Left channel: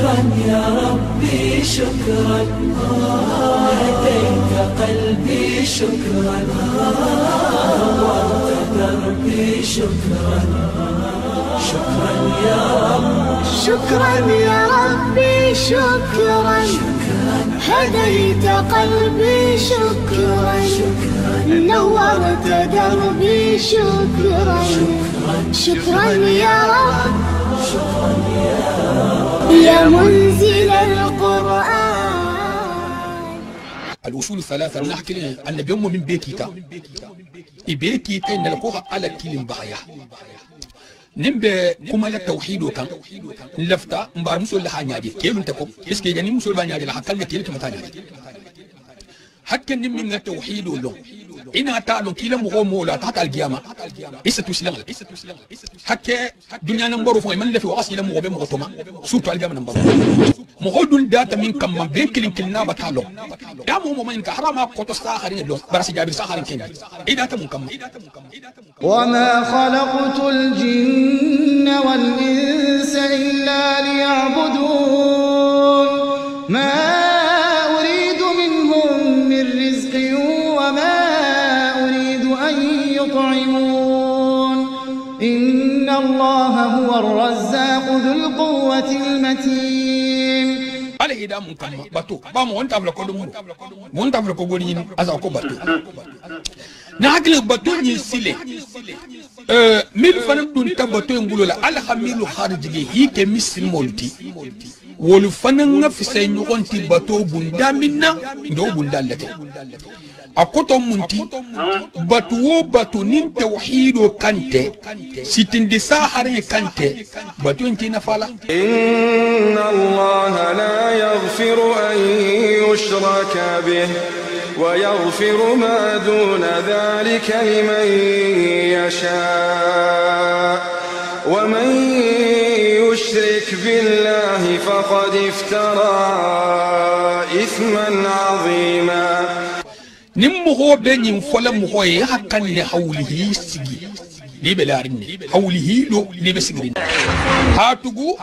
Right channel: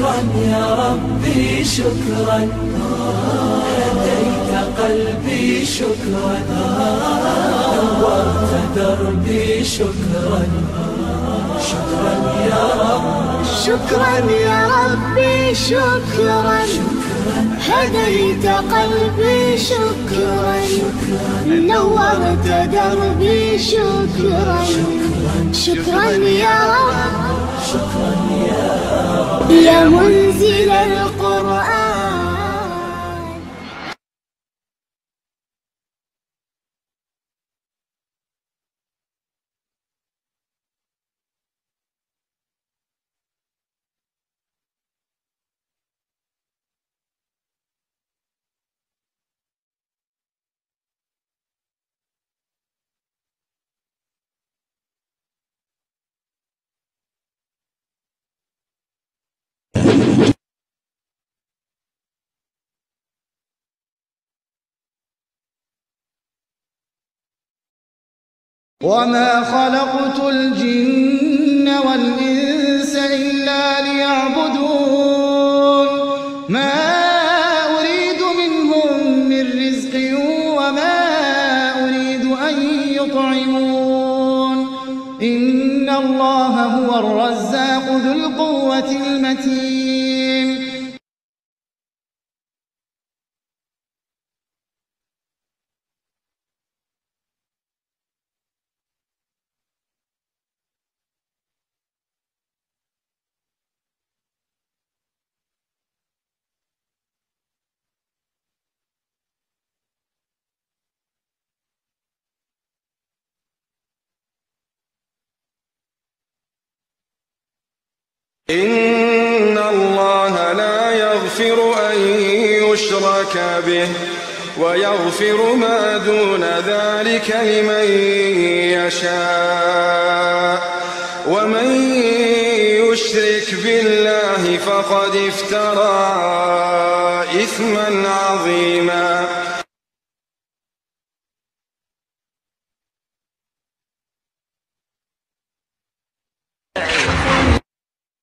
شكرا يا ربي شكرا هديت قلبي شكرا نورت دربي شكرا شكرا يا رب شكرا يا ربي شكرا هديت قلبي شكرا نورت دربي شكرا شكرا يا رب شكرا يا رب يا منزل القرآن. الأصول الثلاثة نحكي لنا أن بيوم من بيكيتا إبيكيتا نلقوها على كلم بغايا نمبي كما لا توحيد وكان لفتا مبار مسول لها نيادي كيلو نتكو اسكي جاني مسول بانيادي لها كلمة كيلو كمتانيادي حكا نمي من التوحيد ولو إنا تعلم كلا مغومو لا تحت القيامة إسا تسلم حكا دنيا نمبرو فوق من لفي وغاسي لم مغوبي مغطوما سوتو القيامة نمبرو مغودون داتا من كم بيكلين كلنا بتعلم يا مو من كحرام قطو ساخرين لو براسي جابر ساخرين كيني إيه داتا من كم وما خلقت الجن والإنس إلا ليعبدون ما أريد منهم من رزق وما أريد أن يطعمون إن الله هو الرزاق ذو القوة المتين. على إذا من كم باتو بامو أنت أبلغ كودو مو أنت أبلغ كودو أزاكو باتو ناقل باتو يسيلي ميل فنم دون تباتو ينقولوا لا على خميلو خارجي هي كميسل مولتي ولو فنم نفسي نقول تباتو بندامنا ندو بندالتي أكتر منتي باتو باتو نين توحيدو كانتي ستين دي ساحرين كانتي باتو انتي نفالا. إن الله لا يغفر أن يشرك به ويغفر ما دون ذلك لمن يشاء ومن يشرك بالله فقد افترى إثما عظيما. نمو هو بني فلم هو يحكن لحوله سجي لبلارني حوله لو لبسجرين هاتوغو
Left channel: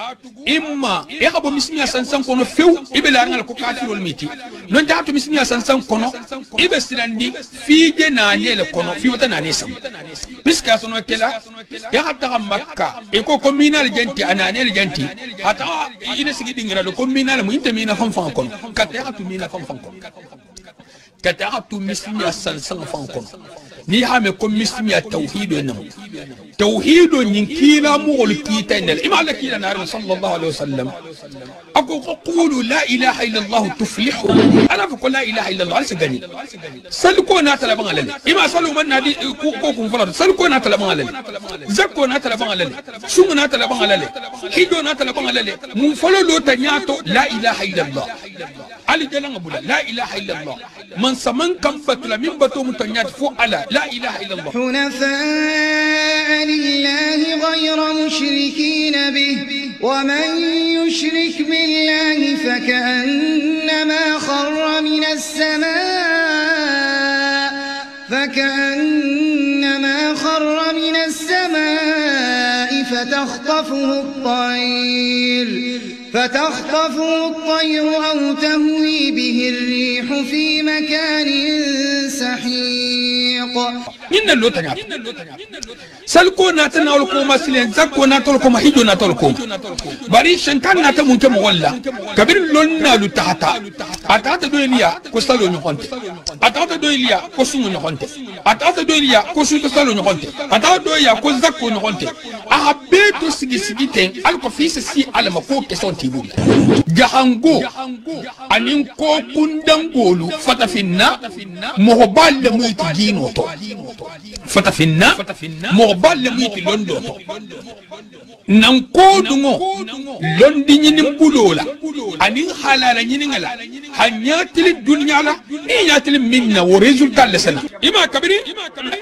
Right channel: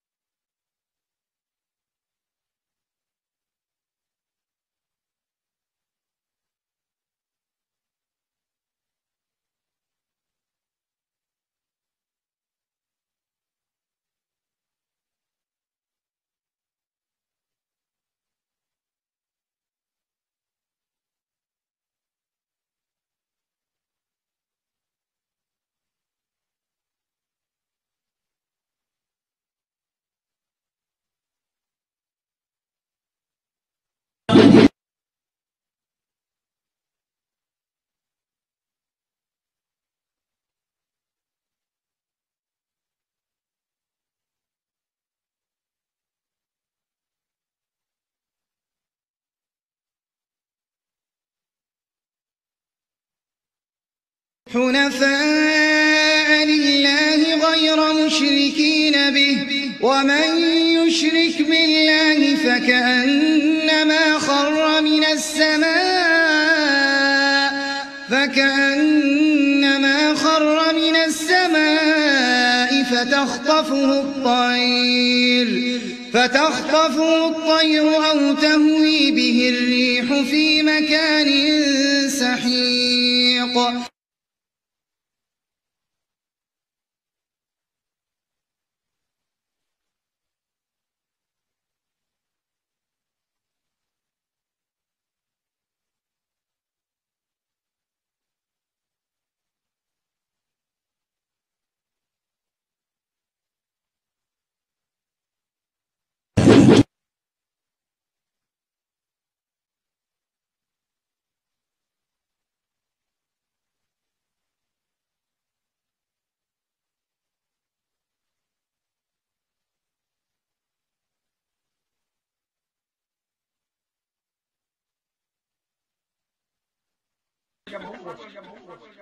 إما يخبو مسميا سانسان كونو فيو يبلارن على كوكاتي والميتي نون جاتو مسميا سانسان كونو يبسلاندي في جناني لكونو في وتناني سام بسكا سونو كلا يحتا مكة يكو كومينال جنتي اناني الجنتي حتى إنا سيجي دينغرا لو كومينال مو انت مينا فان كونو كاتياتو مينا فان كونو كاتياتو مسميا سانسان فان كونو ni hame ko mismiya tawhido nam tawhido nyin kila mugol kitanel imala kila nar sallallahu alaihi wasallam ako qulu la ilaha illa allah tuflihu ana fa la ilaha illa allah alsagani salko na talaban alal ima salu man nadi ko kun fala salko na talaban alal zakko na talaban alal sumu na talaban alal hido na talaban alal mun falo lo tanyato la ilaha illa allah ali jalan abula la ilaha illa allah man saman kam fatula min bato mutanyat fu ala لا إله إلا الله حنفاء لله غير مشركين به ومن يشرك بالله فكأنما خر من السماء فتخطفه الطير أو تهوي به الريح في مكان سحيق. إن اللوتنا سلكو ناتنا ولكم مسلين زكو ناتلكم هيجو ناتلكم بري شنتان ناتمون كمولا كبير لنا لتحتا أتاتا دويليا كوستالو نيكونت أتاتا دويليا كوسومو نيكونت أتاتا دويليا كوسو كوستالو نيكونت أتاتا دويليا كوزاكو نيكونت أحبيتو سيجي سيجيتين ألكو فيس سي على مكو كسون تيبو جهانغو أنين كو كندنغولو فتافينا مهبال ميت جينوتو فتافينا مهبال ميت لندوتو nankodungo londi nyini mbulola ani halala nyini ngala hanyatili dunya la iyatili minna wo resultat lesana ima kabiri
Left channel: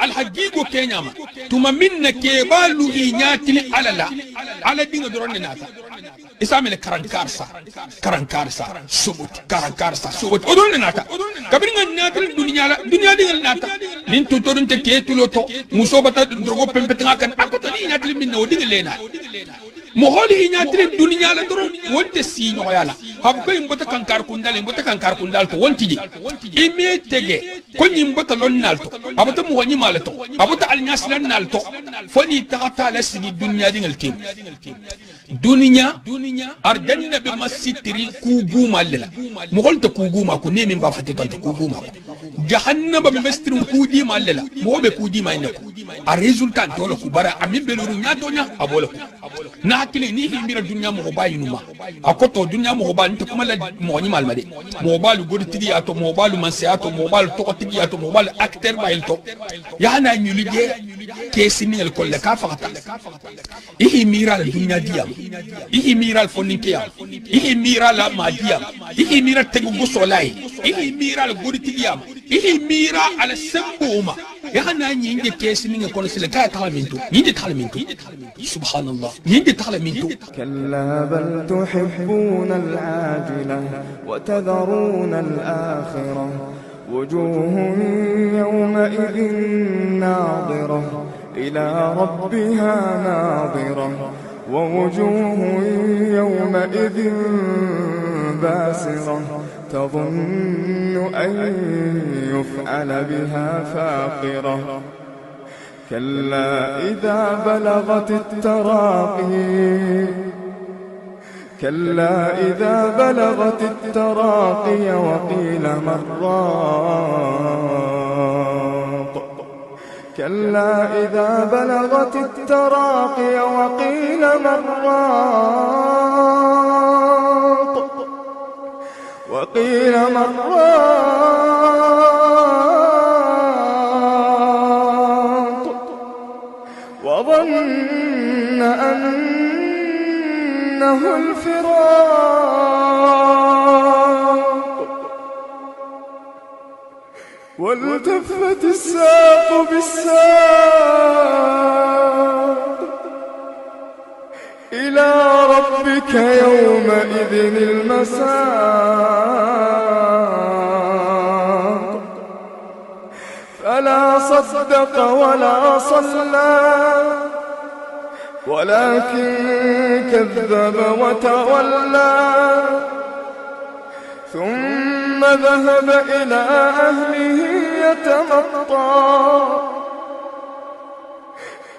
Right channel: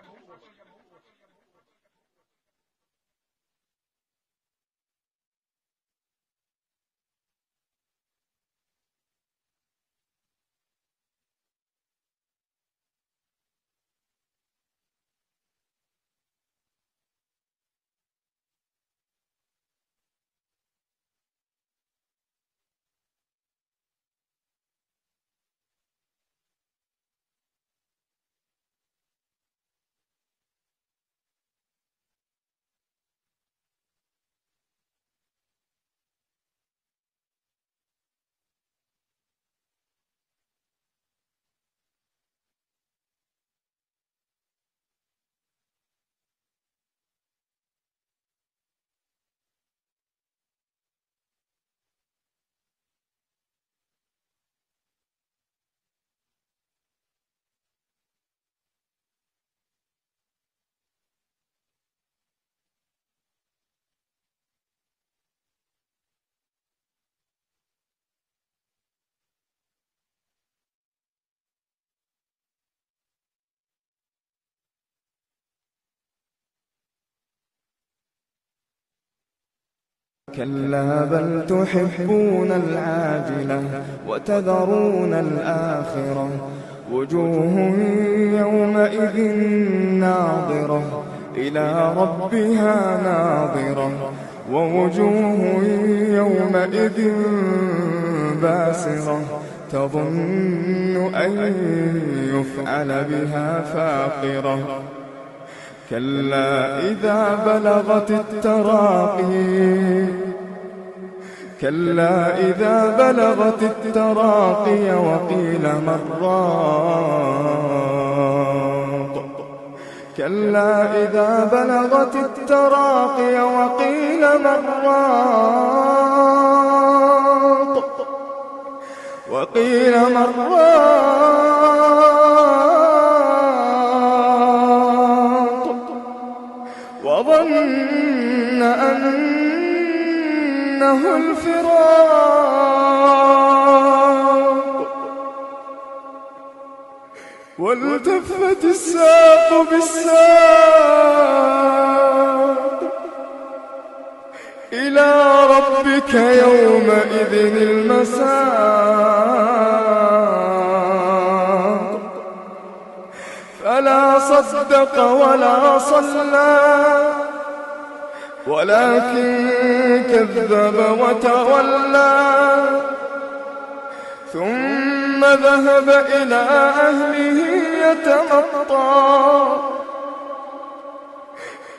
al haqiqo kenyama tuma minna kebalu inyatili alala ala dinga doronne nata isamele karankarsa subut odonne nata kabiri nyatili dunya dinga nata nin tutodun te ketulo to musobata drogo pempetanga kan akoto ni nyatili minna wo dinga lena moholi hinyatire dunya la doron wonte si nyoyala habko imbota kankar kundal to wontiji ime tege ko nyimbota lonnalto abata mo wani malato abata alnyaslan nalto foni tata la sigi dunya dingal tim dunya arjanna be masitri kuguma lela mohol to kuguma ko nemi ba fati to kuguma jahannama be mastrin kudi mallela mo be kudi mayne ko a resultat dole ku bara amin be luru nyato nya abola na hakili ni himira dunya mo bayinuma akoto dunya mo ba nte kuma la mo ni malmade mo balu godi tigi ato mo balu mansiato mo balu to tigi ato mo balu acteur bayilto yana nyulije kesini el kolle ka fakata ihi mira dunya diam ihi mira foninkiya ihi mira la madiam ihi mira tegu gusolai ihi mira godi tigi am ihi mira ala sambuma yana nyinge kesini ngel kono sile ka talaminto nyinde talaminto subhanallah nyinde talaminto كلا بل تحبون العاجلة وتذرون الآخرة وجوه يومئذ ناظرة إلى ربها ناظرة ووجوه يومئذ باسرة تظن أن يفعل بها فاقرة كلا إذا بلغت التراقي وقيل من راق كلا إذا بلغت التراقي وقيل من راق وظن أنه الفراق والتفت الساق بالساق إلى ربك يومئذ المساق فلا صدق ولا صلى ولكن كذب وتولى ثم ذهب إلى أهله يتمطى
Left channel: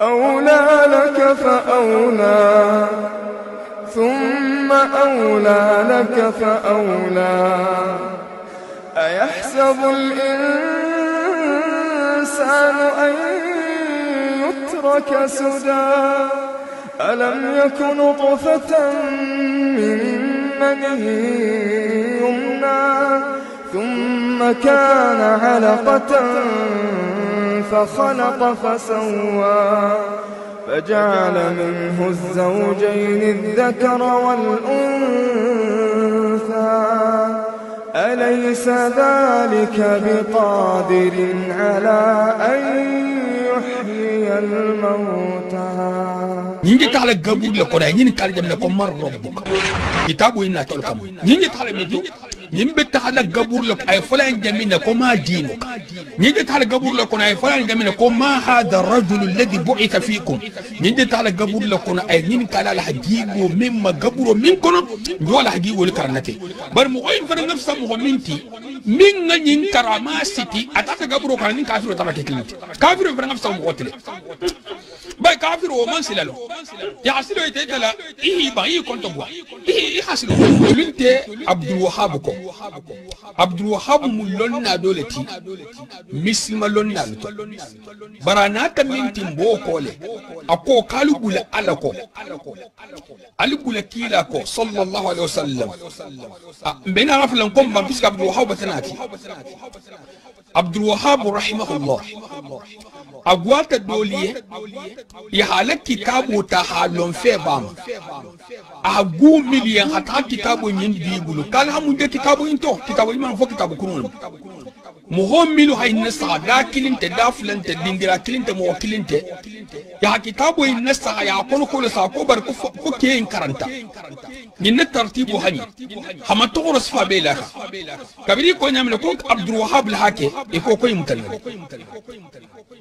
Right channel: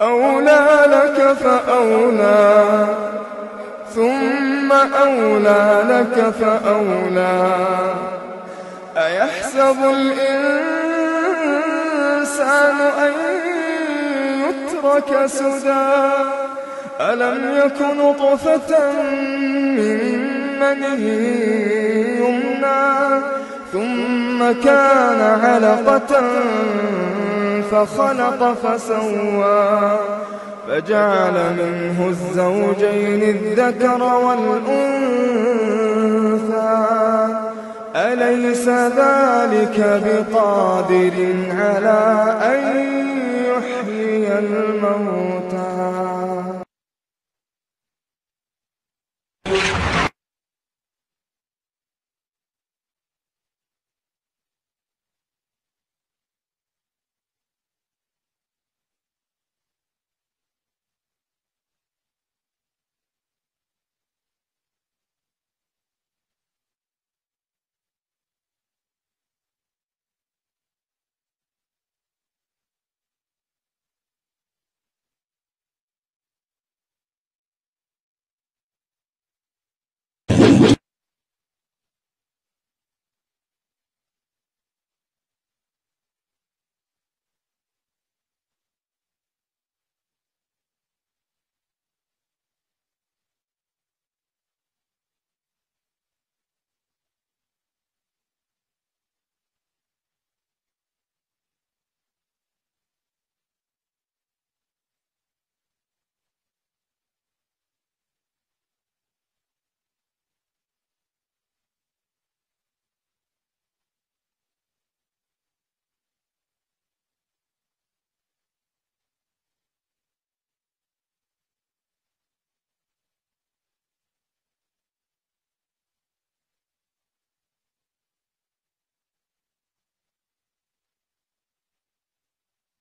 أولى لك فأولى ثم أولى لك فأولى أيحسب الإنسان أن يترك سدى ألم يكن نطفة من مني يمنى ثم كان علقة فخلق فسوى فجعل منه الزوجين الذكر والأنثى أليس ذلك بقادر على أن يحيي الموتى نيجي تعالى قبول لكم نيجي تعالى جم لكم مر ربك كتابه إننا تلكم نيجي تعالى ميجي نيجي تعالى قبول لك أي فلان جميل لكم ما دينك نيجي تعالى قبول لكم أي فلان جميل لكم ما هذا الرجل الذي بعث فيكم نيجي تعالى قبول لكم أي نيجي تعالى لحجيبه مما قبره منكم جوا حجيبه لكرنته برمغين فرن نفسه مهمنتي من نين كراماسيتي أتاك قبره كرنين كافر وتراك كلمتي كافر فرن نفسه مقتل باي كافر ومن سلالو يا حسيلو يتجلا إيه باي كنت بوا إيه حسيلو بنت عبد الوهاب كو عبد الوهاب ملنا دولتي مسلم لنا لتو برانا كمنتي بوكولي أكو كالو بولا ألاكو ألو بولا كيلاكو صلى الله عليه وسلم بين رفل لنكم بمسك عبد الوهاب بتناتي عبد الوهاب رحمه الله أقوات الدولية يحالك كتابه تحالون في بام أقو مليان حتى كتابه يندي يقولوا قال هم ده كتابه انتو كتابه يمان فوق كتابه كنون مهم ملو هاي النسخة لا كلنت دافلن تديندرا كلنت موكلنت يا كتابه النسخة يا كونو كل ساكو بركو كين كرنتا من الترتيب هني هم تغرس فابيلها كبيري كون يعمل كوك عبد الوهاب الحاكي يكو كوي متلم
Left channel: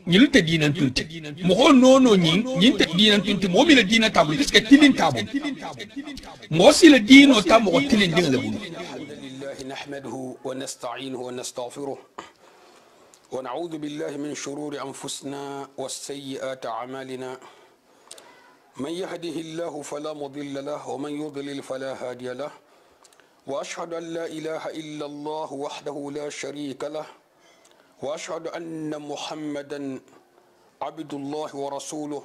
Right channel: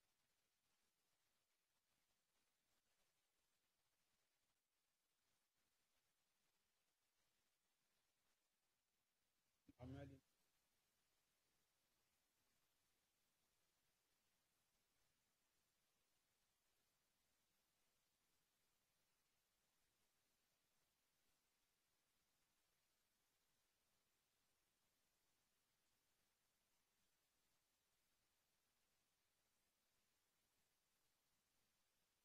ñil te dinan tunte mo ho nono ñin te dinan tunte mo mi la dina tabu parce que tilin tabu mo si la dino tabu ko tilin dinga la bulu alhamdulillah nahmaduhu wa nasta'inuhu wa nastaghfiruh wa na'udhu billahi min shururi anfusina wa sayyiati a'malina man yahdihillahu fala mudilla lahu wa man yudlil fala hadiya lahu wa ashhadu an la ilaha illa Allah wahdahu la sharika lahu وأشهد أن محمدا عبد الله ورسوله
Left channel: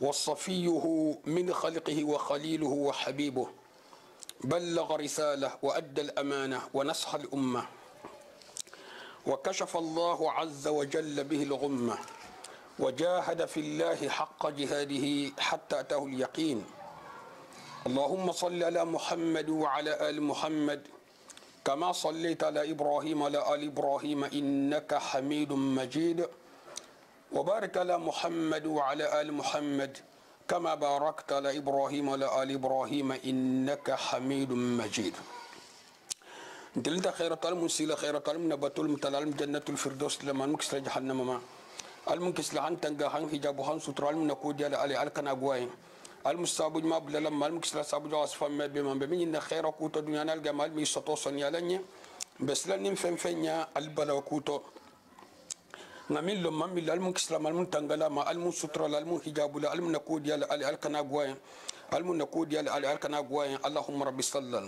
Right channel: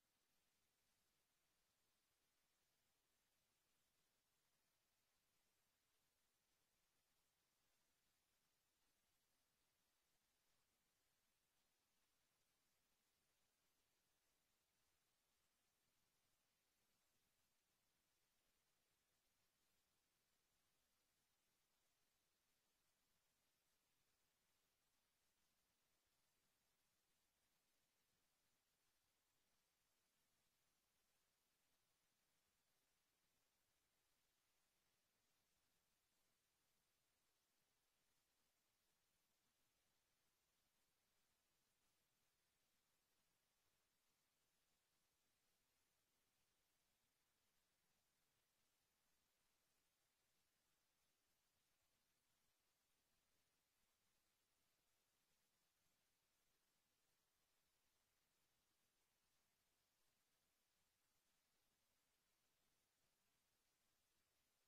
وصفيه من خلقه وخليله وحبيبه بلغ رسالة وأدى الأمانة ونصح الأمة وكشف الله عز وجل به الغمة وجاهد في الله حق جهاده حتى أتاه اليقين اللهم صل على محمد وعلى آل محمد كما صليت على إبراهيم وعلى آل إبراهيم إنك حميد مجيد وبارك على محمد وعلى آل محمد كما باركت على إبراهيم وعلى آل إبراهيم إنك حميد مجيد دلت خير طالب سيلا خير طالب نبتول متلالم جنة الفردوس لما نكسر جهنم ما المنكسر عن تنجحن حجابهن سترال من نقود على آل الكنا قوين المستابج ما بللا ما المكسلا سابج أصفى ما بمن بمن إن خير كوتو دنيا الجمال ميسطوسن يالني بس لن فنيا البلا كوتو نميل لما ميل المكسلا ما المنتنجلا ما المستر لا المحجاب لا المنقود يا على الكنا قوين المنقود يا على الكنا قوين اللهم رب صلى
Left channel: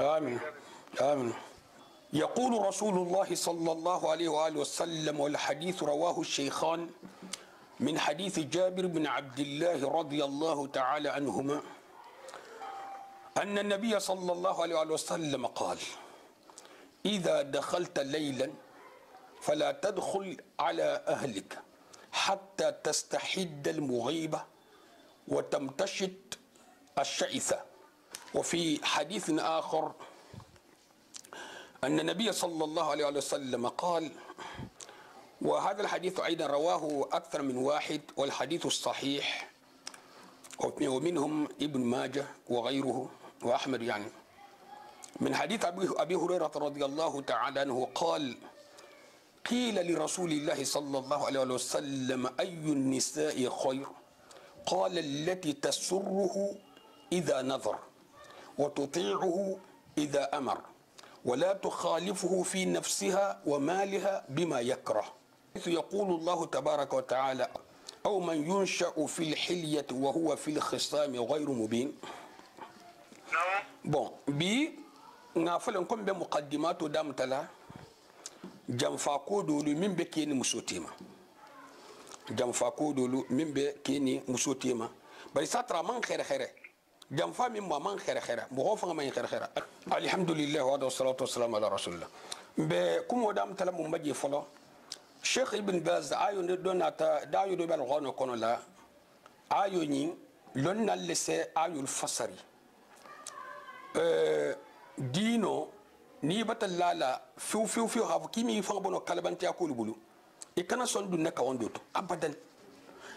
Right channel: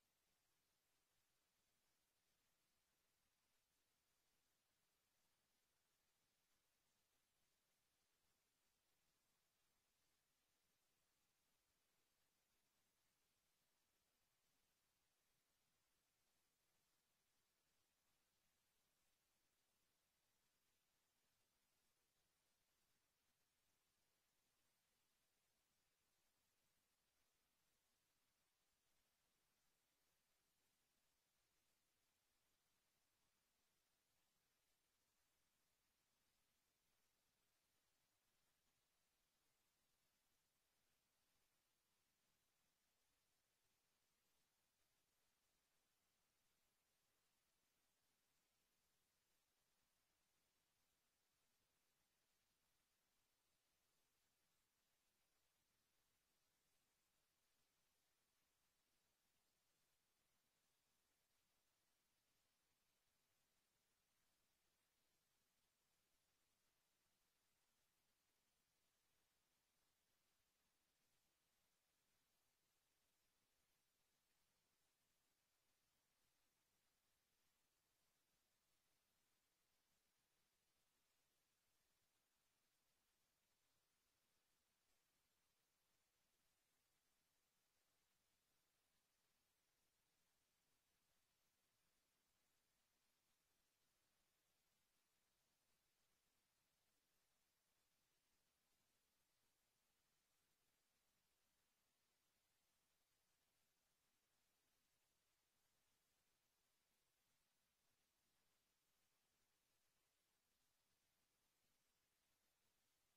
آمين آمين يقول رسول الله صلى الله عليه وآله وسلم والحديث رواه الشيخان من حديث جابر بن عبد الله رضي الله تعالى عنهما أن النبي صلى الله عليه وسلم قال إذا دخلت ليلا فلا تدخل على أهلك حتى تستحد المغيبة وتمتشط الشئثة وفي حديث آخر أن النبي صلى الله عليه وسلم قال وهذا الحديث أيضا رواه أكثر من واحد والحديث الصحيح ومنهم ابن ماجه وغيره وأحمد يعني من حديث أبي هريرة رضي الله تعالى عنه قال قيل لرسول الله صلى الله عليه وسلم أي النساء خير قال التي تسره إذا نظر وتطيعه إذا أمر ولا تخالفه في نفسها ومالها بما يكره يقول الله تبارك وتعالى أو من ينشأ في الحلية وهو في الخصام غير مبين bon bi nga falen kom be muqaddimato dam tala jam fa ko dolu min be keni musotima jam fa ko dolu min be keni musotima bari satra man khere jam fa min man khere bo fa man khere alhamdulillah wa salatu wassalamu ala rasulillah be kumo dam tala mo maji folo Cheikh Ibn Baz ayo ne donata dayo do bal gono kono la ayo ni lon na lese ayo fasari dino ni batallala fiu hafu kimi fa bono kalbanti akulu bulu e kana son dunna ka wondo to abadan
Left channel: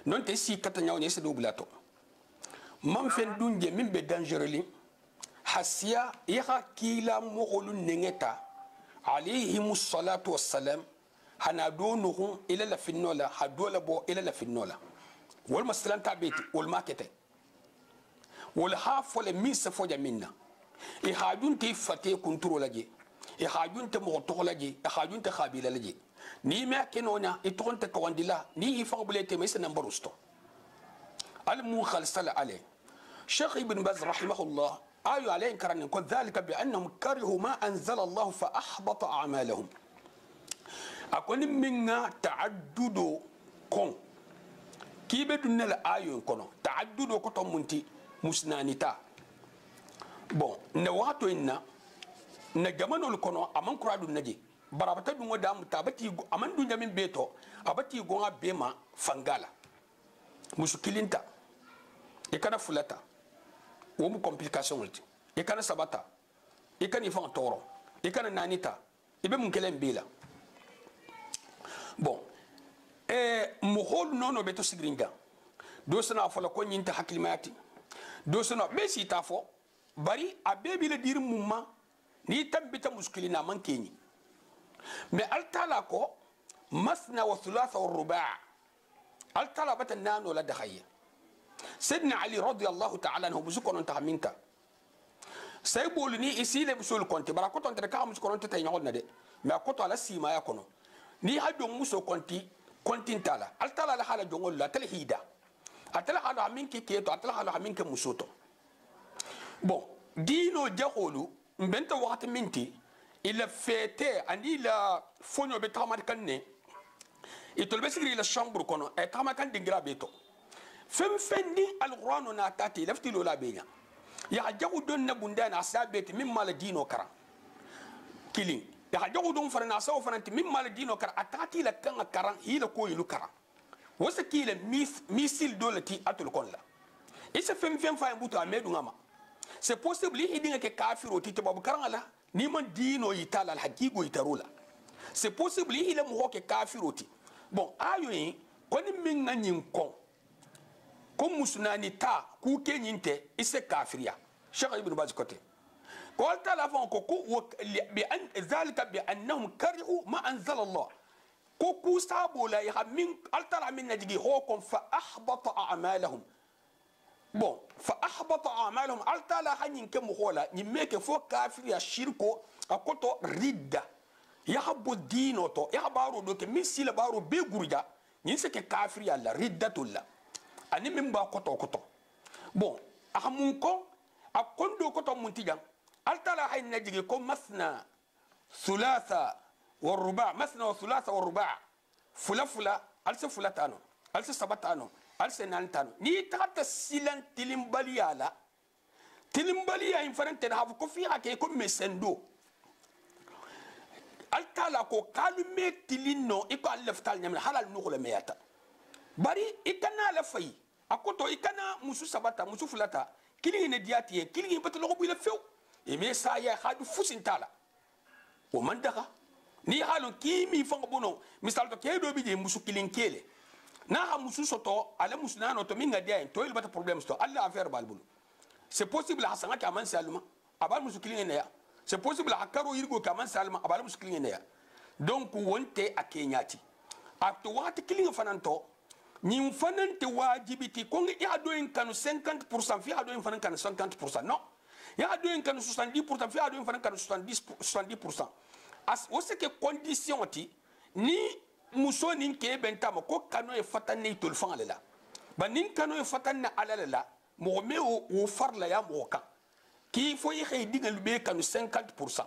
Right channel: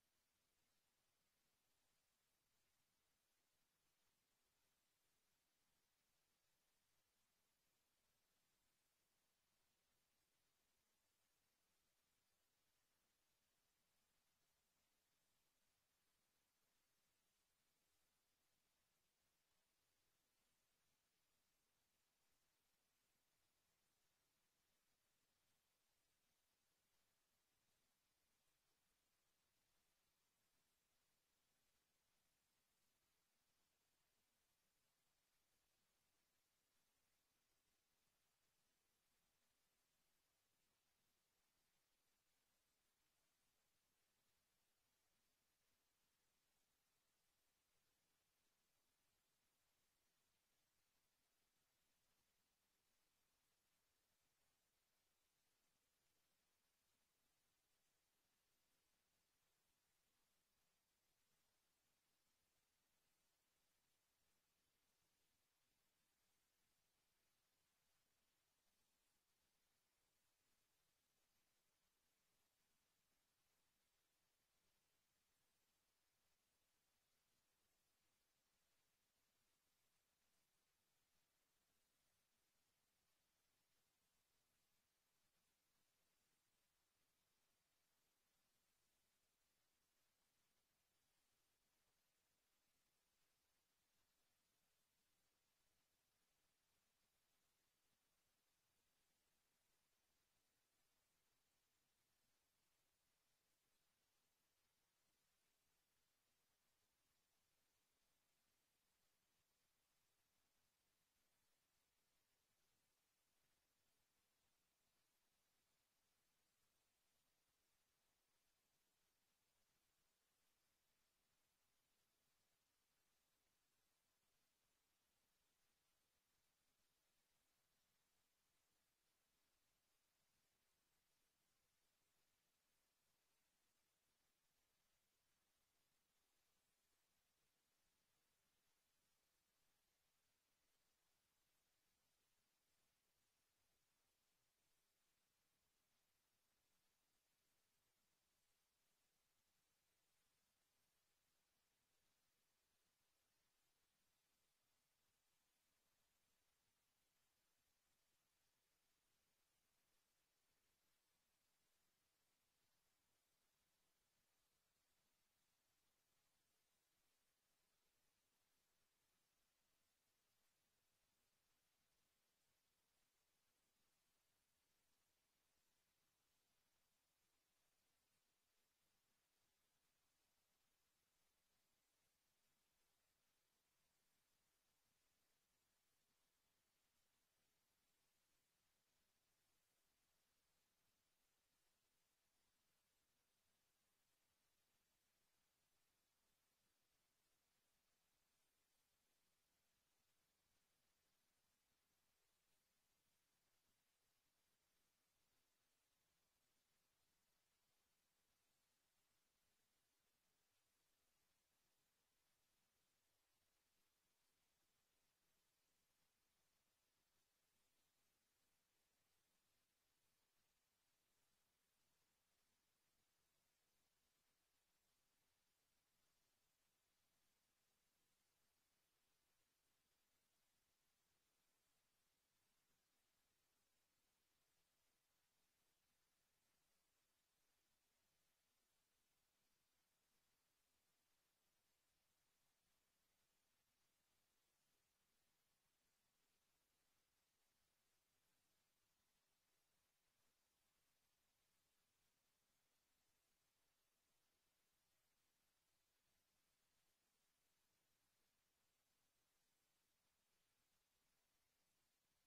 non te si kata nyaw ne se do bulato man fen dunje min be dangereli hasiya yaha kila mogolun nengeta alayhimus salatu wassalam hana donuhu ila la finnola hadola bo ila la finnola wal masalan tabeti wal makete wal hafo le misa foja minna e hajunte fate kunturo laje e hajunte mo to laje e hajunte khabila laje ni ma kenonya e tonte ko wandila ni fa bulete mes nambarusto al mu khalsal ale Sheikh Ibn Baz rahimahullah ayu alayhi karan ko dhalika bi annahum karihu ma anzala Allah fa ahbata a'malahum akoni minga taaddudo kon kibe dunna la ayo kono taaddudo ko to munti musnanita bon ne wato inna na jamanol kono aman kuradu naji barabata dungo dam tabati aman dunya min beto abati gonga bema fangala musukilinta e kana fulata wo mu complication ulti e kana sabata e kana ifan toro e kana nanita ibe mun kelen bela bon muhol nono beto sigringa do sana fola ko nyinta haklimati do sana be si tafo bari abebi le dir mumma ni tambita muskilina man keni mais altala ko masna wa thulatha wa ruba' altala batan nano la dakhaya sidna ali radiyallahu ta'ala anhu busukonon taminta say boluni isi le busul konti bara ko tonte ka musu konon tay nyol na de mais ko to ala sima ya kono ni hado muso konti tala altala la hala jongol la talhida atala hala minki keto atala hala minki musoto bon dino jaholu mbenta wakati minti il fête ani la fonyo be tamar kanne itolbe sigri la chambre kono e tamar kan dingira beto fem fendi alquran na tati lafti lola benya ya jagu don na bunda na sabeti mimma la dino kara kilin ya jagu don farana saw fananti mimma la dino kara atati la kan karan hila ko yilu kara wasa kila misil dolati atul kolla isa fem fa mbuto amedu ngama c'est possible idinga ke kafiro tite babu karangala ni man dino yitala al haqiqo yitarula c'est possible ila mo ke kafiro ti bon ayo yi koni min ngin kon ko musunani ta ku ke nyinte ise kafiriya Cheikh Ibn Baz kote ko alta la fon ko bi an zalika bi annahum karihu ma anzala Allah ko ku sabo la ya min alta la min najigi ho kon fa ahbata a'malahum bon fa ahbata a'malahum alta la hanin ke mo hola ni meke fo kafiriya shirko akoto ridda ya habbu dino to ya baro do ke misila baro be gurja ni se ke kafiriya la riddatullah ani min ba koto bon ahamun ko akondo koto muntijan altala hay najigi ko masna thulatha wa ruba' masna wa thulatha wa ruba' fula alsa fulatano alsa sabatano alsa nantano ni tata silan tilimbaliya in farante da hafu ko fi hake ko mesendo altala ko kalume tilino iko alaftal nyamna halal nukula meyata bari ikana la fay akoto ikana musu sabata musu fulata kili ne diati kili batalo ko bila few e me sa ya hadu fusintala o man daga ni halon kimi fanga bono misal to kedo bi je musu kilin kele na ha musu soto ala musu nano to minga dia to il bata problem sto alla affaire balbulu c'est possible hasanga ka man saluma abal musu kilin ne ya c'est possible hakaro yirgo ka man saluma abal musu kilin ne ya donc wonte akenyati akto wati kilin fananto ñim fanante wajibiti ko ngi ya do en kanu 50% fi ado en fanan kanu 50% non ya do en kanu 70% fi ado en fanan kanu 70% as o se que condition ti ni muso nin ke bentama ko kanu e fatane tol fan ala ba nin kanu e fatane ala la mo me o farla ya mo kan ki fo yi xey digal be kanu 50%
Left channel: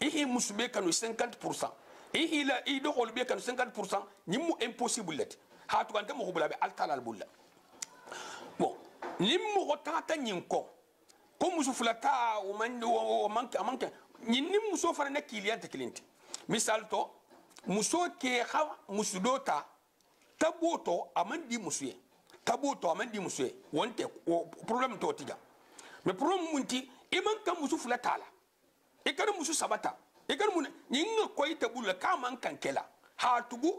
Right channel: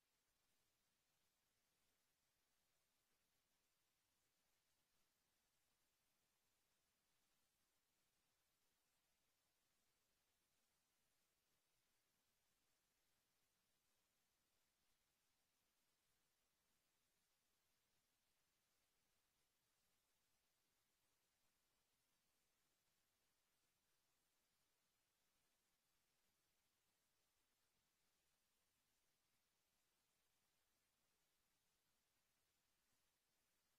e musu be kanu 50% e la e do hol be kanu 50% ni mu impossible let hatu kan mo bula be altala albulla bon limmo ko tata nyinko ko musu fulata o manke nyinni muso fara na kiliyante kilinti misal to muso ke ha musu dota taboto amandi musuye wonte problem to tiga mais problem munti iman kan musu fulata la e kan musu sabata e kan mun nyinga koy tabulla ka man kan kela hatugu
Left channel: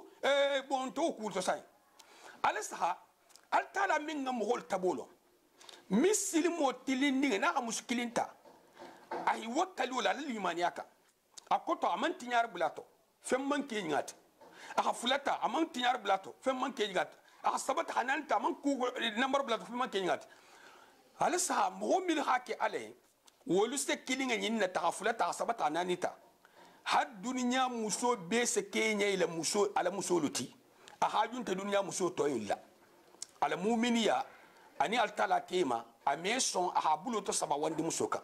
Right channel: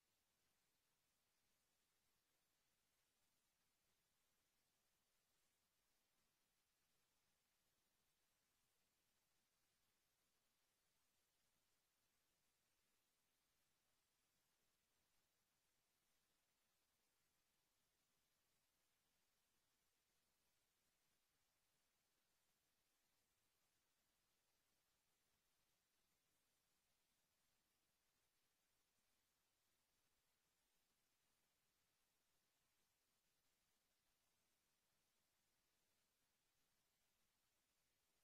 bon to ku to sai alasaha altala minga mohol tabolo misili motilindi na muskilinta ay wakalu la limaniyaka akoto amanti nyar blato femman ke ngati aka fulata amanti nyar blato femman ke ngati aka sabata hananta aman ku number blato femman ke ngati alasaha mohomil hake ale wolu se kilinga nyinna ta fulata sabata nanita had dunya muso be se kenya ila muso ala muso luti ahajun ta dunya muso to illa ala mu'miniya ani altala kema ameson ahabulo to saba wandi musoka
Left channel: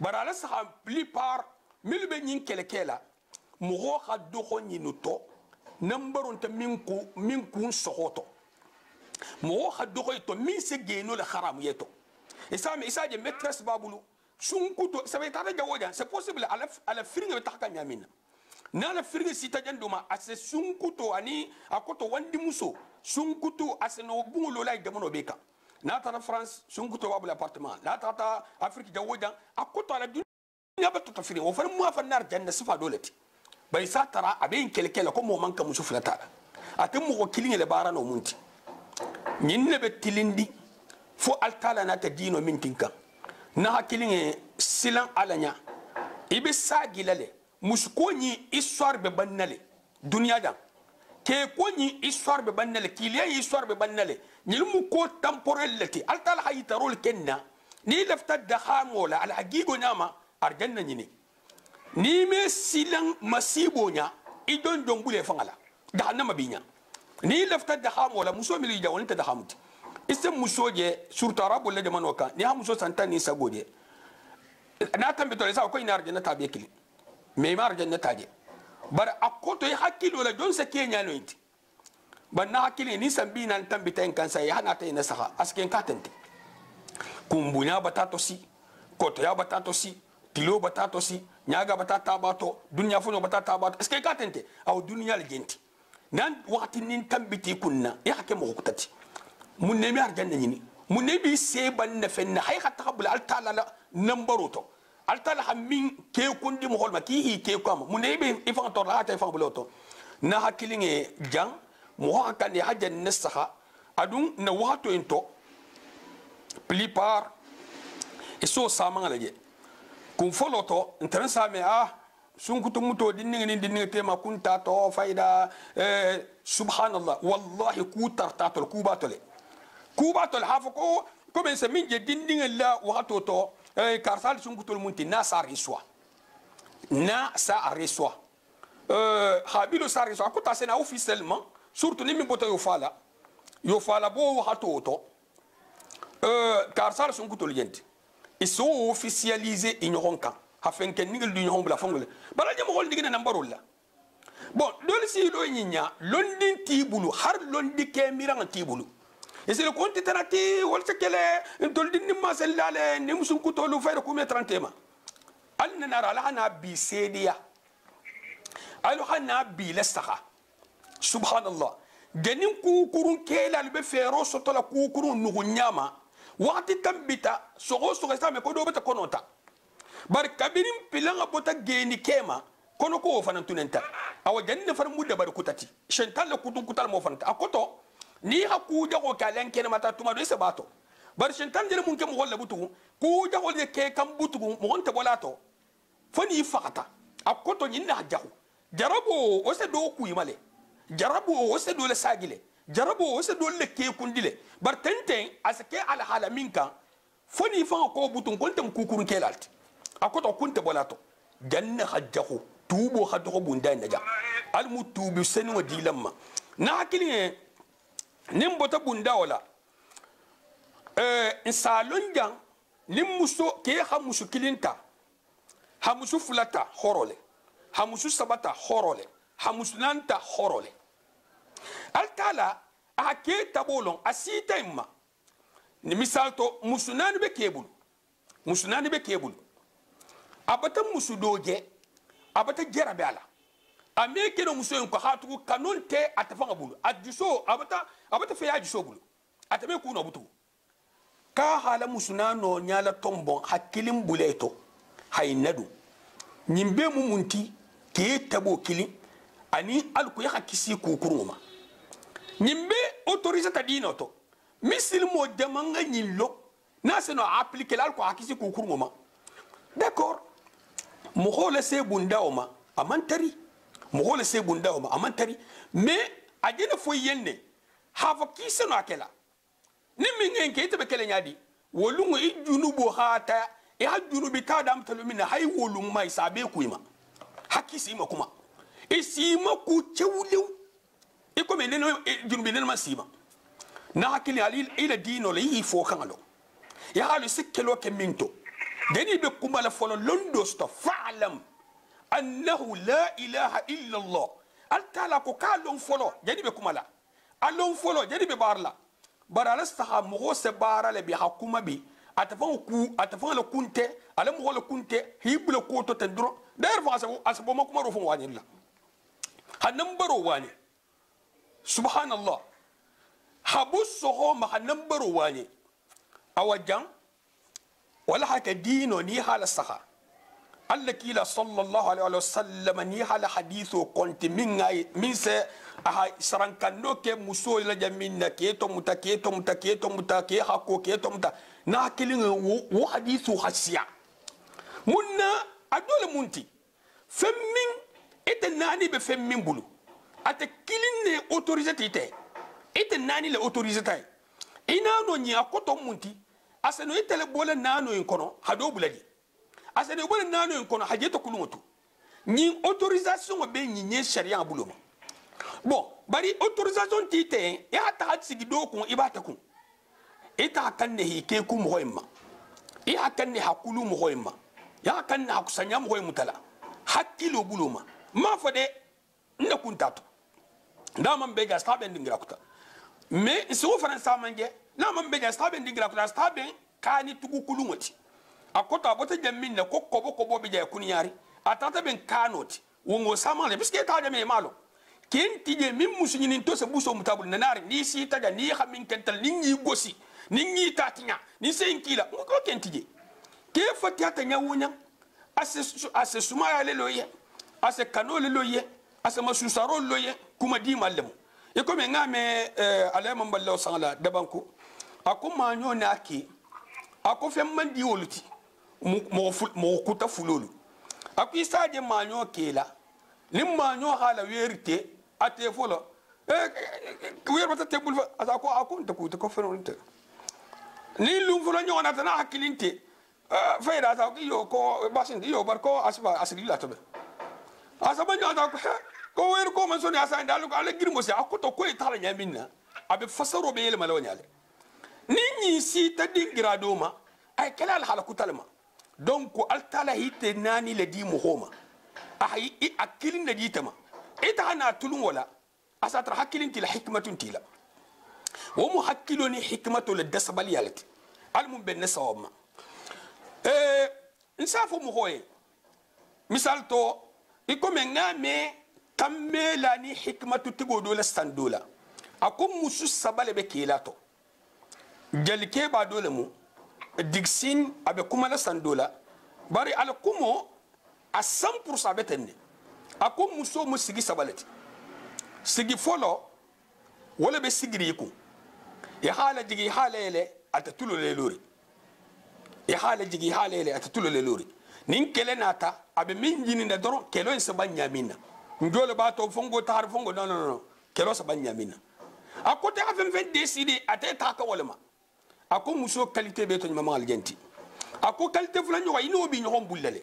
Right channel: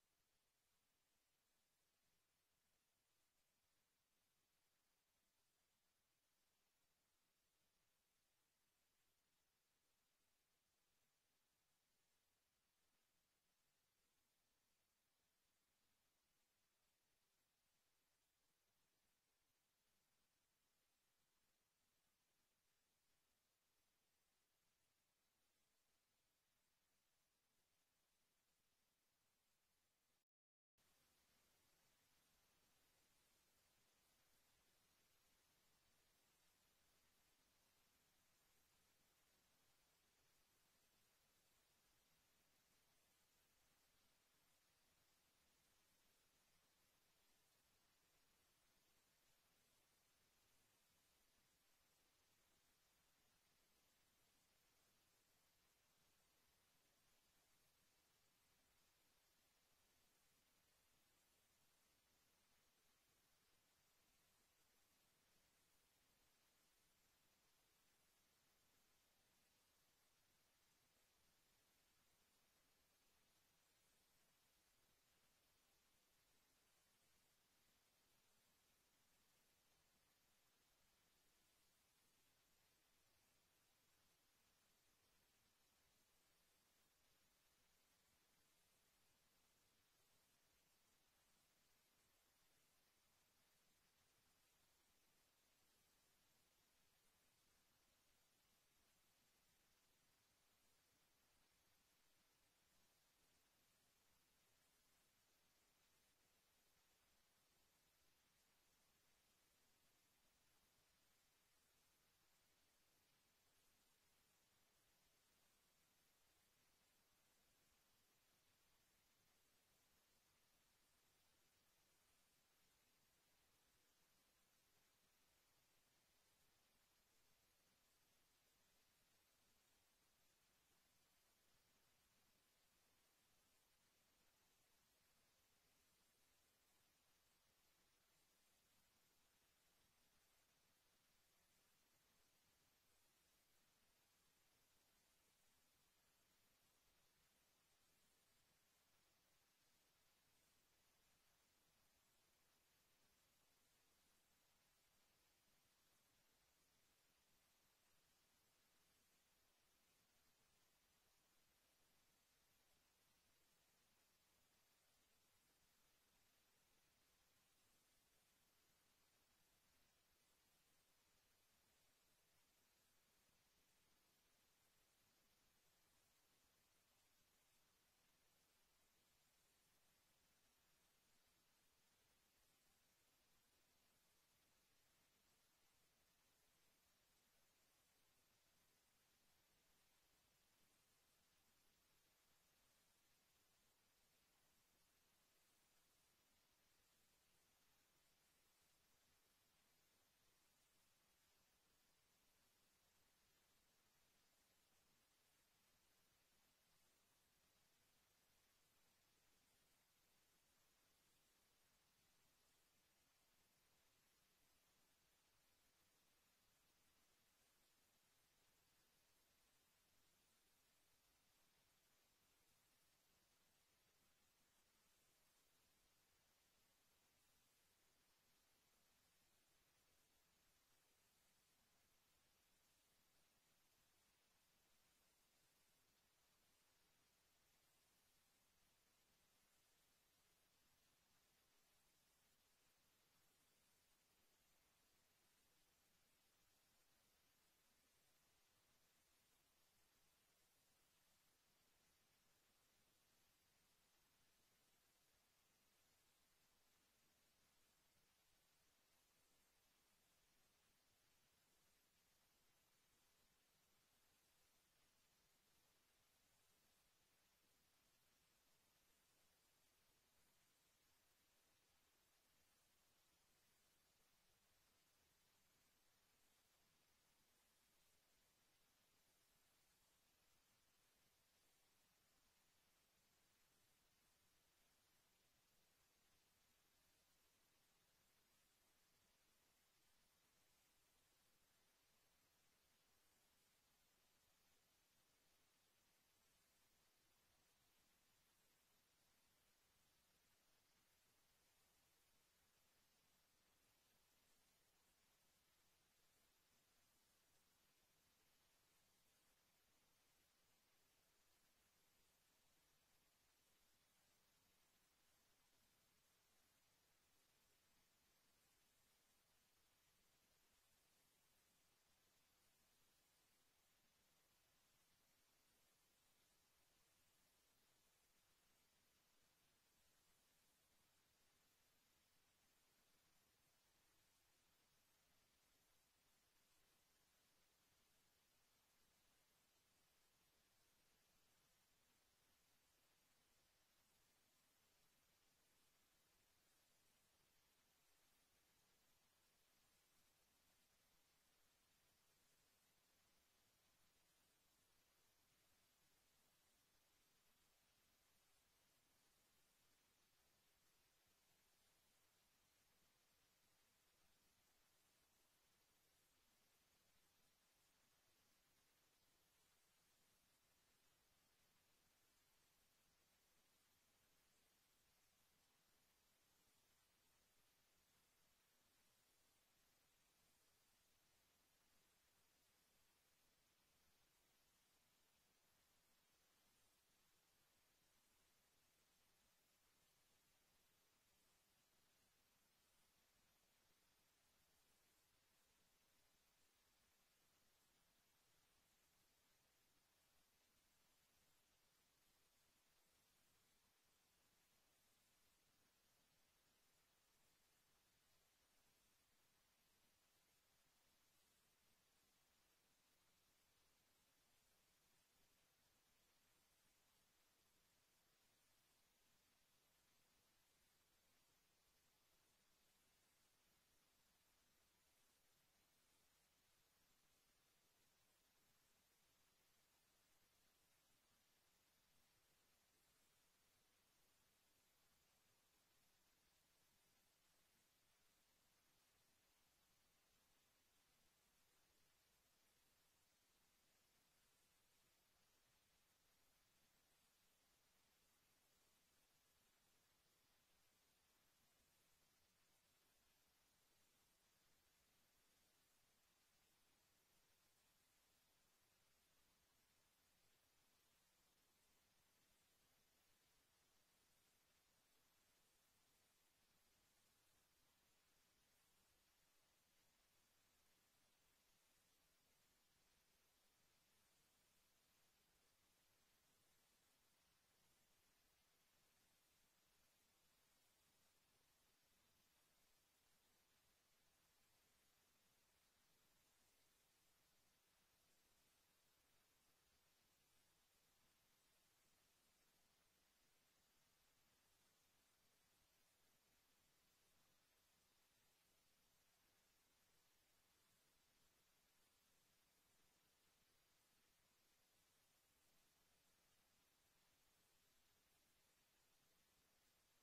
barala sa plupart milbe nyin kelekela mugo khaddo ko nyinuto nambaron ta minku sohoto mugo khaddo ko to min se geno la haram yeto isame isaje maîtresse babulu sunkuto ça va être jawoja c'est possible ala firinga betaka nyamina na la firge sita janduma ase sunkuto ani akoto wandi muso sunkuto ase no bungulo lay demono beka na tara France sunkuto wabu l'appartement la tata Afrique jawoja akoto ala dunya bato tafiri o fa mo fa nar janna sifa dolati bay sa tara abe kelkela ko mo manka muso flata atem mo ko kilinge le bara no munti nyinne be tilindi fo altala na ta dino mintinka na hakilinge silan alanya ibe sagilale musko ni histoire be bannale dunya da ke ko ni histoire be bannale kiliya histoire be bannale ni mu ko temporel lati altal hayitarul kenna ni lafta da khamola al hagigo nama arjanna ni me silang masibo nya idon jongbule fangala jahannama binya ni lafta da khamola muso mi lija wonta da khamuti isem muso je surta rabul la jamano ka ni ha muso santa ni sagode na tambe to sa ko ina arjanna tabe kili me ma arjanna taje bar akoto ya hakilo la don sa kenya no inti banna hakili ni sambi nan tambi tan kan sai hana ta ina saha asken katante kumbunya batato si koto ya batato si tilo batato si nyaga batata bato dunya funo batata bato asken katante aw dunya le genti nan wakati nin tambiti kunna ya hake mo hukutati mun ne mi arjanna ni mun ne bi se ban na fenna hay hatta qabla al taala nambaroto altala hammin ke kundi mo holma ki hi ke kam mun ne be ifan to la ta ifan buloto na hakilinge jang mo hakane hajan nasaha adun na wato into plupart eso sama ngalaje kum foloto intran same sun kutu muto dinninga tema kunta to faida subhanallah wallahi ku tartatul kubatole hafako ko ben se min je dinninga la wato to karsal sun kutul munti na sa riswa habilo sa riswa ko ta sena officiellement surtout ni mi boto yo fala bo hato to karsal sun kutul yenti ils sont officialisés ignoranka afin que nigel du ignoron bla fongole bala jamo hol digina nambarol la bon dole si do nyinya londin tibulu har londi ke mirang tibulu et c'est le compte tanati wal sekele doldi ni masallale ni musun kutolu fayda kuma 30 ma alna nara la hana bi sediya alu hana bi lastaha subhanallah ganin ku kurun kela be fero sotola ku kurun nugunyama waqti tambita sogo sa me ko do beta konota bar kabirin pilanga bota geni kema kono ko fanan tunenta awa janna far mudda bar kutati shental kutun kutal mo fanata akoto ni haku jago kalen kene mata tuma do sabato bar shental jere mun ke mo holla butu ku jago de ke kam butu mo honta bolato fani fakata akoto nyinna jago jarabo o se do ku yimale jarabo o se do le sagile jarabo o se do le ke kundile bar tenten asake ala hala minka fani fa ko butu kontem kukurun kelalti akoto kunte bolato janna hajjahu tubo hadho bunda naja al mutubi senu dilamma na hakili nimbota bunda wala insalon jang nimmuso ke hamusu kilinta hamusu fulata horole hamusu sabata horole hamusu nanta horole altala ake tabolon asita imma ni misalto musunani be kebulu abata musu doje abata jerabe ala ameke no musu ko hatu kanonte atafanga bulu adiso abata fe ajiso bulu atame ku no butu ka hala musuna no nyala tombon hakilim buleto haynadu nyimbe mumunti ke tabo kili ani alku ya hakisi ku kuruma nyimbe autorise ta dinoto misil mo demanga nyillo na se no appliquer alku hakisi ku kuruma d'accord mohole se bunda oma amantari mohole se bunda oma amantari mais ajena fo yenne hava kise no akela ni mingen ke tebe kele nyadi wolungo ijunubo hata e hajunubi tadam talumina hay wolung mai sabe kuima hakisi ma kuma isima ku chewlew e ko meneno junubi nen masima na hakili ali ila dino le yi fo kangalo ya halu sikkelo ke minto deni be kuma la folo londo sto fa'lam annahu la ilaha illa allah altala ko kalon folo deni be kuma la alon folo deni be barla barala staha mo se barale bi hakuma bi atafan la kunte ala mo la kunte hibla ko to tendro der fa asabo makuma ro fon wani la hanam baro wani subhanallah habus so ma hanam baro wani awajan wala haka dino ni hala saha alla kila sallallahu alaihi wasallam ni hala hadithu konti min se aha sarankando ke muso la jaminna ke to muta ke hako ke to muta na kilin wo hadithu hasiya munna adole munti femmin ite nani be femmin bulu ate kilin ne autorisé tite ite nani le autorisé tay ina no nya akoto munti aseno ite le bola nano en kono hado buladi aseno bola nano en kono hajeto kulungoto ni autorisation be ni sharia buluma bon bari autorisation tite ya ta sigi do ko ibata kun ita kanne hike ku moyma ya kanne hakulu moyma ya kanne hakusanya moyma tala hakilo buluma ma fode nda kuntato nda man be ga stabe ndingira kuta mais so faransa manje na man be ga stabe ndingira kuta stabe kani tugu kulungoti akota abota jamin na kobo be ja kunyari atata ben kanoti wongo samale biske ta de me malo kenti je min musunyini to se buso mutabul nanari ni si taga ni xamin kental ni ngi gosi ni ngi tatinya ni senkila ko kenti je ke fati ata nyawunya ase sumaya le loye ase kanole loye ase masusaro loye kuma di malem e ko me ngame alema mballo sangala dabanko akuma nyona aki ako fem di woluti mo kuta fulolu akisa je manyo kela nim manyo hala werite ate folo wer bata tebul fa asako akunta ku ko fenonte ni lum folo nyona tana hakilinte fayda ta yo ko basin yo barko asba asri la tobe asaba nyona ko wer ko man soni asa ndalu ko ala girmo se akoto ko itala nyamina abe fasaro be yele malawnyale ni si ta dingira doma ay kala al halaku talma donc altala hite nani le di muhoma ahi akilin da ditama ita ana tulun wala asatra hakilin til hikmatun tila wa muhakkiluni hikmatu lidasbal yalati almun ben sawma nsafo muhoye misal to ikome ngame kamela ni hikmatu tigodo la standula akum musu sabale be kilato jalike ba dole mu digsin abe kuma la sandola bari al kumo a 100% betenne akum muso mu sigi sabalati sigi folo wala be sigiri ku ya hala jigi halele atatulo le lori ya hala jigi halele atatulo le lori nin kele nata abe min jini na doro kelo en sabanya minna ndole ba to fongo tar fongo non kelo sabanya minna akote afen fen décider ateta ka wala ma ako muso qualité be to nyama aljenti ako qualité fulan yo ino bi nyom bullale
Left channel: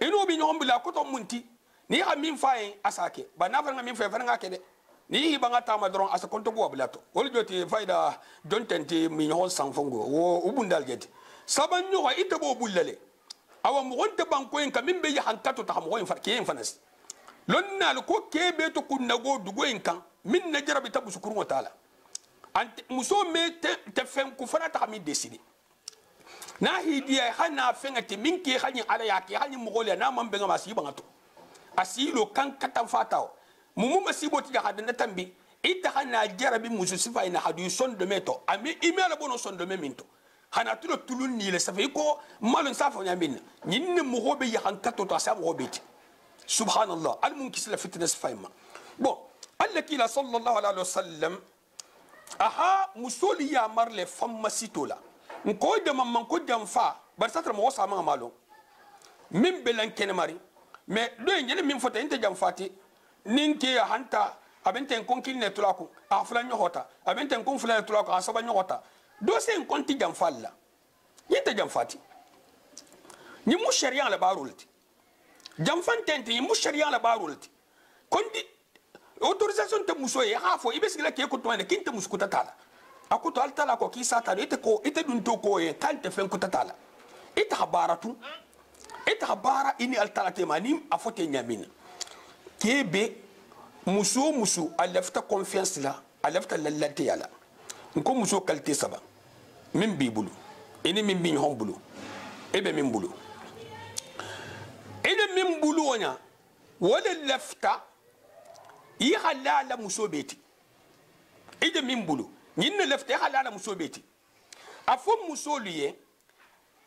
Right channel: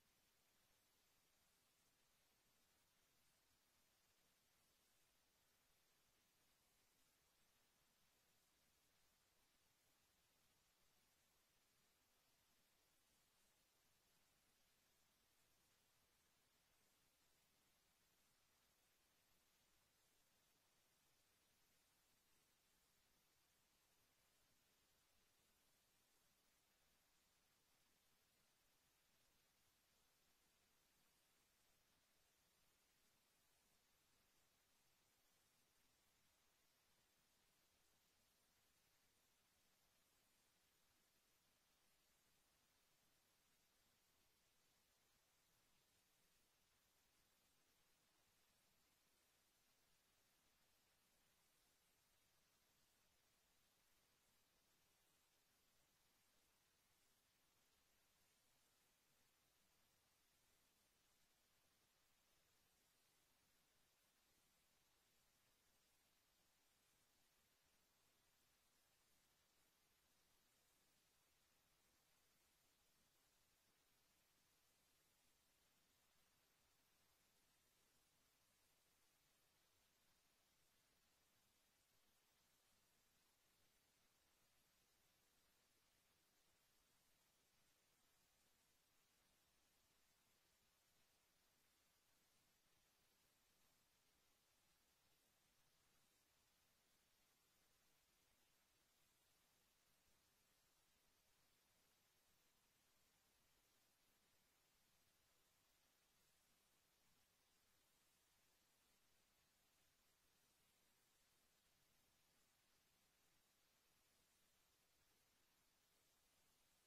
ino bi nyom bulla ko to munti ni ha min faye asake ba na fa min faye fa nga kede ni hi banga tama dron asa konto go bulato wol joti fayda don tente mi nyom san fongo wo ubundal jeti saban yo ita bo bullale awa mo wonte banko en kamin be hankato ta mo en farki en fanas lonnal ko kebe to kunna go dugo en kan min na jarabi tabu sukuru wa taala muso me te fen ku fana ta mi décider na hidiya hana fenga te min ke hanyi ala ya ke hanyi mogole na man benga masi bangato asilo kan katan fatao mumu masibo ti hada na tambi ita hana jarabi muso sifa ina hadu son de meto ami imela bono son de minto hana tulo tulun ni le safa ko malon safa nyamin nyinne mo hobe ya hankato to asa mo hobe ti subhanallah al mun kisla fitness fayma bon allaki la sallallahu alaihi wasallam aha musoli ya marle famma sitola nko de mamman ko jamfa bar satra mo wasa ma malo min belan ken mari mais do ngene min fota inte jamfati ninke ya hanta abenten konkil ne tulako afla nyohota abenten kon fla tulako asaba nyohota do se konti jamfalla yente jamfati ni mu sharia la barulti jamfantente ni mu sharia la barulti kondi autorisation te muso ye hafo ibesila ke ko to ne kinte muskuta tala akuto altala ko ki sata ite ko ite dun to ko ye kante fen ko tala ite habaratu ite habara ini altala te mani afote nyamina kebe muso alafta confiance la alafta lalante yala nko muso qualité saba min bibulu ini min bin hombulu ebe min bulu ene min bulu wonya wala lafta yi halala muso beti ide min bulu nyinne lefte halala muso beti afo muso liye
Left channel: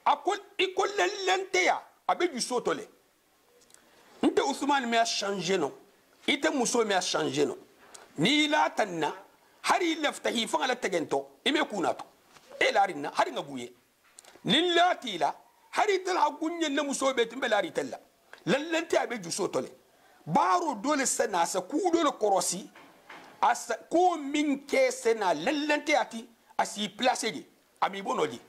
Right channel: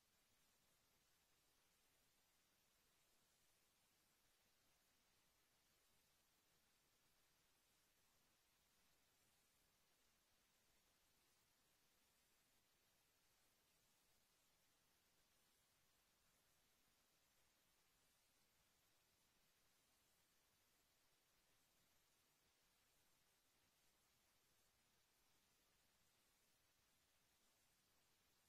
akol ikolelente ya abe du sotole nte Ousmane me a changé non ite muso me a changé non ni la tanna hari lefte hi fa la tegento ime kunato e larina hari ngabuye nin latila hari tal hagunye na muso beti be lari tella lallante abe juso tole baro dole sana sa ku dole korosi asa ko min ke sena lallante ati asi place gi ami bonoji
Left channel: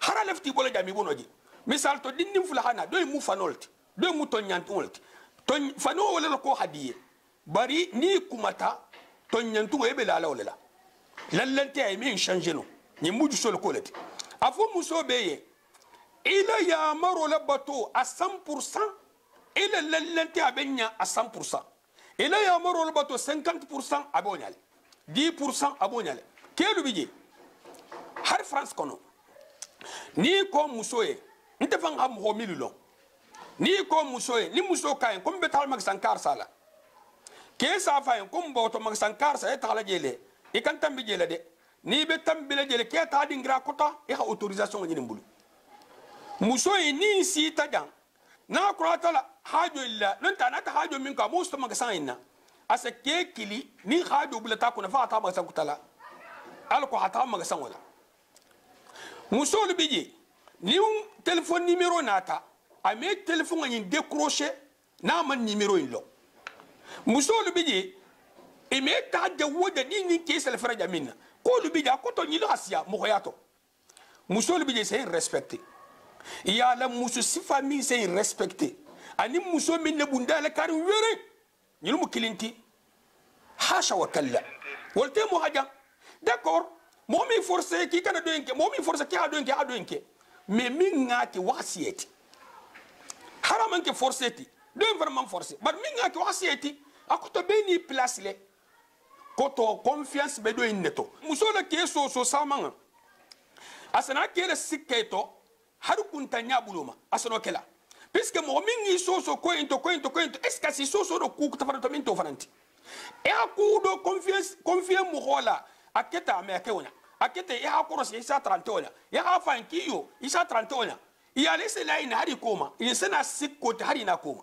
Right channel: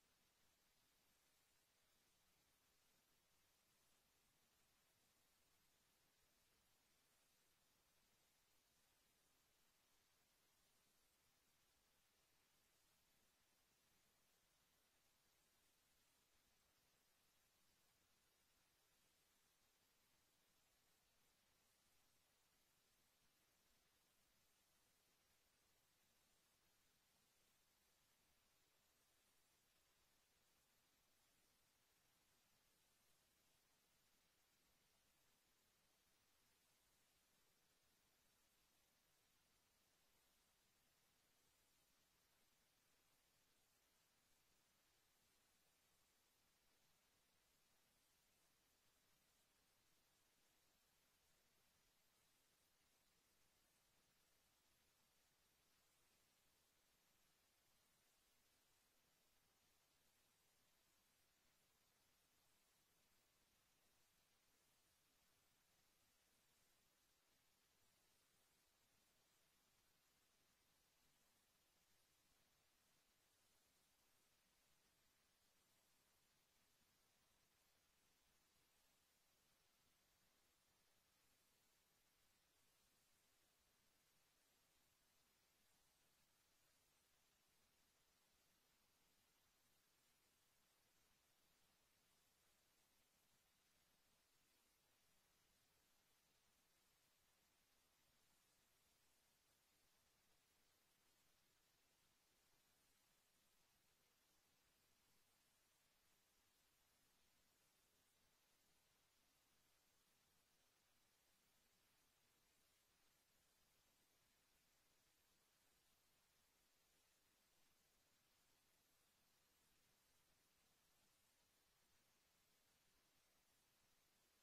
hara lefti bolo jami bonoji misal to dinnim fulahana do mu fanolti do mu tonyantolti ton fano wala ko hadiye bari ni kumata tonyantu ebe la wala lallante ay min changer no ni muju sol kolati afo muso beye ila ya maro la bato à 100% ila lallante abenya à 100% ila ya maro la bato 50% abonyal 10% abonyal kelu bije har France kono ni ko muso ye nte fan ha mo mililo ni ko muso ye ni muso kay ko betal mag sankar sala ke sa fa ko mbo to mag sankar sa eta la jele e kan tambi jele de ni be tambi la jele ke ta dingra kota e ha autorisation ni mbulu muso ye ni si tajan na kurata la hajo illa non ta na ta hajo min ka musto mag sanina asa ke kili ni hajo bulata ko na fa ta mag sankutala al ko hata mag san wala muso le bije ni téléphone numéro nata a me téléphone ni décrocher na man numéro ilo muso le bije e me ta de woda ni ke sel fara jamina ko le bije ko to ni asia mo yato muso le bije c'est respecté ya la muso si famille c'est respecté ani muso min ne bunda la kar wéré ni mu kilinti hasha wa kalla wolte mo haja d'accord momi forcé ki kana do enke momi forcé ki ado enke mais min ngati wasiyeti haraman ke forcé ti do vraiment forcé but min ngati wasiyeti akoto be ni place le koto confiance be do inneto musola ke so samanga asana kele sikketo har kunta nyabuluma asano kela puisque mo min ngi so ko into est-ce que si so do ku tafarto min to faranti e akudo confiance mo hola aketa me akewona akete ya hakorosi isa 30 ona ya hafan kiyo isa 30 ona ya lese la ina hari koma insana sikko ta hari na koma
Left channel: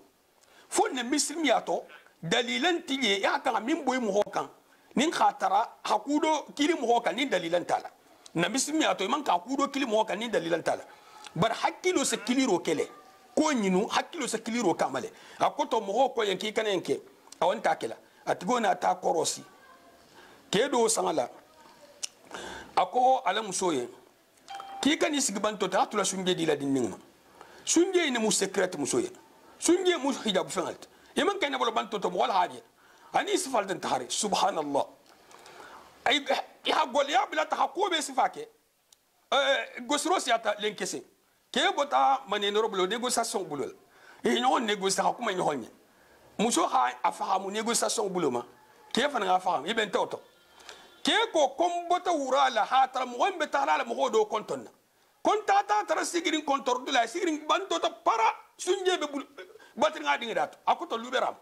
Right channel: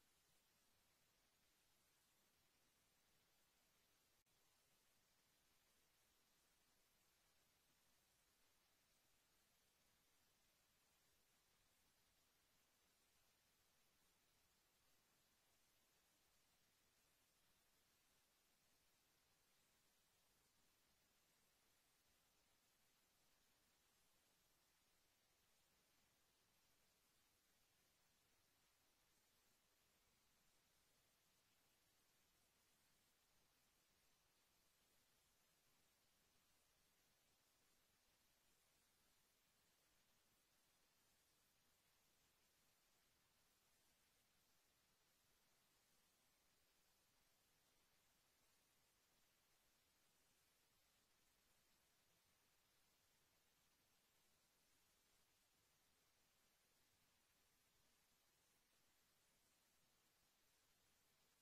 fonne mislimi ato dalilan tiye ya kan min boy mu hokan nin khatara hakudo kili mu hokan nin dalilan tala na mislimi ato man ka hakudo kili mu hokan nin dalilan tala bar hakilo se kiliro kele ko nyinu hakilo se kiliro kamale akoto mu hoko yanki kanenke awon takela atigona ta korosi kedo sangala ako ala musoye ki kan isgbanto ta tula sunje di la dinninga sunje ni mu secret musoye sunje mu hijab fangalt yeman kan bolo banto to wala haje ani sifal den tahari subhanallah ay ya gol ya bila ta ko be sifake gosro siata lenkese ke bota maneno bolo négociation bulol e nyon négociation kuma nyon muso ha afahamu négociation buloma ke fa nga faham iben toto ke ko kombota wurala hatara mo wambe tarala mo do kontonna kontata tara sigirin kontor dula sigirin banto to para sunje be batri nga dinga dat akoto luberam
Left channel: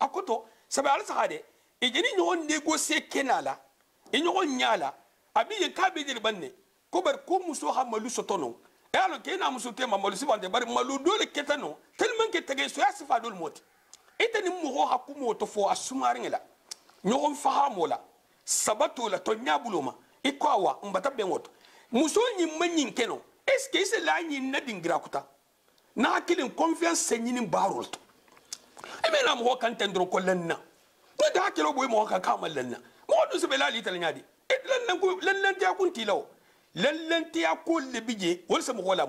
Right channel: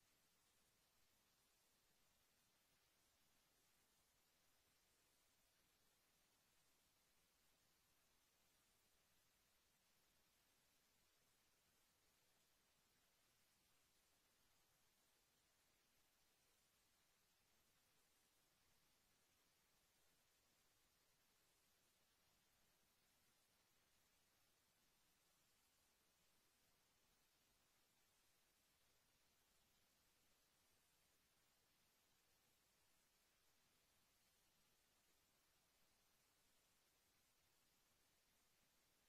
akoto sabe ala sahade e jeni nyon négocier kenala e nyon nyala abi ye kabe dir banne ko bar ko muso ha malu sotono e alo ke na muso te malu sibande bar malu dole ketano tellement que tege so yasifa dol moti etani mo ha kumo to fo asumaringela nyon fahamola sabato la to nyabuloma ikwawa mbata bengoto muso nyi manyin keno est-ce que c'est la nyi na dingira kuta na kilin confiance senyini barolto e me na mo kan tendro ko lenna no da kilo boy mo kan kamal lenna mo do se belali tal nyadi e lenna ta kun tilaw lenna ta ko le bije wol se mo hola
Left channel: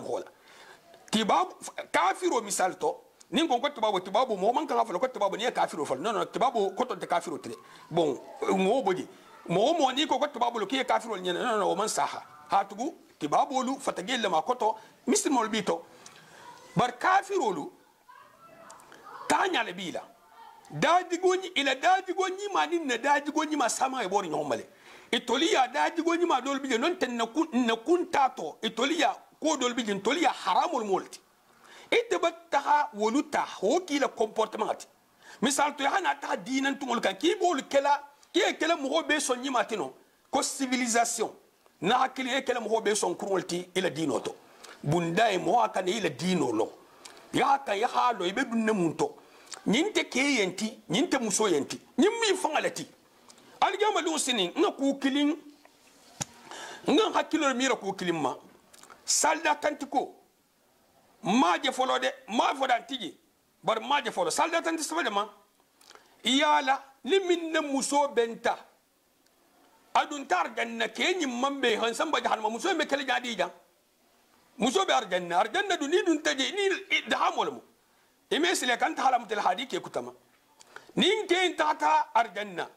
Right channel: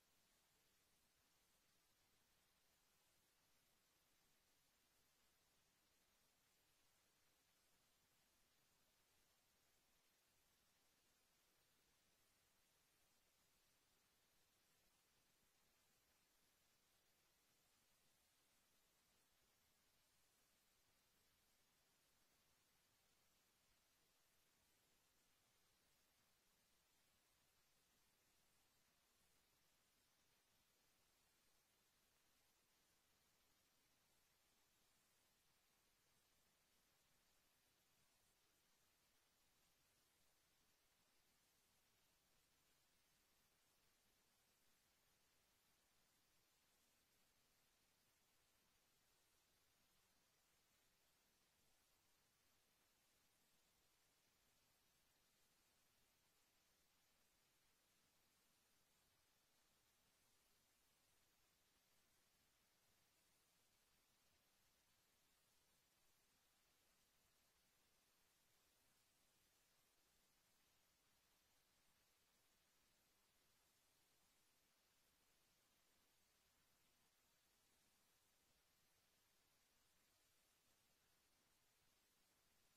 tibab kafiro misal to nin kon ko tibabu mo man kan afalo ko tibabu ne kafiro fal non tibabu ko to te kafiro tre bon mo boji mo ni ko tibabu lo ke kafiro nyene non o man saha hatugu tibabu lu fatagel ma ko to mismol bito bar kafiro lu tanya le bila daji goni ila daji goni ma nin na daji goni ma sama e bori nyomale itoliya daji goni ma dol bije non ten na kun tato itoliya ko dol bije itoliya haramul multi ite battaha woluta hoki la comportement misal to hana ta dinan tumul kan ki bol kala ki kala mo be son yimatino ko civilisation na hakili kala mo be son kurolti ila dinoto bunda e mo akane ila dinolo ya ka ya halo ibe dunne munto nyinte ke yenti nyinte muso yenti nyimmi fangalati aljama lu sinin nga ku kilin nga hakilo mira ku kilin ma salda kantiko ma je folode ma fodan tiji bar maje folo salda tan tisba ma iyala limin muso benta adun tar janna kenyi mambe han samba jahannama muso me kele jadi jang muso be arjanna duni dun taje ni dahamol mu imesile kan tahalam tel hadi ke kutama nin ke tata arjanna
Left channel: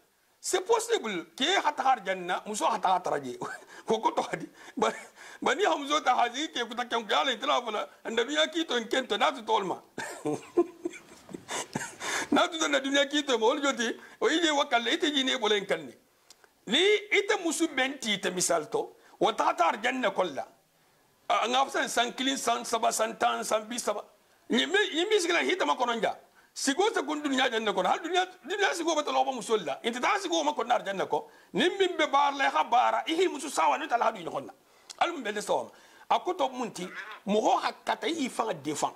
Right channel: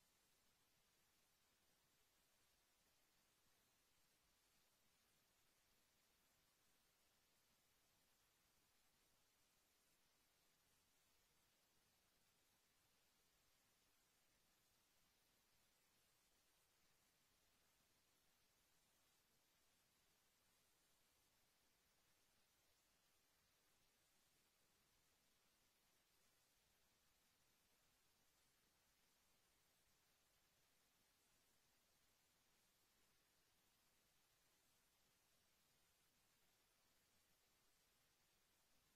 c'est possible ke hata arjanna muso hata taraje ko ko to hadi bani hamzo ta hadi ke kutaka ngala itrafala andabiya ki to kento na to tolma na to na dunya ki to mo joti o ije wakalle ite jine bolen kanni li ite musu benti te misalto wa tata arjanna kolla ngafsan sankilin san saba santan san bisaba yimi sigla hita makononja sigo ta kun dunya janna ko hal dunya sigo bata loba musolla inta ta sigo ma kon nar janna ko nimmin be bar la khabara ihi musu sawa ni tal hadu ni khonna alum be sawam akoto munti mo ho hakata yi fa defan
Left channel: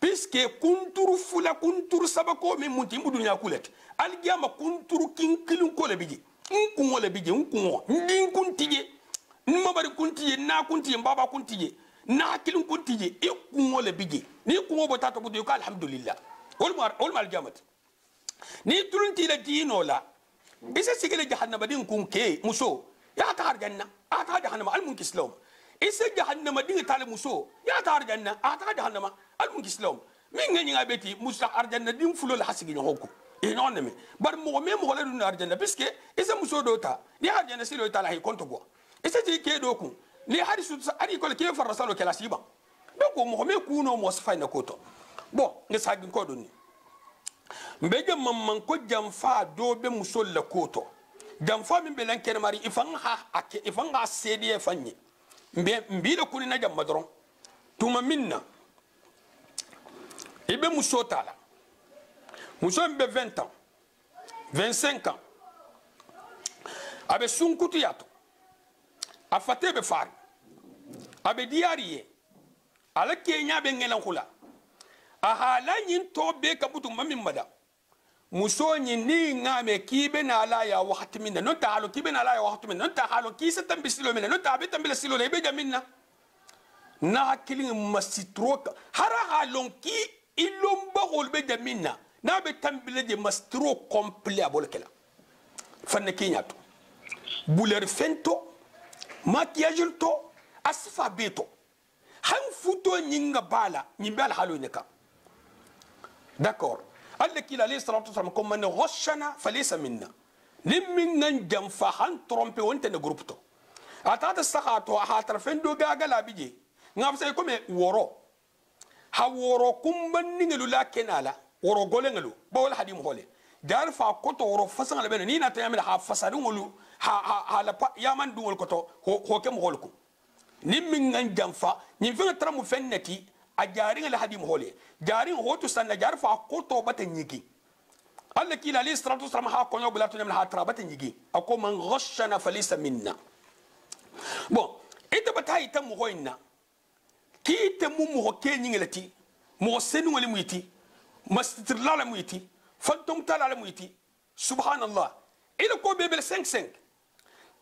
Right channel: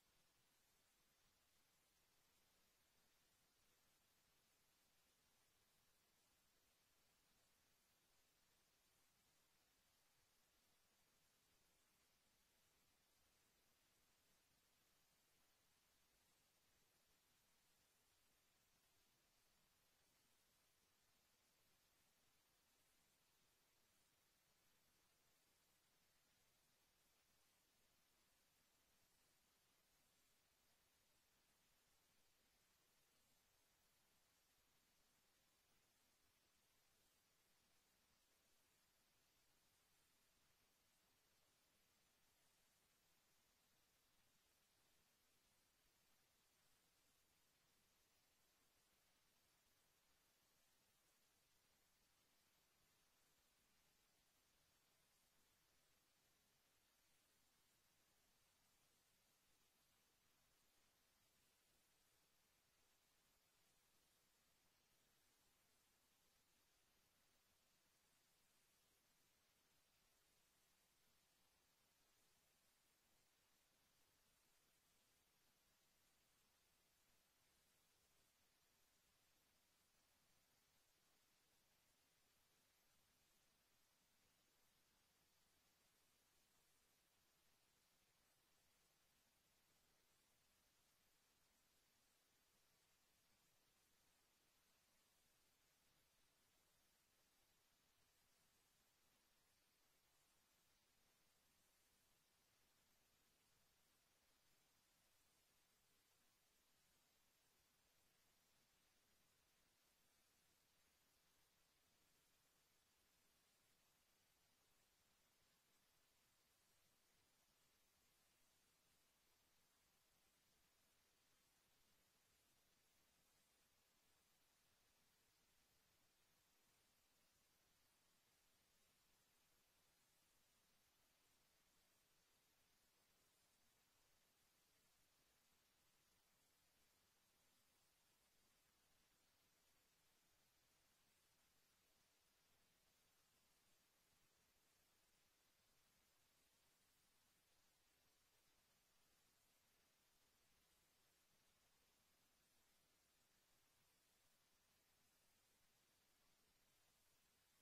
puisque kunturu fula kunturu sabako min munti mu dunya kulet algiyama kunturu kinkilun ko le biji kun wala biji kun ndin kuntije nima bari kuntije na kuntije baba kuntije na kilun kuntije e kun wala biji ni kun bo tato budu ko alhamdulillah ول ما الجامت ني ترنتي لدينو لا إذا سجل جهنم دين كون كي مسو يا تار جنة أتار جهنم المنك إسلام إذا جهنم دين تال مسو يا تار جنة أتار جهنم المنك إسلام من غني عبتي مسا أرجنة دين فلول حسيجين هوكو إيه نعمة بار مغمي مغلا دون أرجنة بس كي إذا مسو دوتا ني أرجنة سيلو تال هي كنتو بوا إذا جي كي دوكو ني هاري سوت هاري كل كي فرسالو كلا سيبا دوكو مغمي كونو موسفاي نكوتو bon ne sagin ko doni mbege mamman ko jamfa do be musol la koto jamfa min be lan ken mari ifan ha sedi e fanyi mbi da kuni na jamma doron tuma minna ibe musotala muso be 20 ans 25 ans abe sunkutu yato afate be far abe diariye ala kenya be ngelan khula ahala yin to be ka butu mamin mada muso yin ni ngame kibe na la ya wakati minna no ta halo kibe na la ya wakati minna no ta halo kisa tambisilo minna no ta be tambila silo le be jaminna na kilin masitroka hara halon ki ilomba hol be jaminna na be tambila de mastro complet abolkela fanne kinyato buler fento maquillage to asfa beto han futo nyinga bala nyimbal halo neka. D'accord. Allah qu'il alayhi salatu wasalam comme man ghashana falaysa minna. Limmin nan jamfa han trompe wonte ne groupe to. Atata sakhato ha tarfen do gaga la bije. Ngam say comme woro. Ha woro kumban ningelu la kenala. Woro golengelu. Bawol hadim hole. Dar fa koto woro fasan la ben ni na tayamel ha fasadu ngolu ha la yaman dungol koto ho kem holku. Limmin nan jamfa ni fe tramu fennati a jarin alhadim hole jarin hoto sanna jar fa koto batan yigi Allah kila li salatu wasalam ha konyo bulatu nyam ha tra batan yigi ako man ghashana falisa minna bon ita batai tam hoinna ki te mu mo kenyi ngelati mo senu wali muiti mastir lala muiti fantom talala muiti subhanallah ila ko bebel 5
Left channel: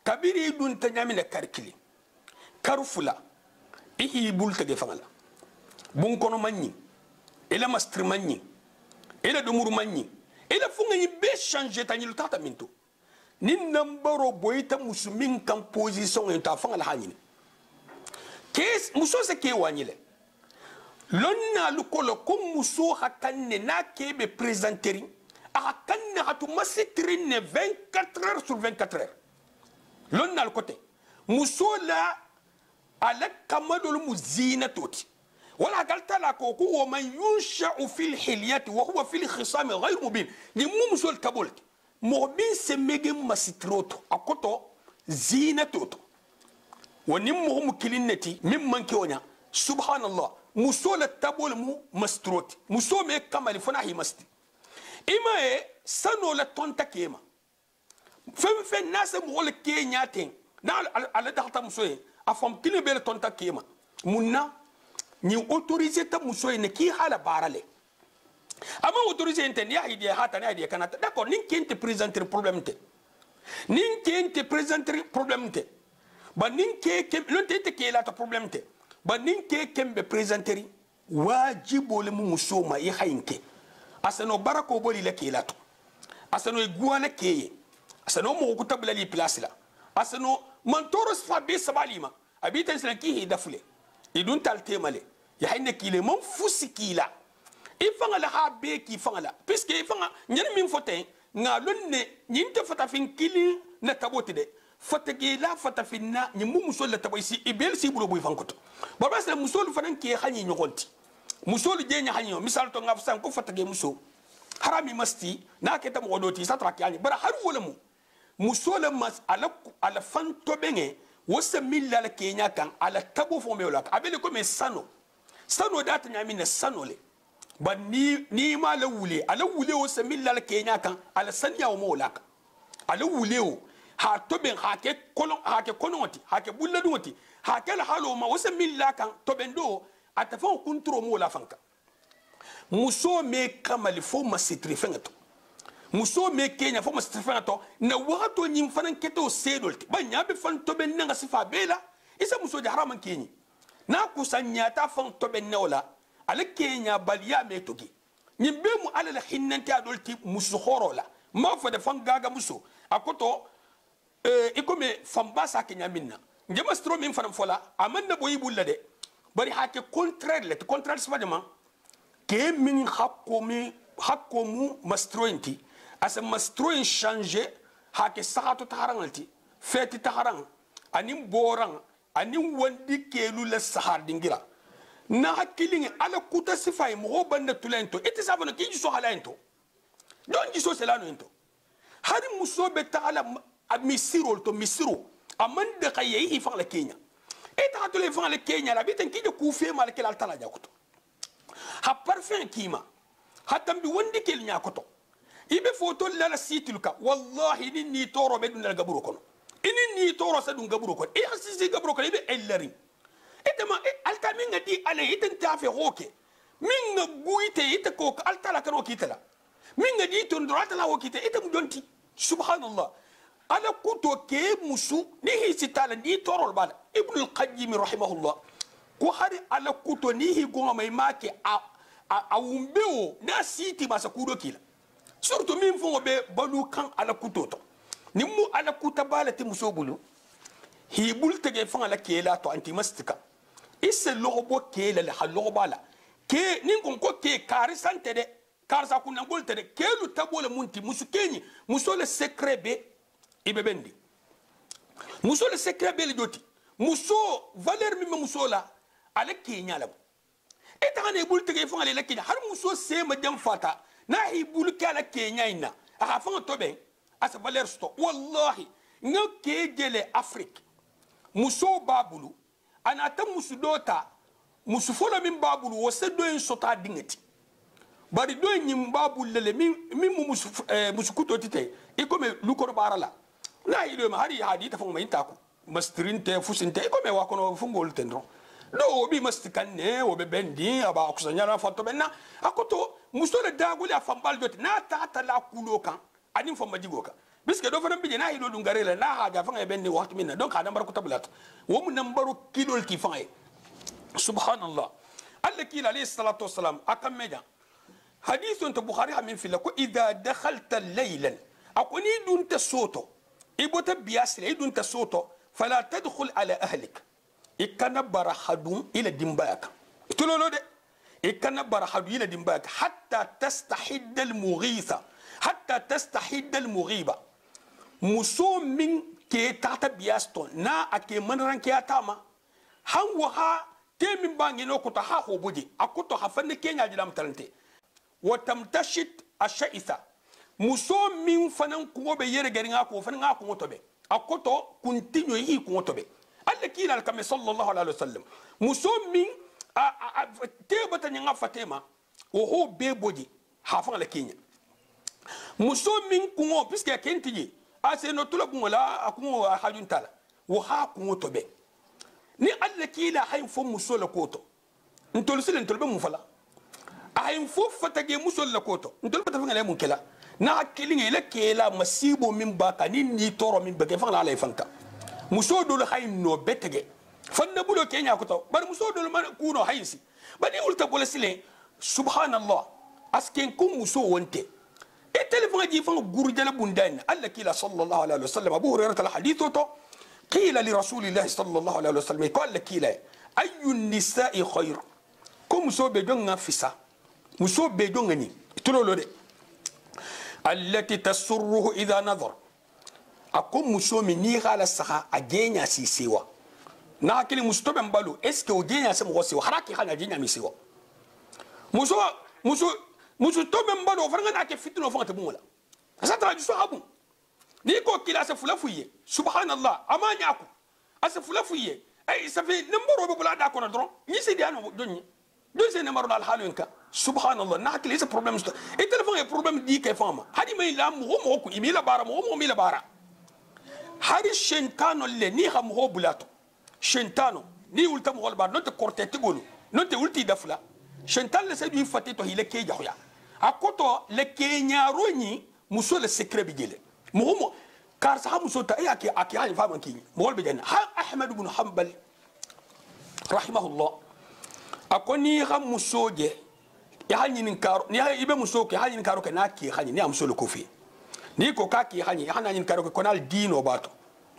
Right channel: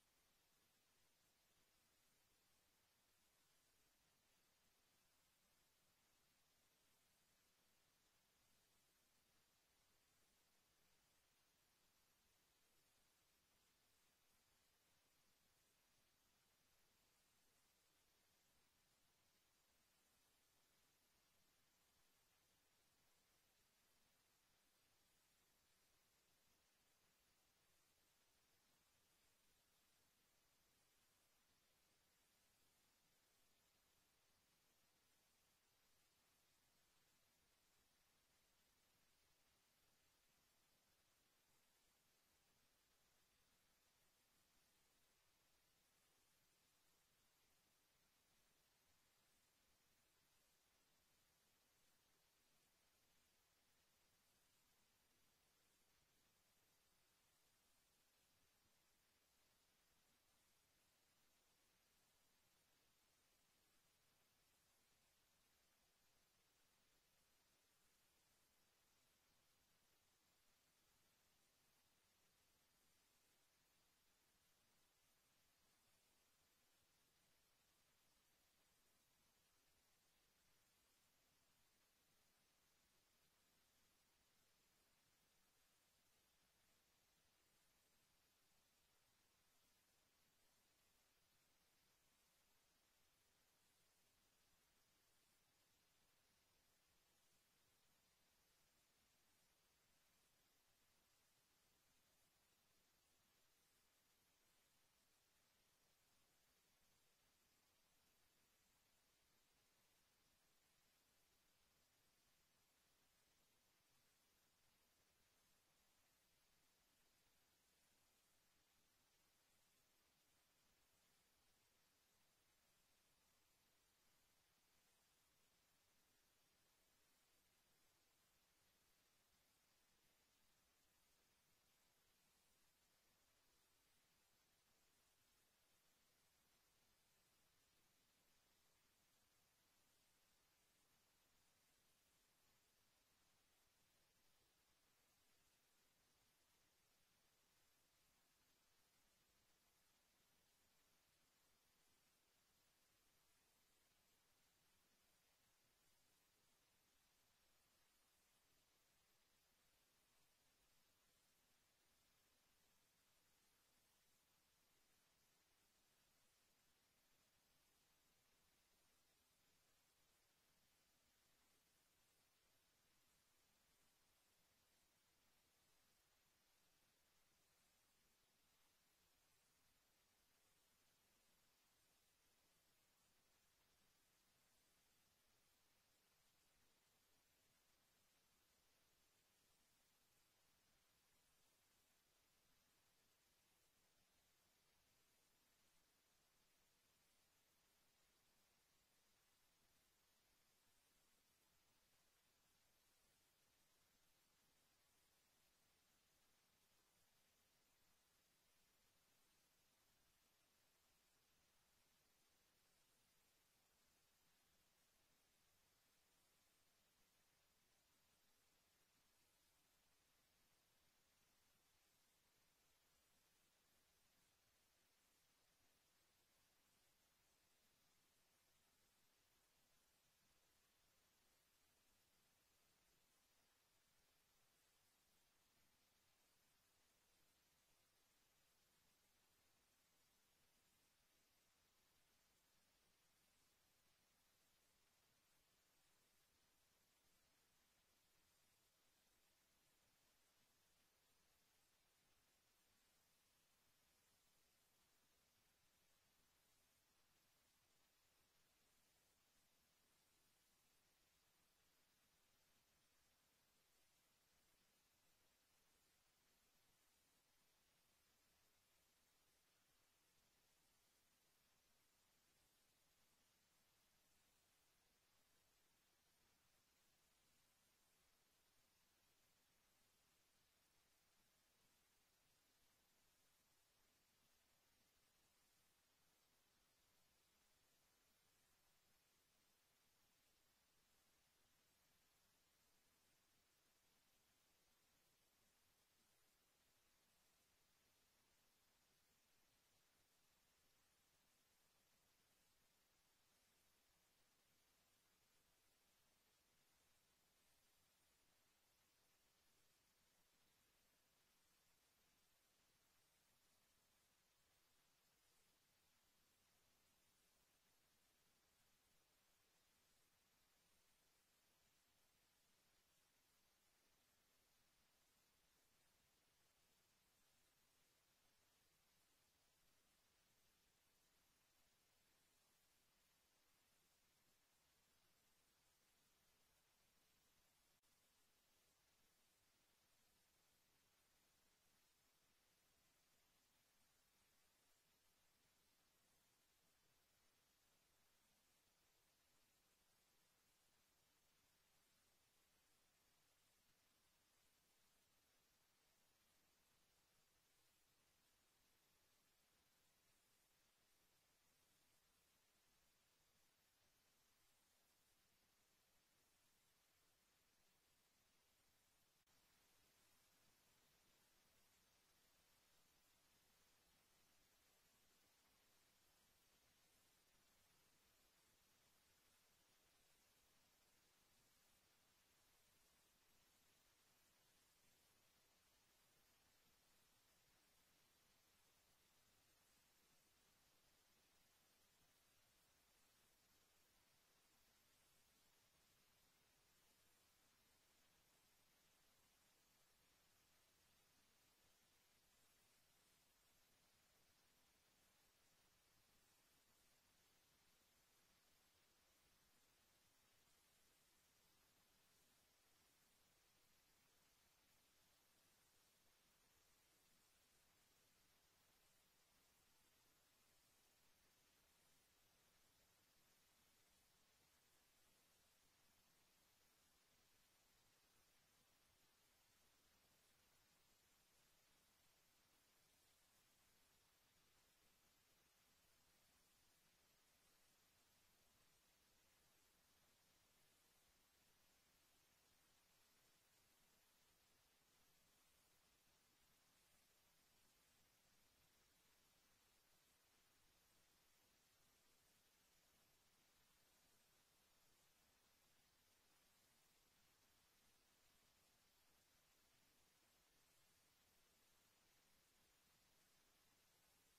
kabiri dun tanyamina karkili karufula ihi bulta ge fangala bun kono manni ila mastri manni ila dumur manni ila funga ni be changer tani lu tata minto ni nambaro boyita musumin kan position en fanga la hanini kes muso se ke wanyile lonna lu kolo ko muso hakanne na ke be présenteri hakanne hatu masitrine 24 heures sur 24 heures lonna lu côté muso la ala kamadul muzina toti ولا قلت لك هو من ينشأ في الحلية وهو في الخصام غير مبين يمو مسول كابولت مبين سمجم مستروتو أكوتو زينتوتو ونمو مكلينتي ممن كيونيا سبحان الله مسول التابول مو مستروت مسول مي كمال فناهي مستي إما سنو لتونتا كيما فم الناس مغول كينياتين نال على دهتا مسوي أفهم كلمة بيل تونتا كيما منا ni autoriser ta muso ne ki hala barale ama autoriser enten ya idea hata na idea kanata d'accord nin kente présenter problème te nin kente présenter problème te ba nin ke non te ke la ta problème te ba nin ke kembe présenter wajibo le muso ma yi hayinke asano barako boli la kilato asano iguana keye asano mo ko tabla li place la asano mantoros fa be sabalima abita sina ki dafule idun talte male ya hayne kile mon fusi kila ifanga la ha be ki fanga la puisque ifanga nyen min foten nga lonne nyinte fata fin kili na tabote de fatake la fata finna nyimu musol la taboisi ibel si bulo boy fankoto baba sa musol fanan ki hanyi nyogonti musol je nya hanyi misal to ngaf san ko fatake muso harami masti na ke tam godoti satra ki ani bara har wala mu musol mas ala fanto benge wasa milla la kenya kan ala tabo fo me wala abele ko me sano data nyami na sano le ba ni ma la wule ala wule wasa milla la kenya kan ala sanya o mo wala ala wule o ha toben ha ke konoti ha ke bulladoti ha ke la halo ma wasa milla kan toben do atafon kuntro mo la fanka muso me kamali fo ma sitri fengato muso me kenya fo ma sitri fengato na wato nyim fanan keto sedolti ba nyabe fan toben nga sifa bela isa muso de haraman kenyi na kusanya ta fan toben ne wala ala kenya baliya me togi nyimbe mu ala la hinnanti adolti muso horola ma fa de fan gaga muso akoto ikome famba sa kenya minna njema stro min fanam fola amanna boyi bulla de bari hake contraire spadema ke min hakko mu mastrointi asa mastroin changer hake sahato taharangalti feti taharang anim borang anim wandi kelu la sahar dingira na hakilingi ala kuta sifay mo banda tulento eti sabana ki so halaento don jiso selano ento hari musobe taala misiro amanda kaye hi fa la Kenya eta hatule fa la Kenya la bitan kije ku fe mal kelal tala jakoto ha parfum kima hatam bi wondi kel nyakoto ibe foto la situlka wallahi ni toro be dun la gaburo kono ni toro sa dun gaburo kono e asisi gaburo kono ibe ellari etama alta minga di ale iten tafe hoke minga guite ite ko alta la kano kitala minga di ton dorata la hokite item donti subhanallah ala kuto ke musu ni hisitala ni torol bala ibn al-qayyim rahimahullah ko hari ala kuto ni hi gonga mai make a umbeo na siti masa kudo kila surtout min fo be balu kan ala kuto to ni mu ala kuta bala ti muso bulu hi bul tege fa ala kela to anti mastika isse lobo kela la halo bala ke nin ko ke kari sante de karsa kunna golte de kelu tabole munti musu kenyi muso le secret be ibebendi muso le secret be le joti muso valeur mi muso la ale kenya la eta ne bul tege fa ale la kenya har muso se ma dem fata na hi bul kala kenya ina a fa to be asa valeur sto wallahi ngoke gele afrique muso babulu anata musu dota musu folo min babulu wose do en sota dingeti bari do nyim babul lele mi musu kuto tite ikome lukoro barala na ido ma hari hadi ta fuma intaku mastrinte fusinte ikome wa kono fungol tendro do bi mastikan ne o be bendi aba kusanya na foto benna akoto muso le daguli afambal doti na tata la kulo kan anin fo majigo kan biske do fana bije na ido dungarele na haja fanga benni waxtu minna donc adam bar ko tablat wo mu nambaru kilol ki fanga subhanallah alla kila alayhi salatu wassalam akam meja حديث انت بخاري من في لكو اذا دخلت ليلا اكوني دون تسوتو ايبوت بياسل اي دون تسوتو فلا تدخل على اهلك اكن برحدون الى دمباك تلولو دي اكن برحدون الى دمباك حتى تستحد المغيبه مسو من كي تاتا بياستو نا اكي منران كي اتاما han waha temin bangi no kuta ha hobudi akuto hafanne kenya jilam talante watamtashit ashaitha muso min fanan ko be yere gari ngako fanan ngako to be akoto continue yi ko to be alla kila al kam sallallahu alaihi wasallam muso min tebata nyanga fatema o ho be bodi ha fa la kenya muso min ko puisque kentiji ase no tula ko la ko hajun tala wo ha ko to be ni alla kila hay fo muso la koto ntol silen tol be mu fala ay fo fatage muso la koto ndol pata ngale mun kela na kilinge la kela masibo min baka ni toro min bege fa la fanka muso dol hay no betege fanna bulo kenya koto bar muso dol man kuno haysi bani ulta bola sile subhanallah asken kum muso wonte e telefon ji fanga gurjala bundan alla kila sallallahu alaihi wasallam abu hurairah al hadithu to qila li rasulillahi sallallahu alaihi wasallam qala kila ayu nisa'i khair kum muso be jonga fisa muso be jonga ni tulolo de allati tasurruhu idha nadhar akum muso mi ni khala saha agenya si siwa na hakili musto ben balu est-ce que ogenya se mo siwa haraki khana agenya mi siwa muso to ben balu faranga na ke fitno fanga bumula asa tra ju so habu ni ko kila se fula fuye subhanallah amanya aku asa fula fuye ay ça fait numéro be bula da ko dron ni se di anu donni deuxième numéro dal halunka subhanallah na hakili ce problème et téléphone est problème di ke fama hadi may la mo ko imila bara mo mi la bara hari shentano le ni ham ho bulato shentano ni ulta mo ba non te corté tigolu non te ulti dafla shentan le sedu fati to hile ke jahoya akoto le kenya roni muso le secret bigele mo kar sa muso ta ya aki hani faman ki mo be janna ahmad ibn hanbal rahimahullah akoni ham muso je ya hani nin karo ni ha ibe muso ke hani nin karo ke na ki hani ni am muso le kofi ni ko ka ki hani hana nin karo ko nal dino bato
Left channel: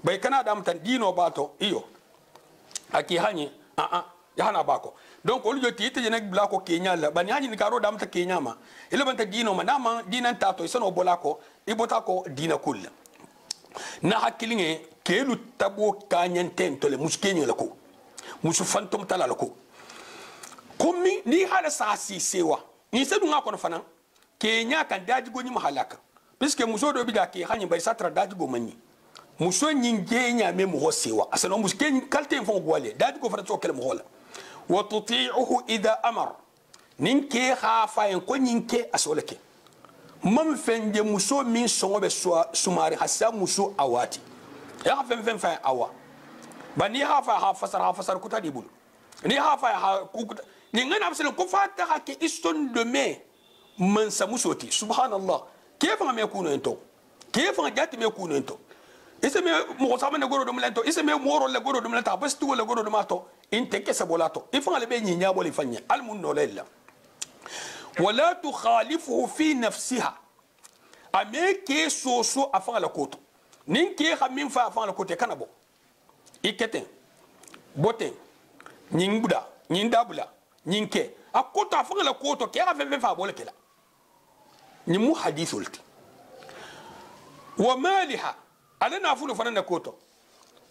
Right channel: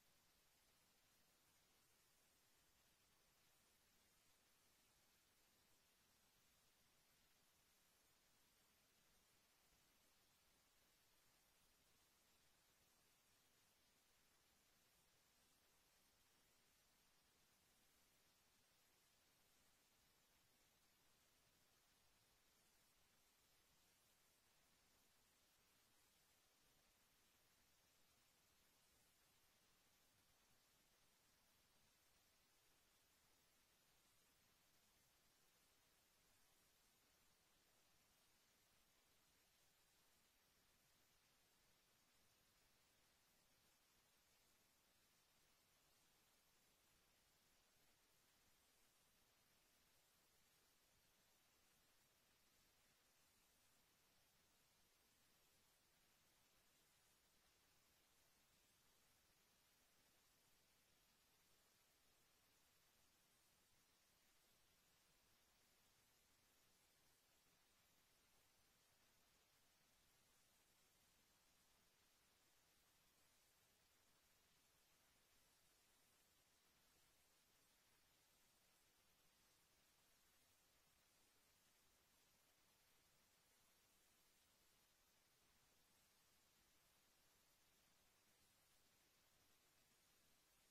bay kana dam tan dino bato iyo aki hani ya hana bako donc olu joti ite jenek bla ko kenya la bani hani nin karo dam ta kenya ma ile banta dino ma nama dinan tato isano bolako ibota ko dina kul na hakilinge kelu tabo kanyen tole muskenya la ko musu fantom tala la ko komi ni hala sa si sewa ni sedu ngako fana kenya kan daji goni mahalaka puisque muso do bi da ke hani bay satra daji go manni muso nyingenya me mo sewa asano muskenya kalte fon gwale daji go fara to kele mo hola wa tuti'uhu idha amar ninke khafa en ko ninke asoleke mam fende muso min songo be sumari hasa muso awati ya fen fa awa bani ha fasar kuta dibul ni ha kuta ni ngana absel ko fata ha ke iston de me man sa musoti subhanallah kefa me kuno ento kefa jatti me kuno ento ise me mo sama ne goro do mlento ise me moro le goro do mlenta bastu le goro do mato inte ke sabolato ifa le be nyinya boli fanya almun no lella wala tukhalifuhu fi nafsiha ameke soso afa la koto ninke khamin fa afa la kote kanabo ikete bote nyingbuda nyindabula nyinke akoto afa la koto ke afa fa bole kela ni mu hadithulti wa maliha alana afulu fanana koto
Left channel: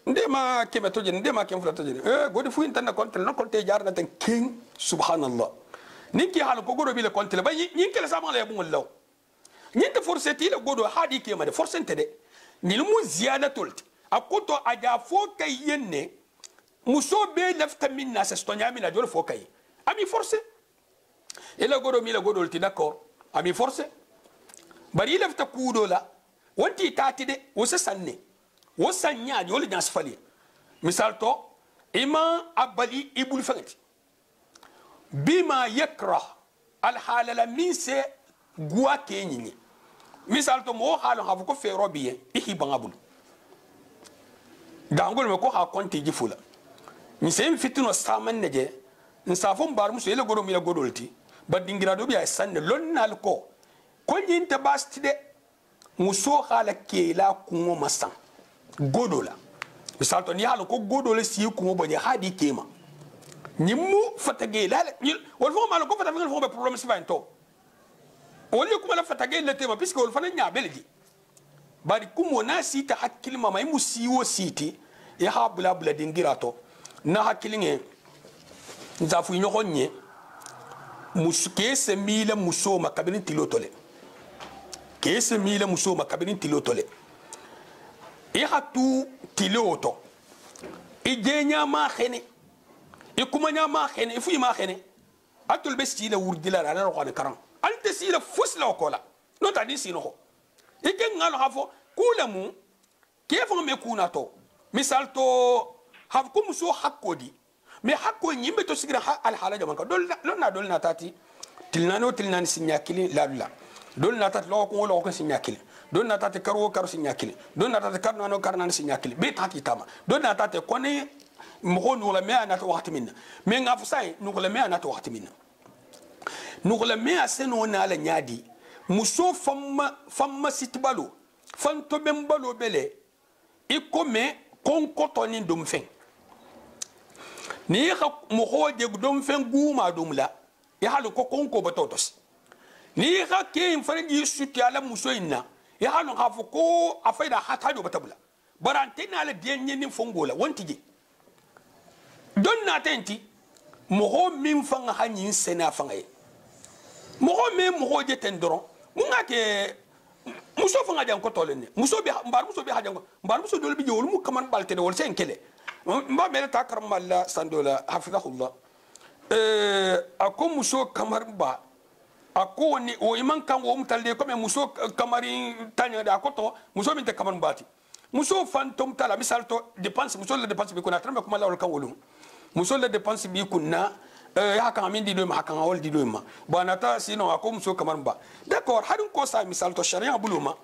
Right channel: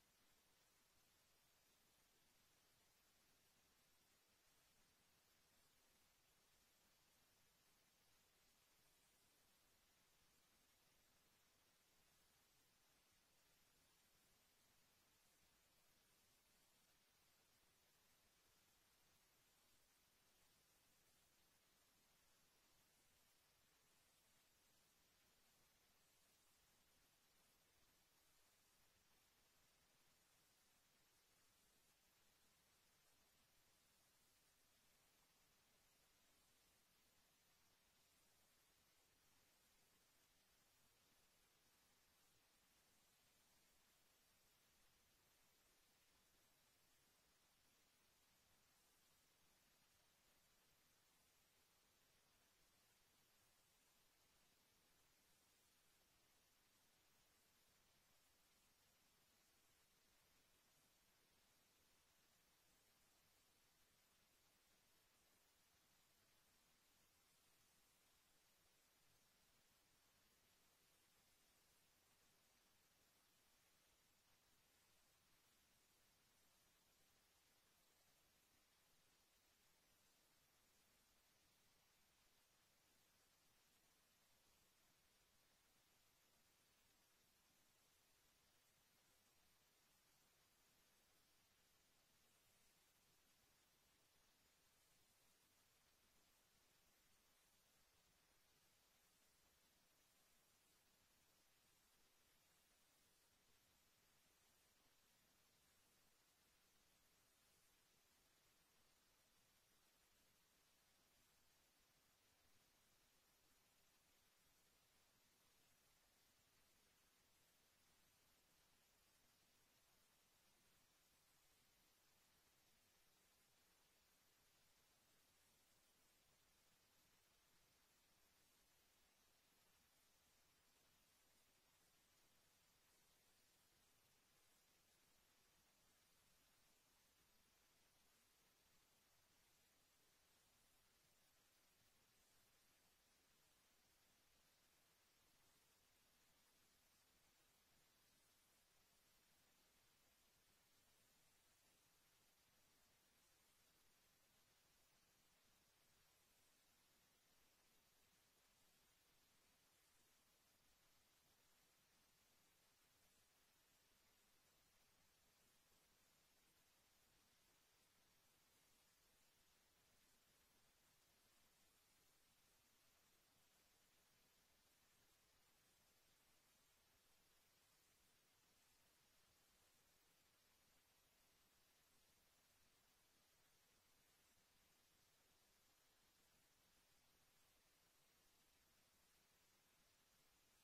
ndema kemeto je ndema kemfula to je godi fu intana kontel no konte jar na tan king subhanallah ninki hal ko godo bi le kontel ba nyinke la sama la bungol law nyinte forseti le godo hadi ke ma de forsente de ni mu ziyadatul akoto aja fo kay yenne muso be lafta minna sa stonya mina jol fo kay ami forcé et le godo mi le godo ti d'accord ami forcé bari lafta kudo la wanti tati de wosa sanne wosanya yoli nas fali misal to ima abali ibul fangati bima yakra al halala min se gwa kenyini misal to mo halu hafu ko fero biye ihi bangabul dangol me ko ha konti jifula mi se fitino saman neje nsafon bar muso ele godo mi le godolti badingira do biya sanne lonnal ko nyinte bastide muso hala kela kungo masan godola misal to ni hala ko godola si kungo bani hadi kema nimu fatage la wol fo mal ko fatage fo be problème si vanto wol ko la fatage le tema puisque wol fana nya beldi bari kumo na sita hakil mama imu siwo siti ya habla bla dingirato na hakilinge nzafu nyokonnye muske se mila muso makabini tilotole kese mila muso makabini tilotole e hatu tiloto e jenya ma khene e kuma nya ma khene e fu ma khene atul besti la wurdila la ro kan karam ante si la fusla ko la no ta di sino e ke ngalo hafo kulamu kefo me kuna to misal to haf kum muso hakodi me hakko nyimbe to sigira al halaja man ka dol na tati tilnani sinyakili la don na tat lo ko sinyakili don na tat karo sinyakili don na tat karno sinyakili be tati tama don na tat koni mo no la me ana to wakati minna me ngafsai no la me ana to wakati minna nugla me aseno na la nyadi muso famma sitbalo fanto bembalo bele ikome konkoto ni dum fen ni ha mo hoje dum fen guma dum la ya halu ko konko batotos ni ha ke in farji suti ala muso inna ya halu ha ko afaida hata do batabula barante na la dienye ni fongola wontije don na tenti mo ho min fanga hanyin sena fanga ye mo ho me mo ho je tendoro munga ke muso fanga jang ko tolene muso bi mbar muso bi hajang mbar muso dol bi jewul mu kaman balte de wol sen kele mba mele ta karam Allah sandola hafizahullah ako muso kamar ba ako ni o iman kan wo mutalle ko me muso kamari tanya da ko to muso min te kamar bati muso fantom tala misal to dépense muso le dépense bi ko na trambe ko mala wol kan wolu muso le dépense bi kunna ya kan min di do ma kan wol di do ma banata sino ako muso kamar ba d'accord hadun ko sa misal to sharia buluma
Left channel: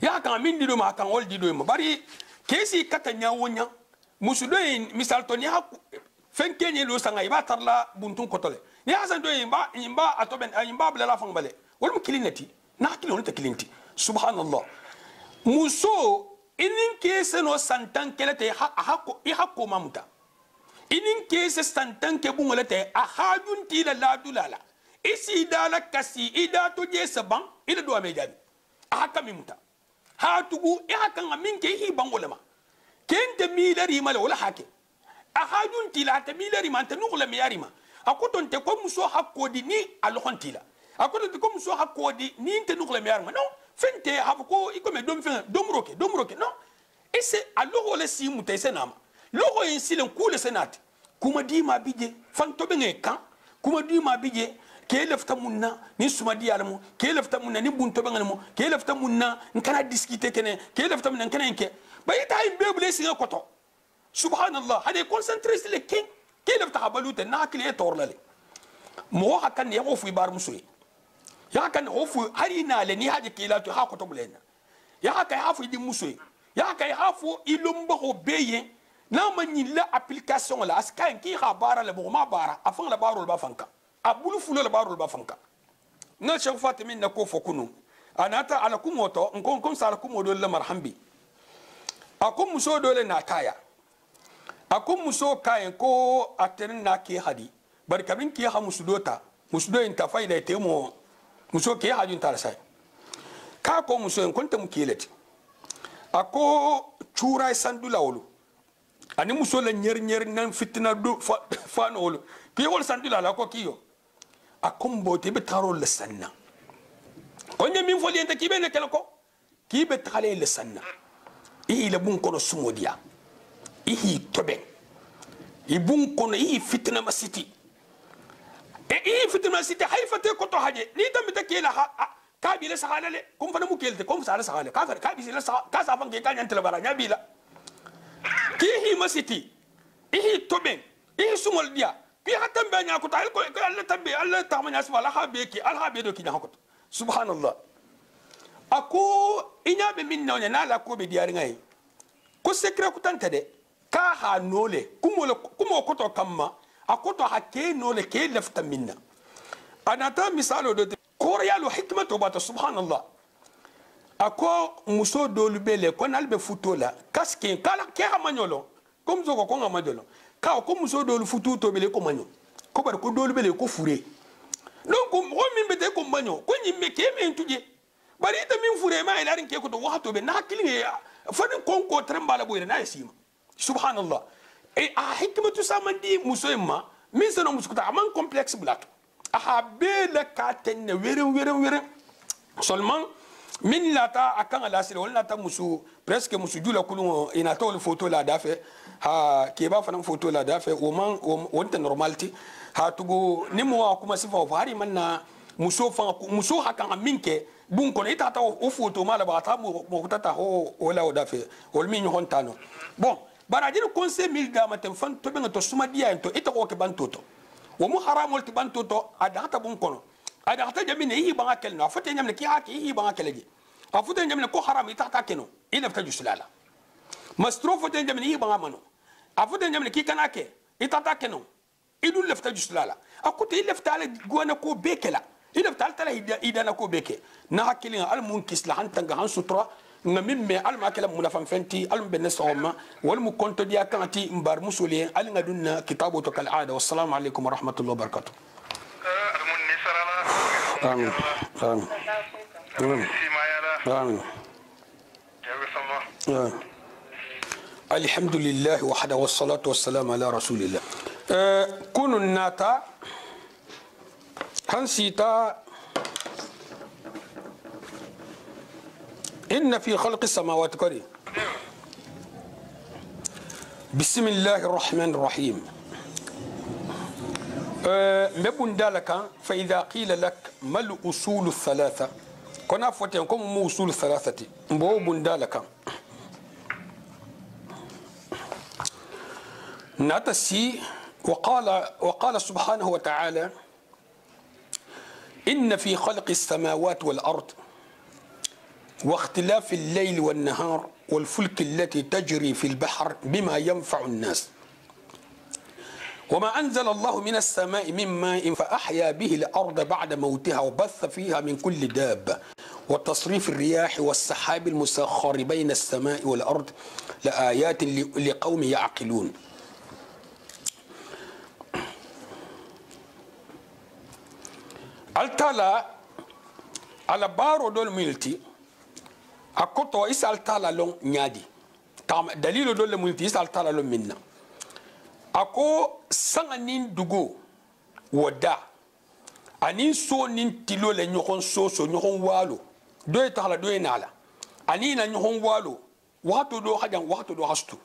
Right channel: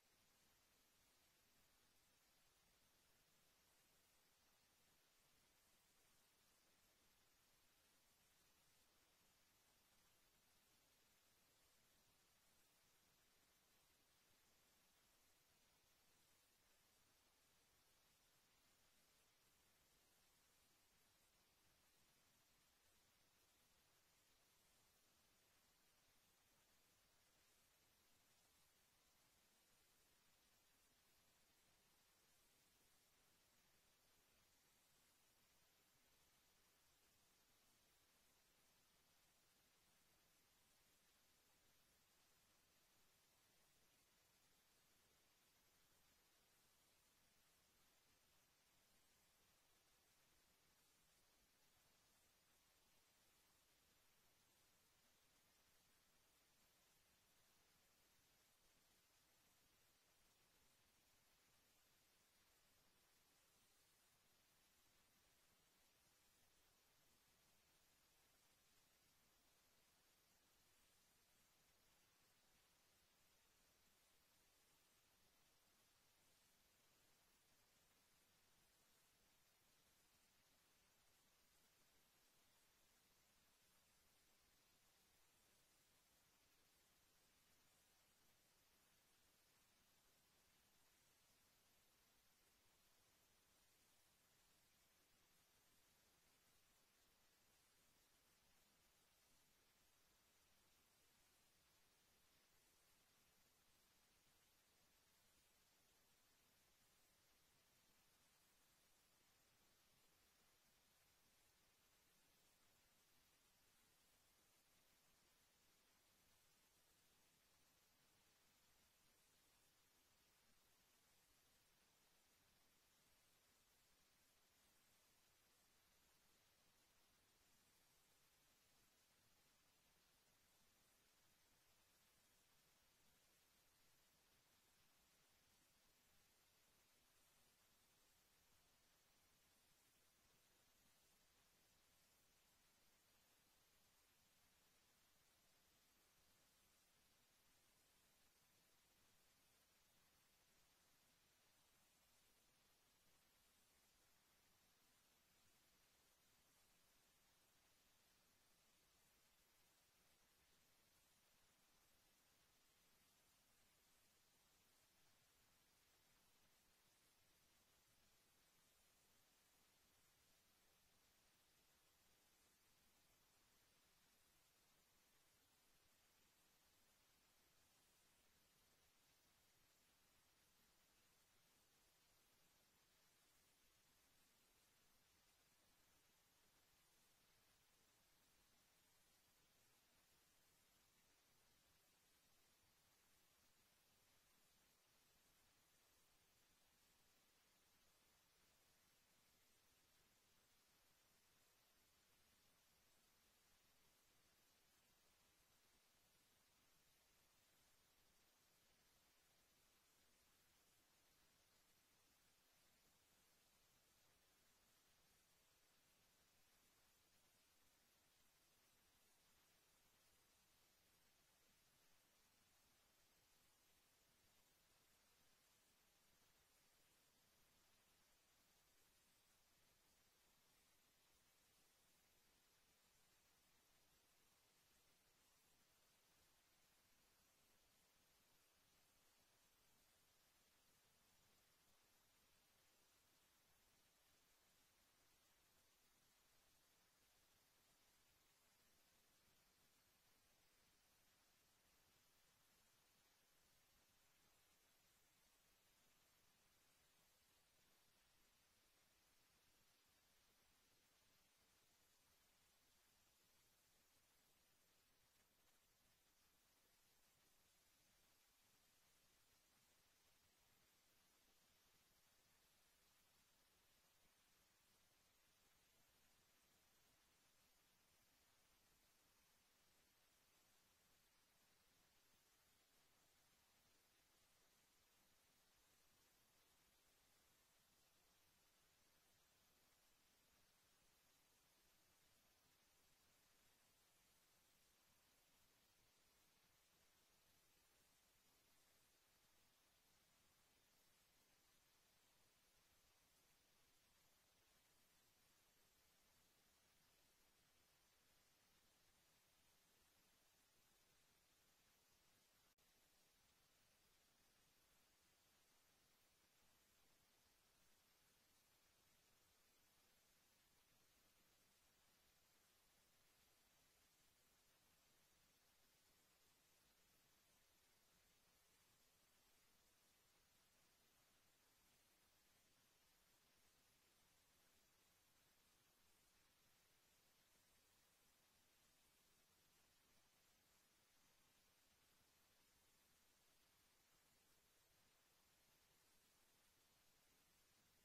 ya kan min di do ma kan wol di do ma bari kesi katanya wonya musu do misal to ni ha fen kenye lo sanga iba tarla buntun kotole ni hasan do imba atoben imba bla la fang bale wol mu kilinati na kilon ta kilinti subhanallah muso inin kese no santan kelete ha ko mamuta inin kese santan ke bungolete a hajun tila la dulala isi dala kasi ida to je saban ida do me jabi a haka mimuta ha tugu e haka ngamin ke hi bangolama kente milari mala wala hake a hajun tila ta milari man ta nugla mi yarima akoton te ko muso hakodi ni alhon tila akoton te ko muso hakodi ni te nugla mi yarima non fente habko ikome dom fen dom roke non ese alogo le si muta ese nama logo yin silen kule senati kuma di ma bije fanto be kan kuma di ma bije ke lefta munna ni suma di alamu ke lefta munna ni bunto be ngalamu ke lefta munna nkana discuter kene ke lefta munna nkana nke bayita ay bebule singa koto subhanallah hade concentré sur le king ke lefta habalute na kile torlale mo hakan ya ofu bar musuyi ya kan ofu harina le ni haje kila to ha koto bulena ya ka hafu di musuyi ya ka hafu ilumba ho beye na manyi la application la askan ki khabara le ma bara afan la barul ba fanka abulu fulo la barul ba fanka na shan fatimin na ko fokunu anata ala kumoto nkon sala kumodo le marhambi akum muso dole na kaya akum muso kayen ko aterin na ke hadi barkabin ki ha musudota musudo in ta faida temo muso ke hajun tar sai ka ko muso en konta mu keleti ako chura sandula wolu ani muso la nyer nan fitna do fa no wolu ki wol sandula la ko kiyo akum bote be taro le sanna onye min foli enta kibe ne kala ko kibe tale le sanna i le bun kono sumodia i tobe i bun kono i fitna masiti e fitna masiti hayfate ko to haje ni tambe te kela ka bi le sahala le kum fana mu kelte kum sala sahala ka bi le sahala ka sa fange ka nyantele bara nya bi la ki hi masiti i tobe i sumol dia ki hatam be nya ko tal ko Allah tambe Allah ta manya subhana ha be ki al ha be do ki nya ko subhanallah ako inya be min na la ko be diari ngai ko secret ko tante de ka ha nole kumo ko to kamma akoto ha ke nole ke lefta minna anata misalo do koryalu hikmatu bata subhanallah ako muso dolu bele ko nalbe futola kaske kala ke ha manyolo kom zo ko ngamadolo ka ko muso dolu futu to bele ko manyo ko bar ko dolu bele ko fure donc o min be de ko manyo ko nyimme ke men tuje bari ita min fure ma ilarin ke ko to wato be na kilin fadin konko trembala boyre na yasima subhanallah e a hikmatu samandi muso emma min sano muskuta aman complexe black a bela katen were seulement min lata akan ala sire wala ta musu presque musu jula kulun ina to photo la dafe ha ke ba fanan photo la dafe o man wonta normality ha tugo nimo kuma sifa fari manna muso fa muso hakan minke bun ko ita ta o photo mala ba ta mo tata ho wala o dafe wol min hontano bon barajir conseil mil dama tem fan to benga to suma dia to ita ko ke bantoto wo mu haramol ti bantoto ada ta bun kono ada ta jamine yi banga kel na fate nyamne ki haki yi banga keleje afute nyamne ko haram ita ta keno ila ta jusulala mastro fate nyamne yi banga mano afute nyamne ki kanake ita ta keno idu lefta juslala akuti lefta ala gona ko bekela lefta ala idana ko beke na hakilin al mun kisla hantanga han sutra ngamin me al makala munafan fenti al ben sawma wal mu konto dia kanati mbar musuli al ngadunna kitabu to kal aada wassalamu alaikum wa rahmatullahi wa barakatuh amin amin amin الحمد لله وحده والصلاة والسلام على رسول الله كون الناتا هنسيتا إن في خلق السماوات كريم بسم الله الرحمن الرحيم مبون دالك فإذا قيل لك ما الأصول الثلاثة كنا فتنكم مو أصول الثلاثة مبون دالك نتسي وقال سبحانه وتعالى إن في خلق السماوات والأرض واختلاف الليل والنهار والفلك التي تجري في البحر بما ينفع الناس وما أنزل الله من السماء من ماء فأحيا به الأرض بعد موتها وبث فيها من كل دابة وتصريف الرياح والسحاب المسخر بين السماء والأرض لآيات لقوم يعقلون altala ala baro dol milti akoto isa altala long nyadi tam dalilo dol milti isa altala long minna ako sanganin dugo woda anin so nin tilo le nyokon soso nyokon walo do etala do enala ani na nyokon walo wato do hajan wato do hastu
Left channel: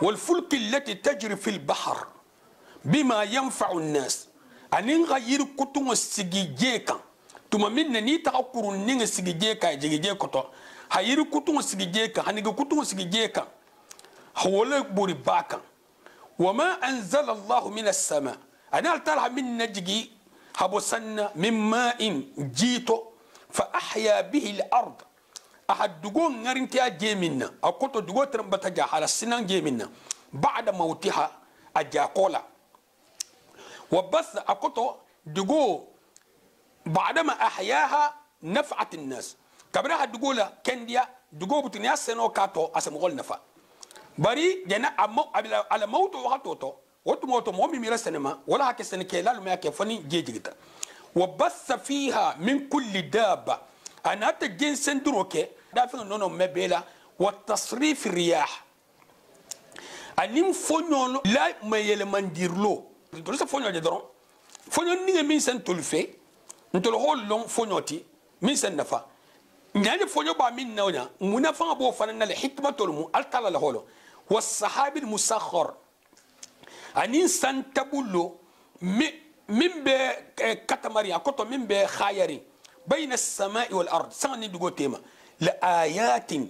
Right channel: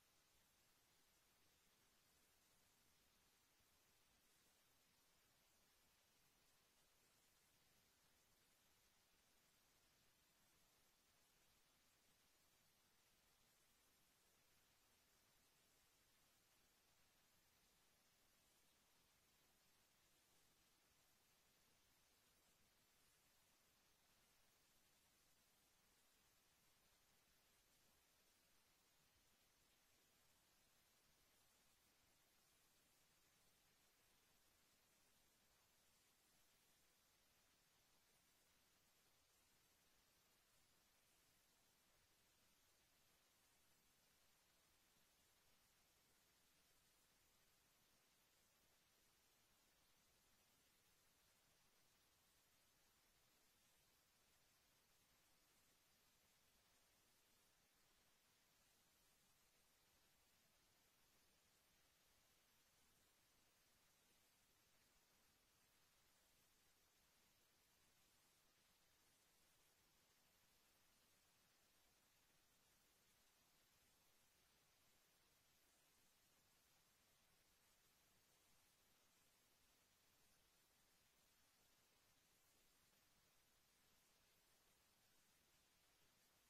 wal fulk allati tajri fil bahr bima yanfa'u an-nas anin gayir kutungo sigije kan tuma minna ni ta kurun ninga sigije ka jigije koto hayir kutungo sigije kan haniga kutungo sigije kan hawala buri bakan wama anzala Allah min as-sama ana talha min najgi habo sanna min ma'in jito fa ahya bihi al-ard ahad dugo ngarinti ajeminna akoto dugo trambata jahala sinan jeminna ba'da mautiha ajakola وبث أكتو دقو بعدما أحياها نفعت الناس كبرها دقولا كنديا دقو بتنيا سنو كاتو أسمغول نفع بري جنا على موت وقتوتو وتموتو مومي ميرا سينما ولا هكي سنكيلا لما يكفني جيجيتا وبث فيها من كل دابة أنا تجين سندروكي دافن نونو مبيلا والتصريف الرياح أنيم فنيون لا ما يلمنديرلو tolu sa fonyo je doron fonyo ni min sen tolu fe ntolo hol long fonyo ti min sen nafa nyani fonyo ba min nawnya munafa bo fanana le hikmatul mu altala la holo was sahabil musakhkhar anin san tabullo min be katamari akoto min be khayari bayna as-sama'i wal ard sani dugo tema la ayatin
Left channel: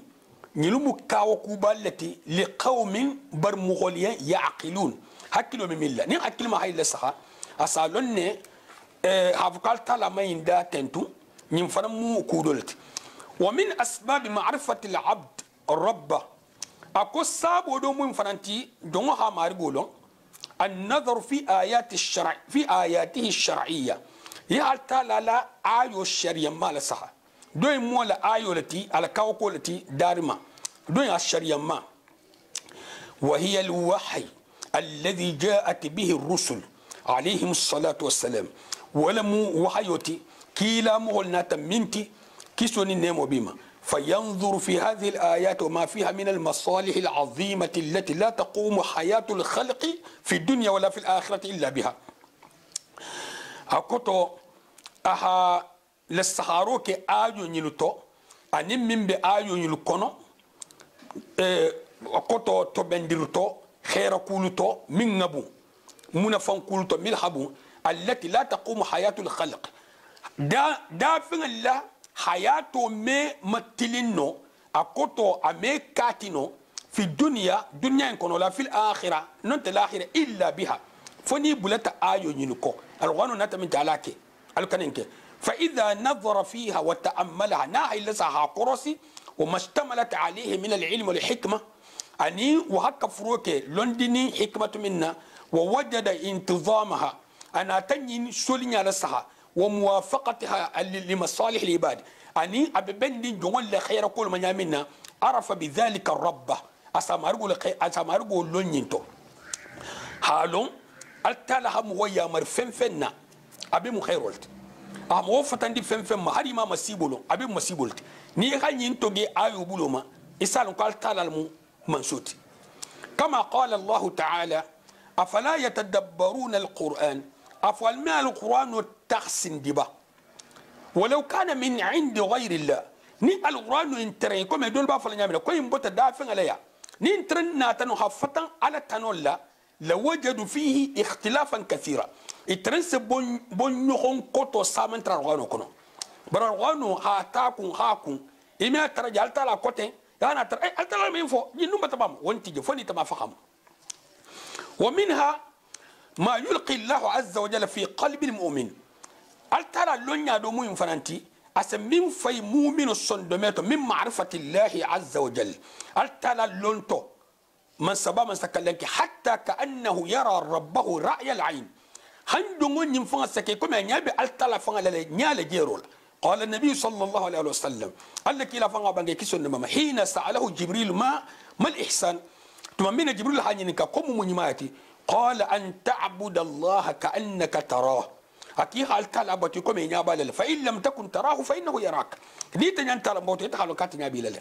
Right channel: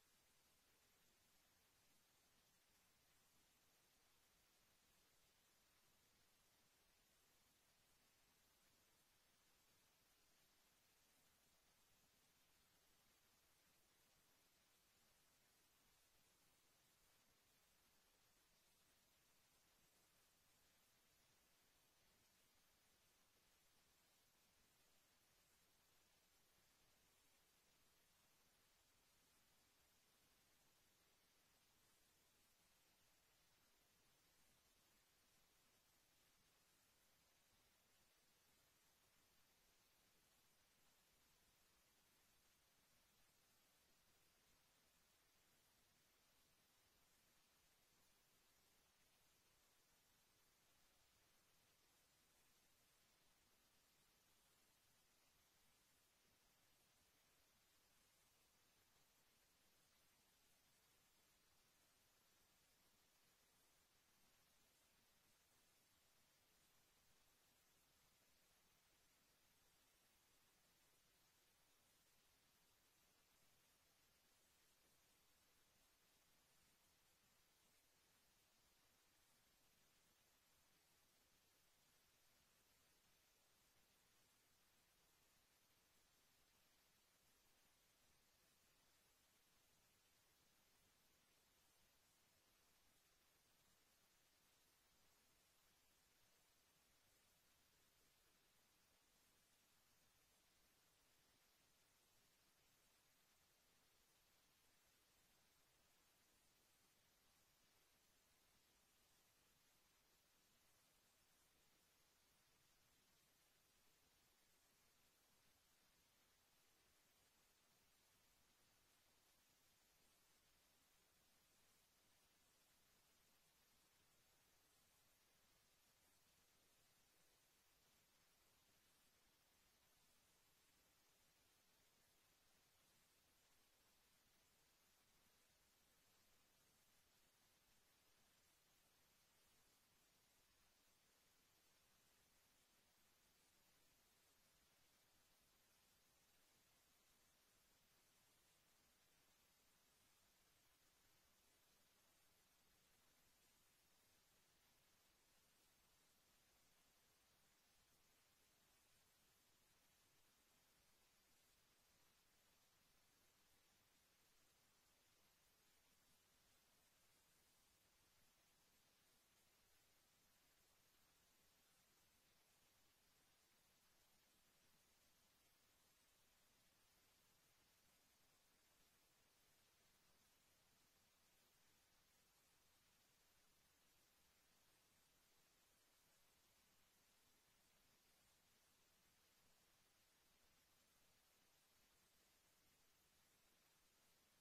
nilumu kawo kuballati liqaumin bar mughaliyan ya'qilun hakilo mi milla ni hakil ma hayla saha asalonne havkal tala mayinda tentu nyim fana mu kudolti wa min asbab ma'rifati al-abd rabb ako sabo do mun fananti don ha mari golon an-nazar fi ayati ash-shar' fi ayatihi ash-shar'iyya ya tala la ayo shari'a mala saha do mo la ayo lati al kawko lati darima do ya shari'a ma wa hiya al-wahy الذي جاءت به الرسل عليهم الصلاة والسلام ولم وحيوتي كيلا مغلنا تمنتي كسوني نيمو بما فينظر في هذه الآيات وما فيها من المصالح العظيمة التي لا تقوم حياة الخلق في الدنيا ولا في الآخرة إلا بها أكتو أها للسحاروك آيو نيلوتو أنم من بآيو نيلوكونو أكتو تبندرتو خير كولتو من نبو منفن كولتو ملحبو التي لا تقوم حياة الخلق دا فين الله حياته مي متلينو أكوتو أمي كاتينو في الدنيا دنيا يكونوا لا في الآخرة ننت الآخرة إلا بها فني بلتا آيو ينكو الغانو نتا من جالاكي الكنينكي فإذا نظر فيها وتأملها ناهي لسها قرصي وما اشتملت عليه من العلم والحكمة أني وهكا فروكي لندني حكمة منا ووجد انتظامها أنا تنين سولين على الصحة وموافقتها لمصالح العباد أني أببندي جوال لخير كل من يامنا عرف بذلك الرب أسامرغو لونينتو حالون التالها مويا مرفن فنا أبي مخيرولت أمو فتندي فن ما هري ما مسيبولو أبي مسيبولت ني غانين توغي آيو بولوما إسالون قال تالا منسوت كما قال الله تعالى أفلا يتدبرون القرآن أفعل ما القرآن تحسن دبا ولو كان من عند غير الله ني القرآن انترين كما يدول بافل نعمل كوي مبوتا دافن عليها ني انترين ناتنو حفتن على تنولا لوجدوا فيه اختلافا كثيرا اترنس بون يخون كوتو سامن ترغانو كنو برغانو هاكون إما ترجع التالا كوتين أنا ترى التالا مينفو ينوم بتبام وانتي جفوني تما فهم ومنها ما يلقي الله عز وجل في قلب المؤمن الترى لونيا دو مو فنانتي اسمين في مؤمن الصندوميتو من معرفة الله عز وجل الترى لونتو من سبا من سكلنك حتى كأنه يرى ربه رأي العين هندون ينفع سكي كما نيابي التلا فنغ نيال جيرول قال النبي صلى الله عليه وسلم قال لك لا فنغ بانغي كيسون ماما حين سأله جبريل ما الإحسان تمامين جبريل حانينكا كوم منيماتي قال أن تعبد الله كأنك تراه أكي حال تلعبتي كم ينابال فإن لم تكن تراه فإنه يراك ديت أنت لموت يتحلو كاتني أبي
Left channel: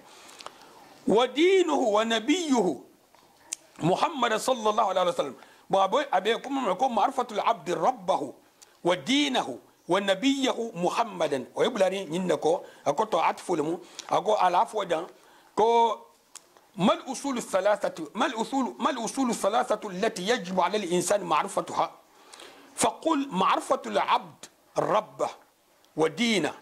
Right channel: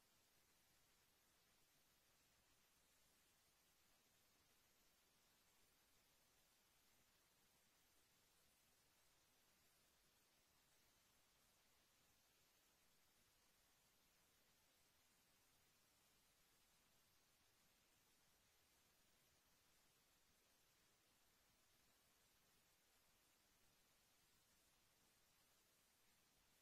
ودينه ونبيه محمد صلى الله عليه وسلم أبيكم معرفة العبد ربه ودينه ونبيه محمدا ويبلغني إنكو أكو عطف لمو أكو العفو دان كو ما الأصول الثلاثة التي يجب على الإنسان معرفتها فقل معرفة العبد ربه ودينه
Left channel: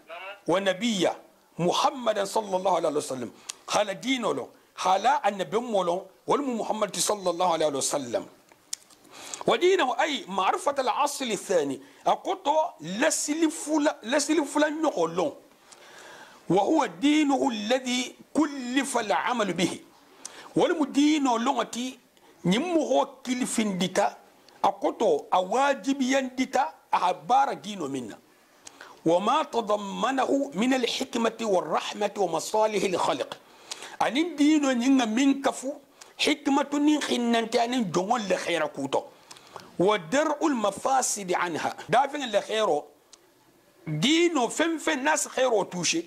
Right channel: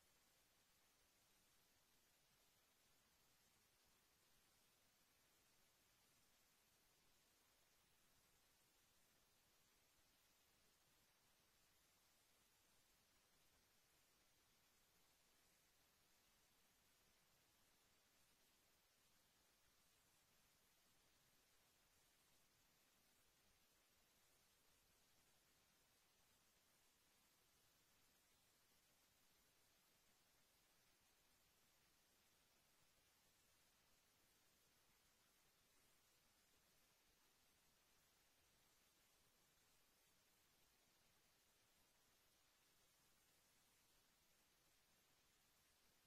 ونبيه محمد صلى الله عليه وسلم خلا دينه له خلا النبي مولو والم محمد صلى الله عليه وسلم ودينه أي معرفة الأصل الثاني أقطع لسل فلان نقولون وهو دينه الذي كلف العمل به والمدينو لغتي نمو كلفين ديتا أقطو أواجب ينديتا أعبار دينو منا وما تضمنه من الحكمة والرحمة ومصالح الخلق أن دينو نينا من كفو حكمة نخننتي أن جمال لخير كوتو ودرء المفاسد عنها دافن لخيرو دينو فن ناس خيرو توشي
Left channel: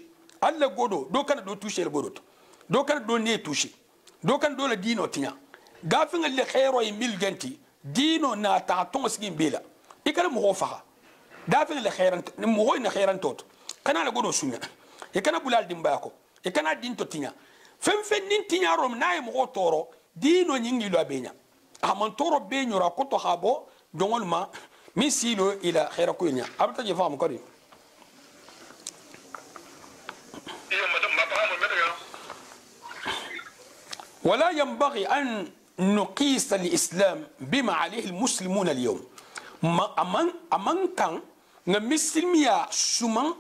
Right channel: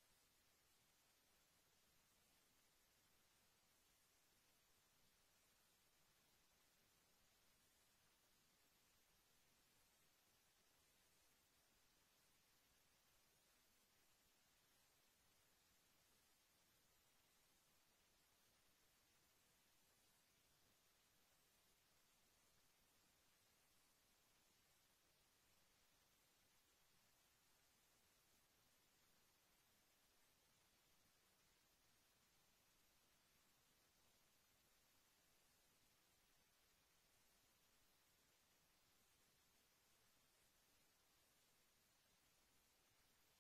ألا قدو دو كان دو توشي القدو دو كان دو ني توشي دو كان دولة دينو تينا غافن اللي خيرو يميل جنتي دينو نا تعطون سكين بيلا يكال مغوفها غافن اللي خيران مغوين خيران توت كان على قدو سنة يكان بلال دمباكو يكان دين تو تينا فن نين تينا روم ناي مغو تورو دينو نينجي لو بينا أمان تورو بينيو راكوتو خابو جونغول ما من سيلو إلى خيركو ينيا أبتا جفام كريم ولا ينبغي أن نقيس الإسلام بما عليه المسلمون اليوم أمان كان نمسلميا سمان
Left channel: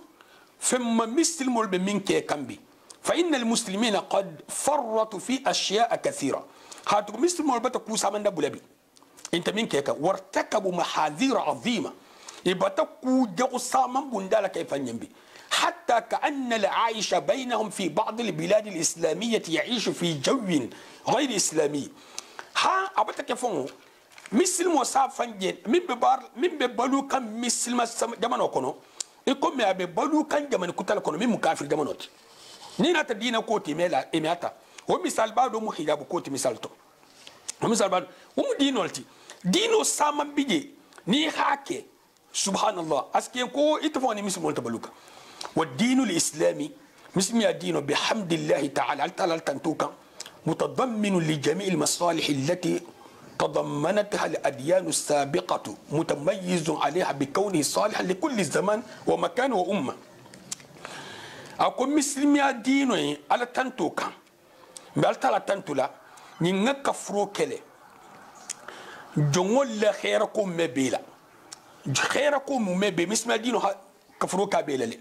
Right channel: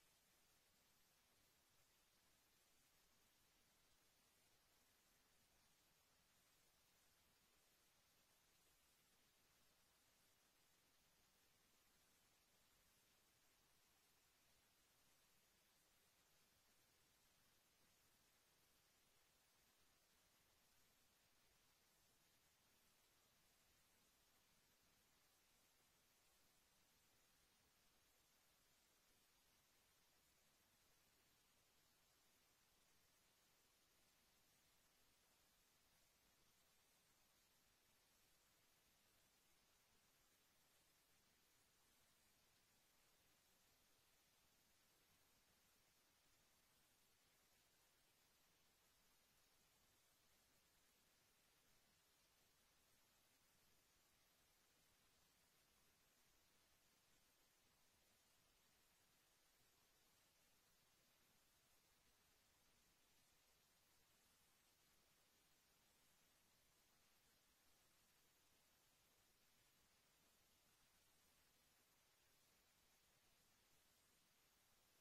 فما مسلمون بمنك كمبي فإن المسلمين قد فرطوا في أشياء كثيرة هاتو مسلمون بتكو سامان دبولبي انت منك وارتكبوا محاذير عظيمة يبتكو جو سامان بندالك كيف ينبي حتى كأن العايش بينهم في بعض البلاد الإسلامية يعيش في جو غير إسلامي ها أبتك يفهموا مثل موسى فنجين من ببالو كان مثل ما جمانو كنو يكون ما ببالو كان جمان كتال كنو من مكافر جمانوت نينا تدينا كوتي ميلا إمياتا ومثال بعض محجاب كوتي مثالتو ومثال بعض ومدينولتي دينو سامان بيجي ني حاكي سبحان الله أسكين كو يتفوني مثل مولتا بلوكا والدين الإسلامي مسمى الدين بحمد الله تعالى تنتوكا متضمن لجميع المصالح التي تضمنتها الأديان السابقة متميز عليها بكونه صالحا لكل زمان ومكان وأمة أقول مسلمي الدين على تنتوكا بألتala تنتولا نينك فروكلي جمول لا خيركم مبيلا خيركم مبي مسمى الدين كفروكا بيلالي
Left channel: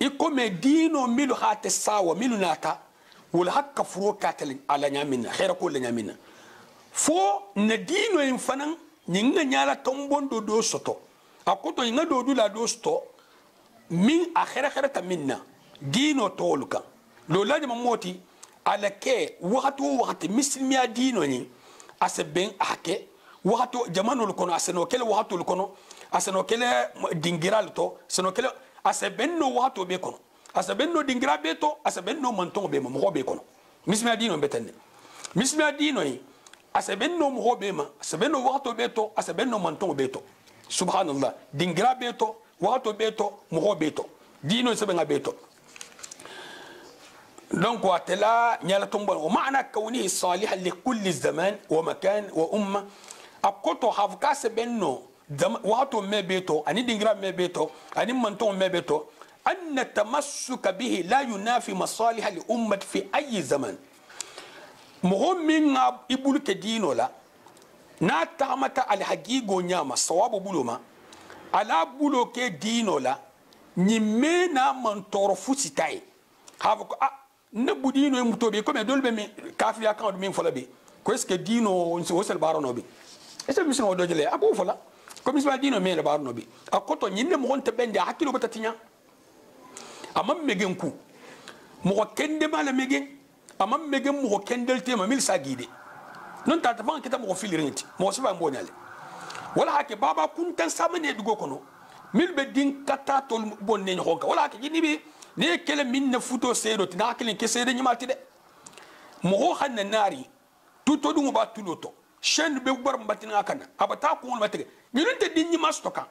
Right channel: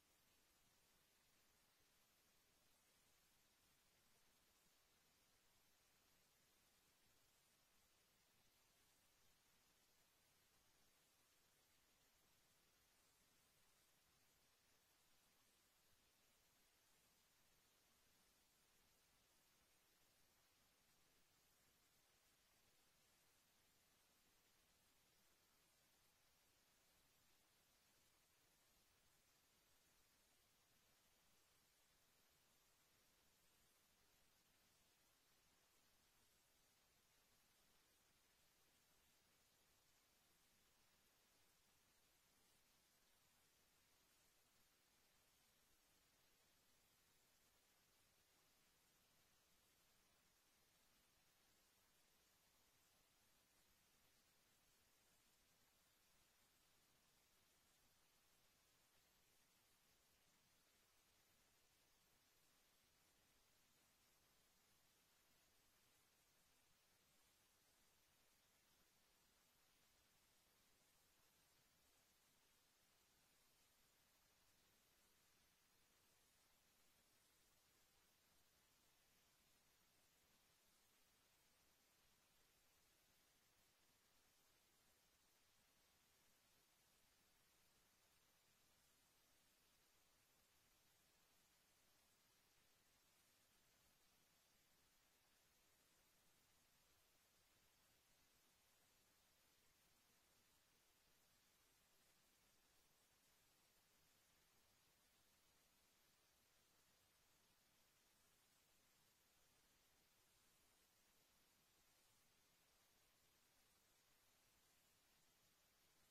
يكون دينو ميلو هات الساوى ميلو ناتا ولا هك فروكا على نيامنا خير كل نيامنا فو ندينو ينفنن ninga nyala tombondo do soto akoto ninga do dula do sto min akhira khira ta minna dino toluka lo laji mamoti ala ke wakati mislimiya dino ni aseben ake wakati jamano lukono aseno kele wakati lukono aseno kele dingiral to aseno kele aseben no wakati be kono aseben no dingira be to aseben no manton be mo be kono mislimiya dino betende mislimiya dino ni aseben no mo be ma aseben no wakati be to aseben no manton be to subhanallah dingira be to wakati be to mo be to dino seben be to donc واتلا نيالا تومبون ومعنى كونه صالحا لكل زمان ومكان وامه اكوتو هافكاس بينو واتو مبيتو اني دينغرا مبيتو اني منتون مبيتو ان التمسك به لا ينافي مصالح الامه في اي زمان مهم من يبول كدينو لا ناتامتا الحقيقه نياما صواب بولوما على بولو كدينو لا نيمنا منتور فوسيتاي هافكو ne budino mutobe comme dolbe mi kafi account min fola be ko est ce que dino on se wosel barono be est ce que mi do jele abu fola comme mi dino me le barono be akoto nyinde mo honte bende hakilo bata tinya amam megen ku mo kende mala megen amam megen mo kendel tema mil sagide non ta tafan kita mo filirenti mo siba mbonyale wala hake baba kuntan samane dugo kono mil be din kata tol bonne honka wala hake jinibi ne kele min na futo seedo tina kele ke seede nyimati de mo hanna nari tuto dum ba tuloto shen be bar mbatina kana abata ko on matege nyunte din nyima stoka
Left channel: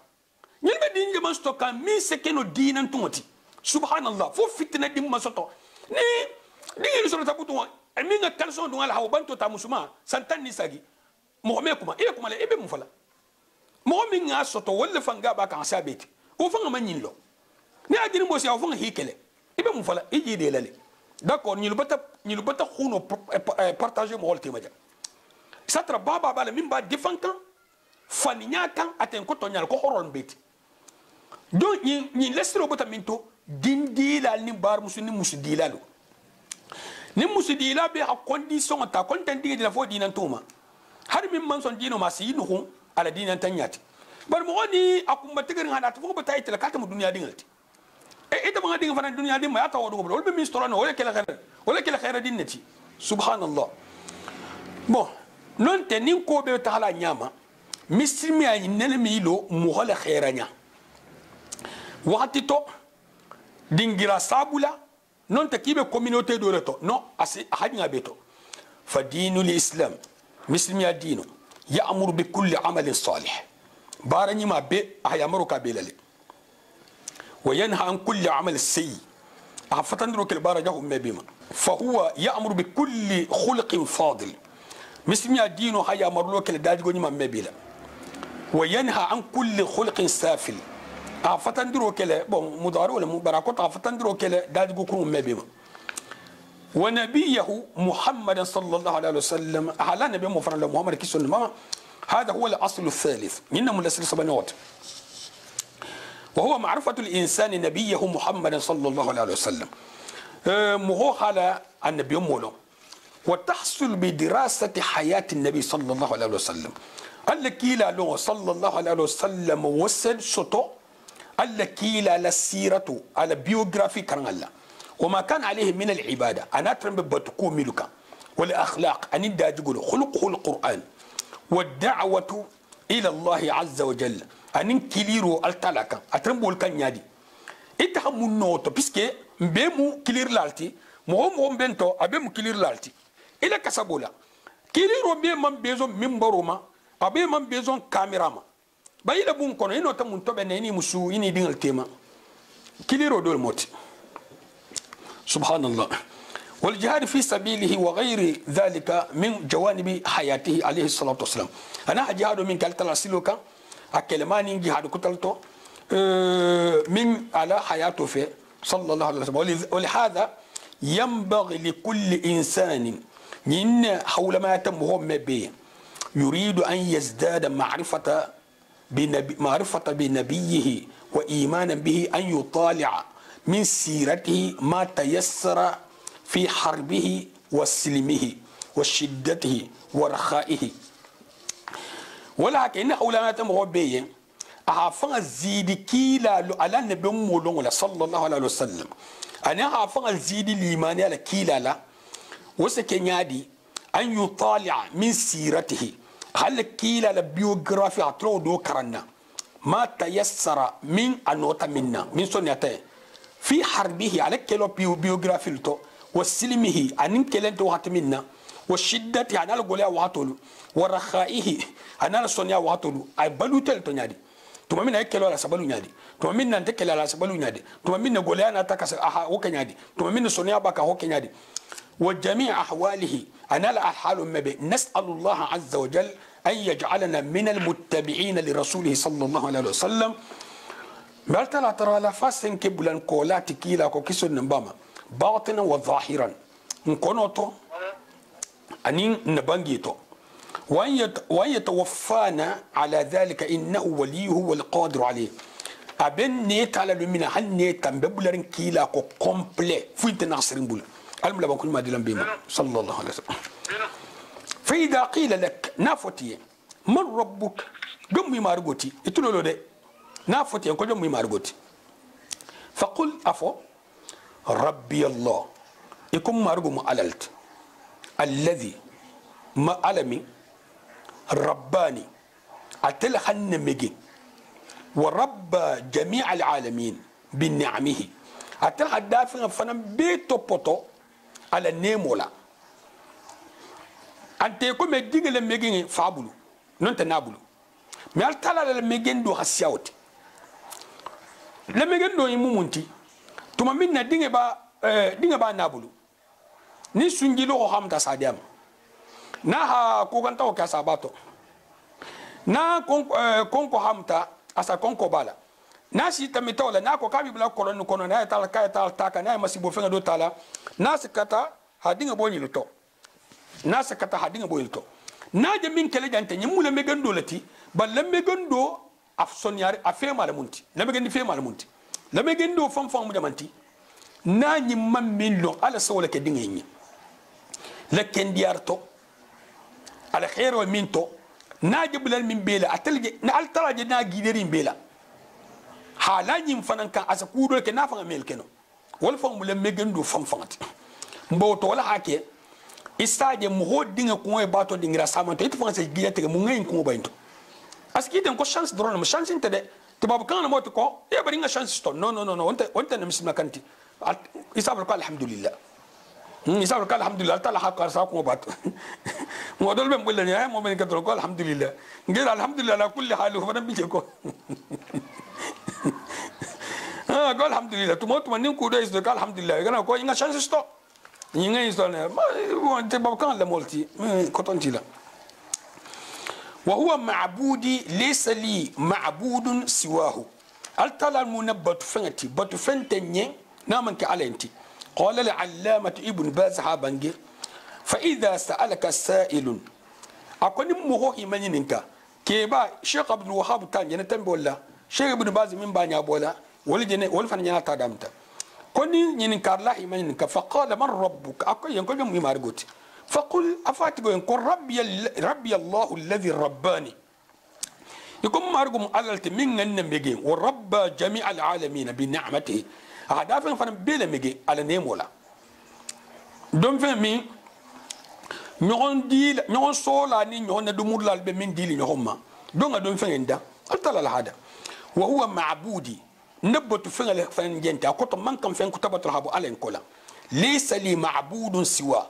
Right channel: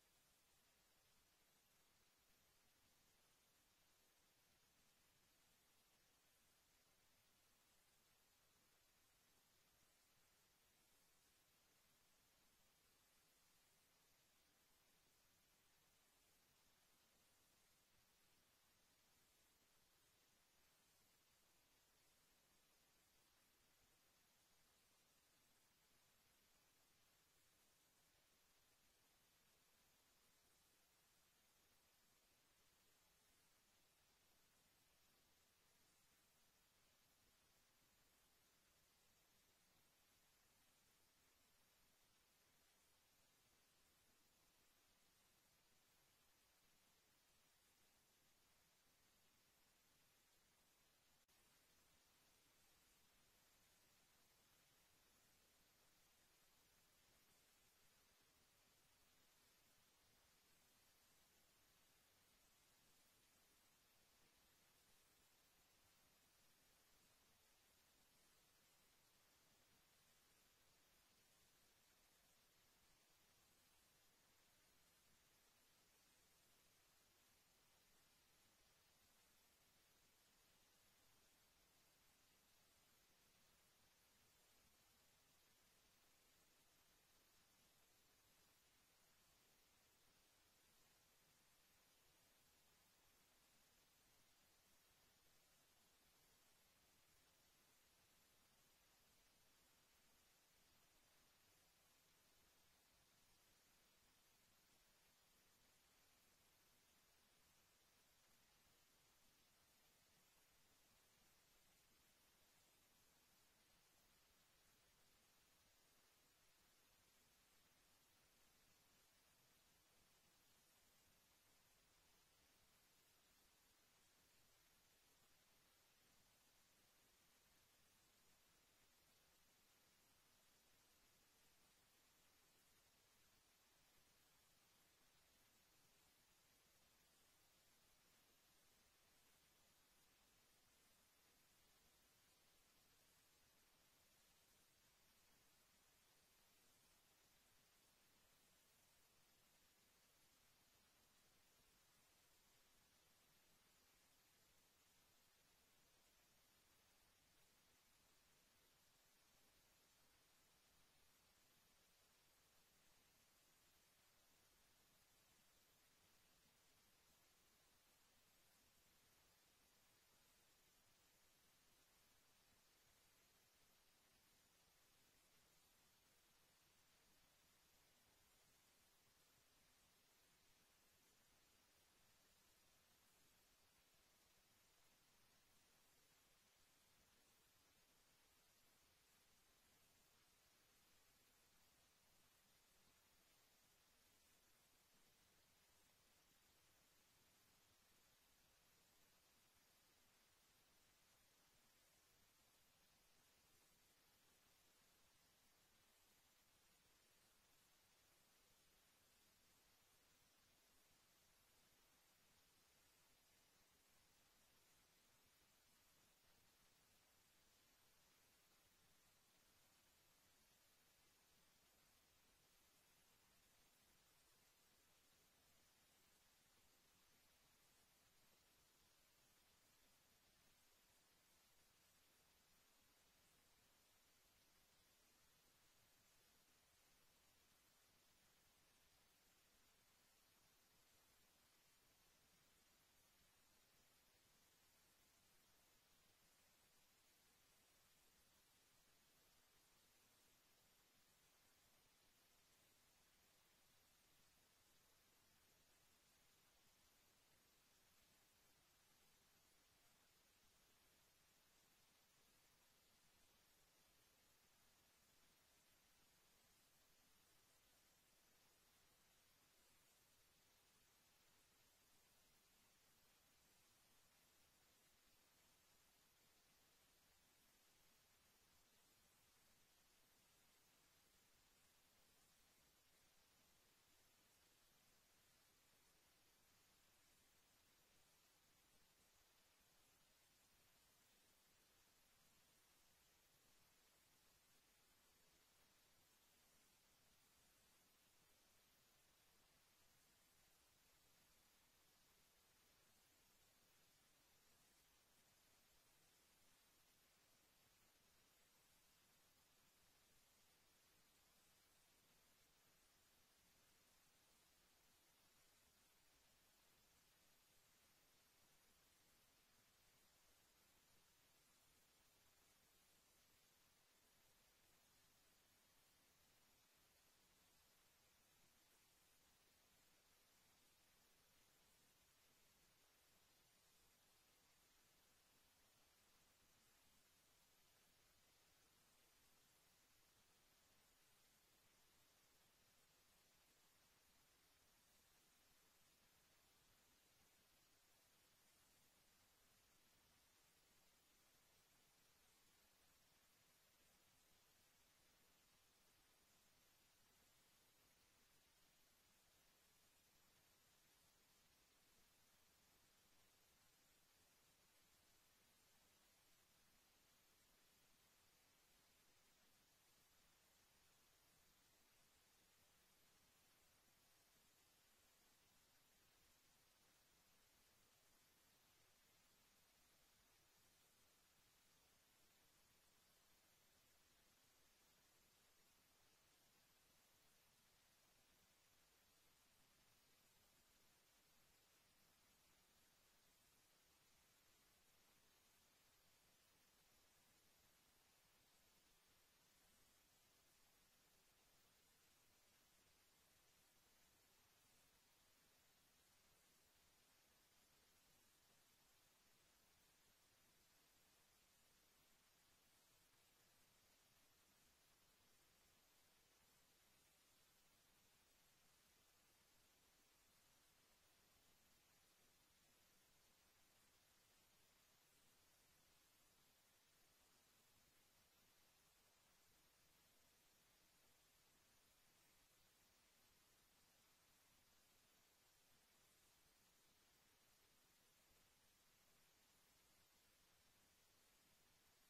nyilbe din nyima stoka mi se keno dinan tumoti subhanallah fo fitna dim masoto ni dingi so tabutu mi nga kalson dum ala haw banto ta musuma santan ni sagi mo me kuma e kuma le ebe mu fala mo mi nga soto wolle fanga ba kan sabeti o fanga manyinlo ni adini mo si aw fanga hikele ibe mu fala iji de lale d'accord ni lu bata khuno partager mo holte maja satra baba bala min ba defankan faninya kan aten ko to nyal ko horon beti do ni lesro bata minto dindila ni bar musuni musudilalo ni musudila be a condition ta content de la fo dinan tuma har min man son dino ma si no ala dinan tanyati bar mo ni akumba tigirin hada to fo bata itela kata mu duniya dingalti ita banga dinga fana dunya dimma ya tawo wol be mistorano wala kala khair dinnati subhanallah bon non te nin ko be taala nyama mislimi ay nele milo mu hala khairanya wakati to dingira sabula non te kibe communauté do reto non asi hadinga beto fa dinul islam mislimi ya dino ya'muru bi kulli amalin salih barani ma be ayamuru ka belale وينهى عن كل عمل سيء أفتندرك البارجه مبيما فهو يأمر بكل خلق فاضل مثل ما دينه هيا مرلوك الداجوني ما مبيلا وينهى عن كل خلق سافل أفتندرك مدار ولا مباركات أفتندرك الداجو مبيما ونبيه محمد صلى الله عليه وسلم على نبي محمد كيسون هذا هو الأصل الثالث من الأصل سبحانه وهو معرفة الإنسان نبيه محمد صلى الله عليه وسلم مهو على النبي مولو وتحصل بدراسة حياة النبي صلى الله عليه وسلم الكيلا له صلى الله عليه وسلم وسد سطو الكيلا للسيرة على بيوغرافي كان الله وما كان عليه من العبادة أنا أترم بتكو ملكا والأخلاق أن يقول خلقه القرآن والدعوة إلى الله عز وجل anin kiliro altalaka atrembol kan nyadi ita hamun noto puisque mbemu kilir lalti mo bento abemu kilir lalti ila kasabola kiliro be man bezo mimbaroma abe man bezo camerama bayila bun kono ino ta mun to be ni musu ini dingal tema kiliro dol moti subhanallah والجهاد في سبيله وغير ذلك من جوانب حياته عليه الصلاة والسلام أنا أجهاد من كالتلا سلوكا أكلماني جهاد كتلتو من على حياته في صلى الله عليه وسلم ولهذا ينبغي لكل إنسان من حول ما يتم هو به يريد أن يزداد معرفة بنبيه وإيمانا به أن يطالع من سيرته ما تيسر في حربه وسلمه وشدته ورخائه ولا كأن أولاد مربيين أعفن زيد كيلا على النبي مولون صلى الله عليه وسلم أنا أعفن زيد الإيمان على كيلا لا وسكن يادي أن يطالع من سيرته هل كيلا البيوغرافي أتلو دو كرنا ما تيسر من أنوتا منا من سنته في حربه على كيلو بيوغرافي لتو وسلمه أن كيلنت وقت منا والشدة أنا الغلا وقتلو ورخائه أنا السنيا وقتلو أي بلوتل تنادي tuma mina ekelo la sabalu nyadi tuma mina ntekela la sabalu nyadi tuma mina goleana taka aha hokenyadi tuma mina sonia baka hokenyadi wa jami' ahwalihi ana la ahhalu mabi nas'alu Allah azza wa jalla an yaj'alana min almuttabi'in li rasulih sallallahu alaihi wasallam bartala tara la fasen kiblan kolati kila ko kisun nambama batinan wa zahiran nkonoto anin nabangito وأن يتوفانا على ذلك إنه وليه والقادر عليه أبن نيت على لمنا هل نيت ببلرن كيلا كو كومبلي فيت ناصرين بولا الملا بكون ما دلن بيما صلى الله عليه وسلم فإذا قيل لك نافتي من ربك جمي مارغوتي اتلو ده نافتي كو جمي مارغوتي فقل أفو ربي الله يكون مارغو ماللت الذي ما علمي رباني أتل خن مجي ورب جميع العالمين بنعمه أتل هدافع فنم بيتو بوتو على نيمولا أنت يكون مجيء لمجيء فابلو ننت نابلو ما أتلا لمجيء دو هسياوت لمجيء دو يمومنتي ثم منا دينغ با نابلو ni sunjilo ko hamta sadiam na ha ko ganta o kasa bato na konko hamta asa konko bala na si tamitola na ko kabi bla kolon kono na tal ka tal taka na masibo fenga do tala na sikata hadinga bo nyilto na sikata hadinga bo nyilto na je min kele jante nyimula me gando lati balle me gando afson yare afe malamunti la me gandi fe malamunti la me gando fam fam mu jamanti na nyimman min lo ala sawla ke dinga nyi لكن ديارتو على خير ومنتو ناجب من بيلا أتلج نالتراج ناجيدرين بيلا حالا ينفنن كان أسكودو لك نافع ميلكنو والفهم لما يجندو فنفنت مبوتو ولا حكي استاج مهود دينغ كوي باتو دينغ راسامنتو يتفهم سجيا تيجي مونغين كوي باينتو أسكيد إنكو شانس درون مش شانس إنت ده تبغى كان موت كو يا برينغ شانس ستون نو أنت نمسك مكانتي يسافر قال الحمد لله يسافر قال الحمد لله تعالى حق أرساكم وباتو مودول بين بقول لنا مو من كتر قال الحمد لله قال الحمد لله على كل حال وفنا بيجيكو قال الحمد لله تموت من نكو ده يسوع قال الحمد لله أنا كوي إنغا شانس ستو إنغا يسوع ما أنت بابكان لمولتي كتونتي لا وهو معبودي ليس لي معبود سواه التلا المنبت فنتي بتفنتني نامن كعلنتي قال العلامة ابن باز هابنجي فإذا سألك السائل أكون مهو إيمانينك كيبا شيخ عبد الوهاب تاني نتنبه ولا شيخ ابن باز من بانيا بولا ولجنة ولفنجنا تادمتا كوني ينكر الله إيمانينك فقال من ربك أكو ينقول يوم يمارغوت فقل أفاتيكو ينقول ربي الله الذي رباني يكون مارغم ألالت من النبي ورب جميع العالمين بنعمته هذا فن بيلا ميجي على نيمولا دون فمي نيون ديل نيون سولا ني نيون ندمور لال بمن ديل نيوما دون فن دا قلت هذا وهو معبودي نبت فن جنتا كنت من كان فن كتبت رهبو على كولا ليس لي معبود سوى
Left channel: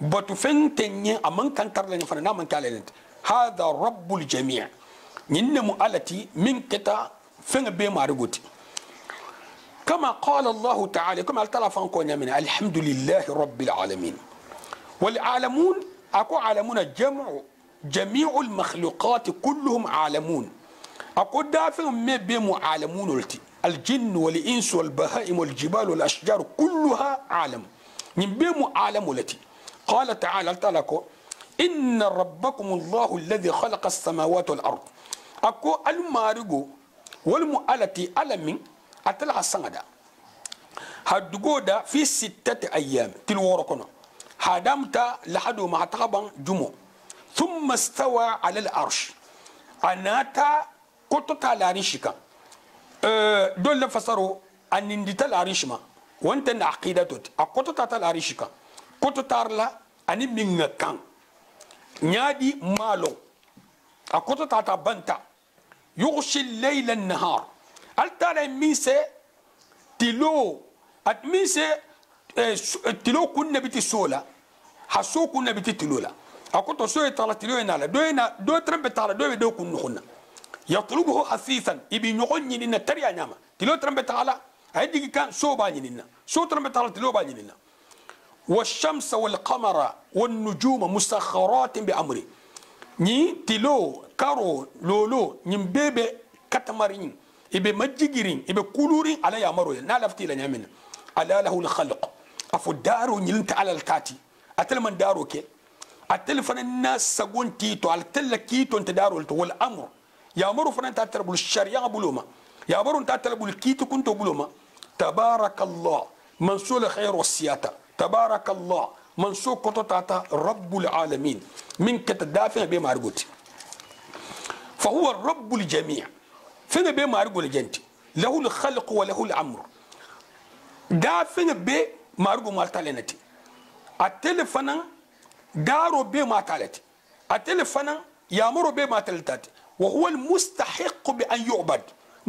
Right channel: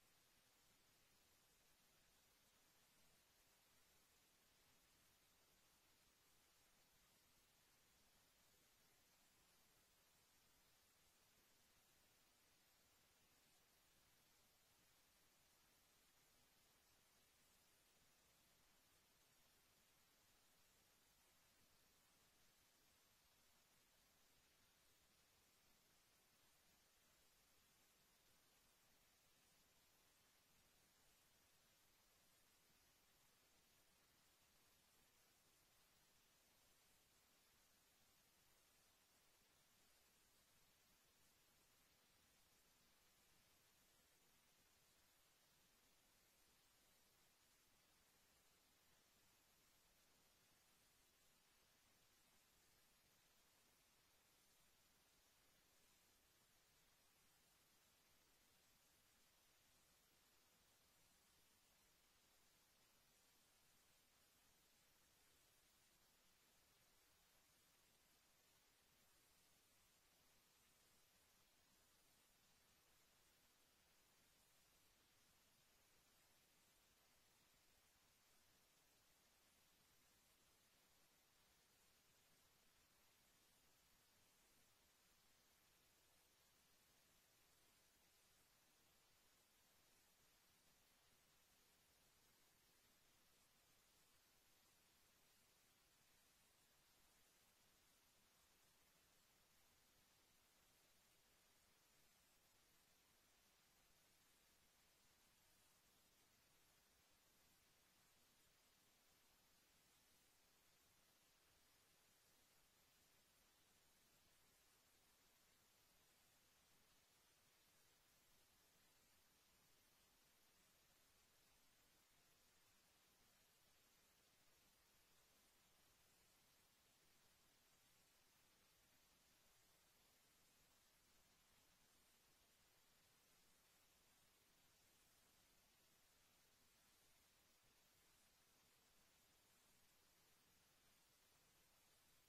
بت فن تني امن كان ترلن فن نامن كالنت هذا رب الجميع ننمو التي من كتا فن بي مارغوتي كما قال الله تعالى كما التلفون كون من الحمد لله رب العالمين والعالمون أكو عالمون جميع المخلوقات كلهم عالمون أكو دافع ما بهم عالمون الجن والإنس والبهائم والجبال والأشجار كلها عالم من بهم عالم التي قال تعالى إن ربكم الله الذي خلق السماوات والأرض أكو المارغو والمؤلتي ألمين أتلها السنة هدوغودا في 6 أيام تلوركنا هدمت لحدو ما تغبن جمو ثم استوى على العرش anata kotota larishika dole fasaro anindita larishma wanta na aqidatot akotota ta larishika kototarla ani minga kan nyadi malo akotota ta banta yughshi al-layla an-nahar altara mise tilo at mise tilo kunna biti sola haso kunna biti tilola akoto so tala tilo enala do trembe tala do kun khunna yatlubuhu hasithan ibi nyogonni na tariya nyama tilo trembe tala aydi kan so ba nyinina so trembe tala tilo ba nyinina والشمس والقمر والنجوم مسخرات بأمري ني تلو كارو لولو نيمبيبي كاتمارين ibe majigirin ibe kulurin ala ya maro na lafti la nyamin ala lahu al-khalq afu daru nyilinta ala al-kati atel man daru ke atel fanan nas sagonti to al telaki to nta daru to wal amr ya maro fanan ta tarbul sharia buluma ya maro ta tarbul kiti kunto buluma tabarakallah mansul khair wasiyata tabarakallah mansul kotata rabbul alamin min katadafi be marguti fa huwa rabbul jami' فين بي مارغو الجنتي له الخلق وله الامر دا فين بي مارغو مالتالنتي التلفنا دارو بي ماتالتي التلفنا يامر بي ماتالتاتي وهو المستحق بان يعبد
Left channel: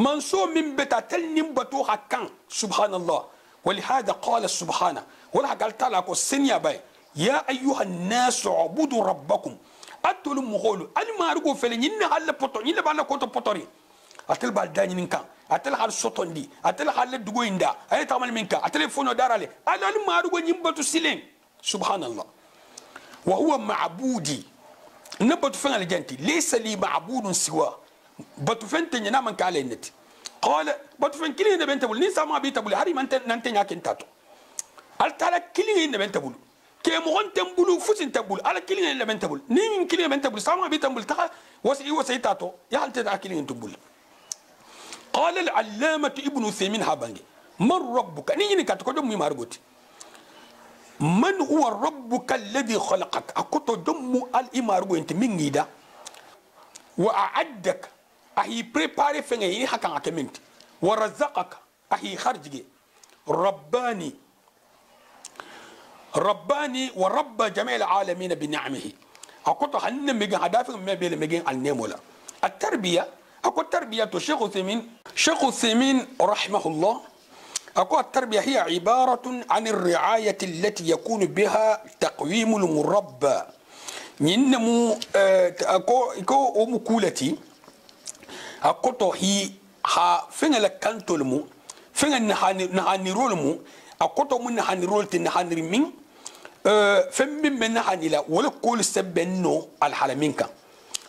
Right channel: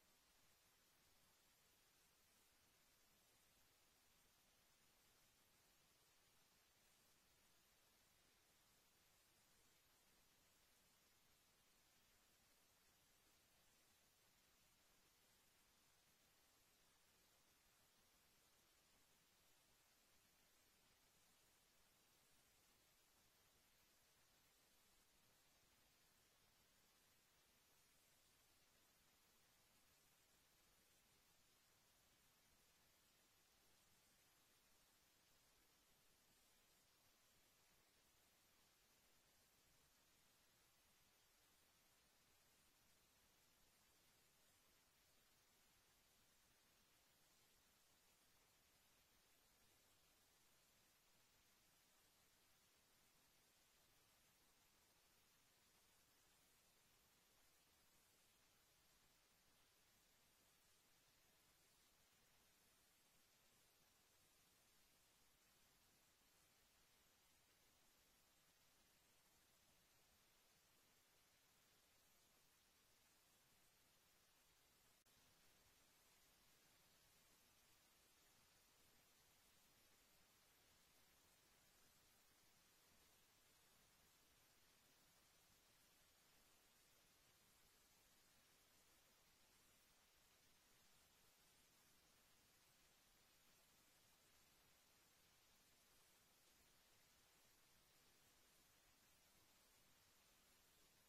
منصوب من بتاتل نمبتو حكان سبحان الله ولهذا قال سبحانه ولا قال تعالى السنيا باي يا ايها الناس اعبدوا ربكم اتلم مغولو المارغو فلين هل بوتو ني بالا كوتو بوتوري atel bal dani ninka atel hal sotondi atel hal dugo inda ay tamal minka atel fono darale alal marugo nyimbatu silen subhanallah wa huwa ma'budi nabatu fan aljanti laysa li ma'budun siwa batu fente nyana man kale neti qala batu fen kili ne bentabul ni sama bi tabul hari man nan tenya kentato al tala kili ne bentabul ke mo on tembulu fusin tabul ala kili ne bentabul ni min kili bentabul sama bi tabul ta wasi tato ya hal ta kili ntubul قال العلامة ابن عثيمين هابانجي من ربك نيجي كاتكو دم مارغوتي من هو ربك الذي خلقك اكوتو دم الامارغو انت من غيدا واعدك اهي بريباري فيني هكا اكمنت ورزقك اهي خرجي رباني ورب جميع العالمين بنعمه اكوتو هن ميغا هدافن ما بين ميغين النيمولا التربيه اكو التربيه شيخ عثيمين رحمه الله أقول التربية هي عبارة عن الرعاية التي يكون بها تقويم المربى ننمو أكو مكولتي أقول هي ها فين لكانتو المو فين نهانيرول المو أقول من نهانيرول تنهانير مين فين من نهاني لا ولا كل سبنو الحلمينكا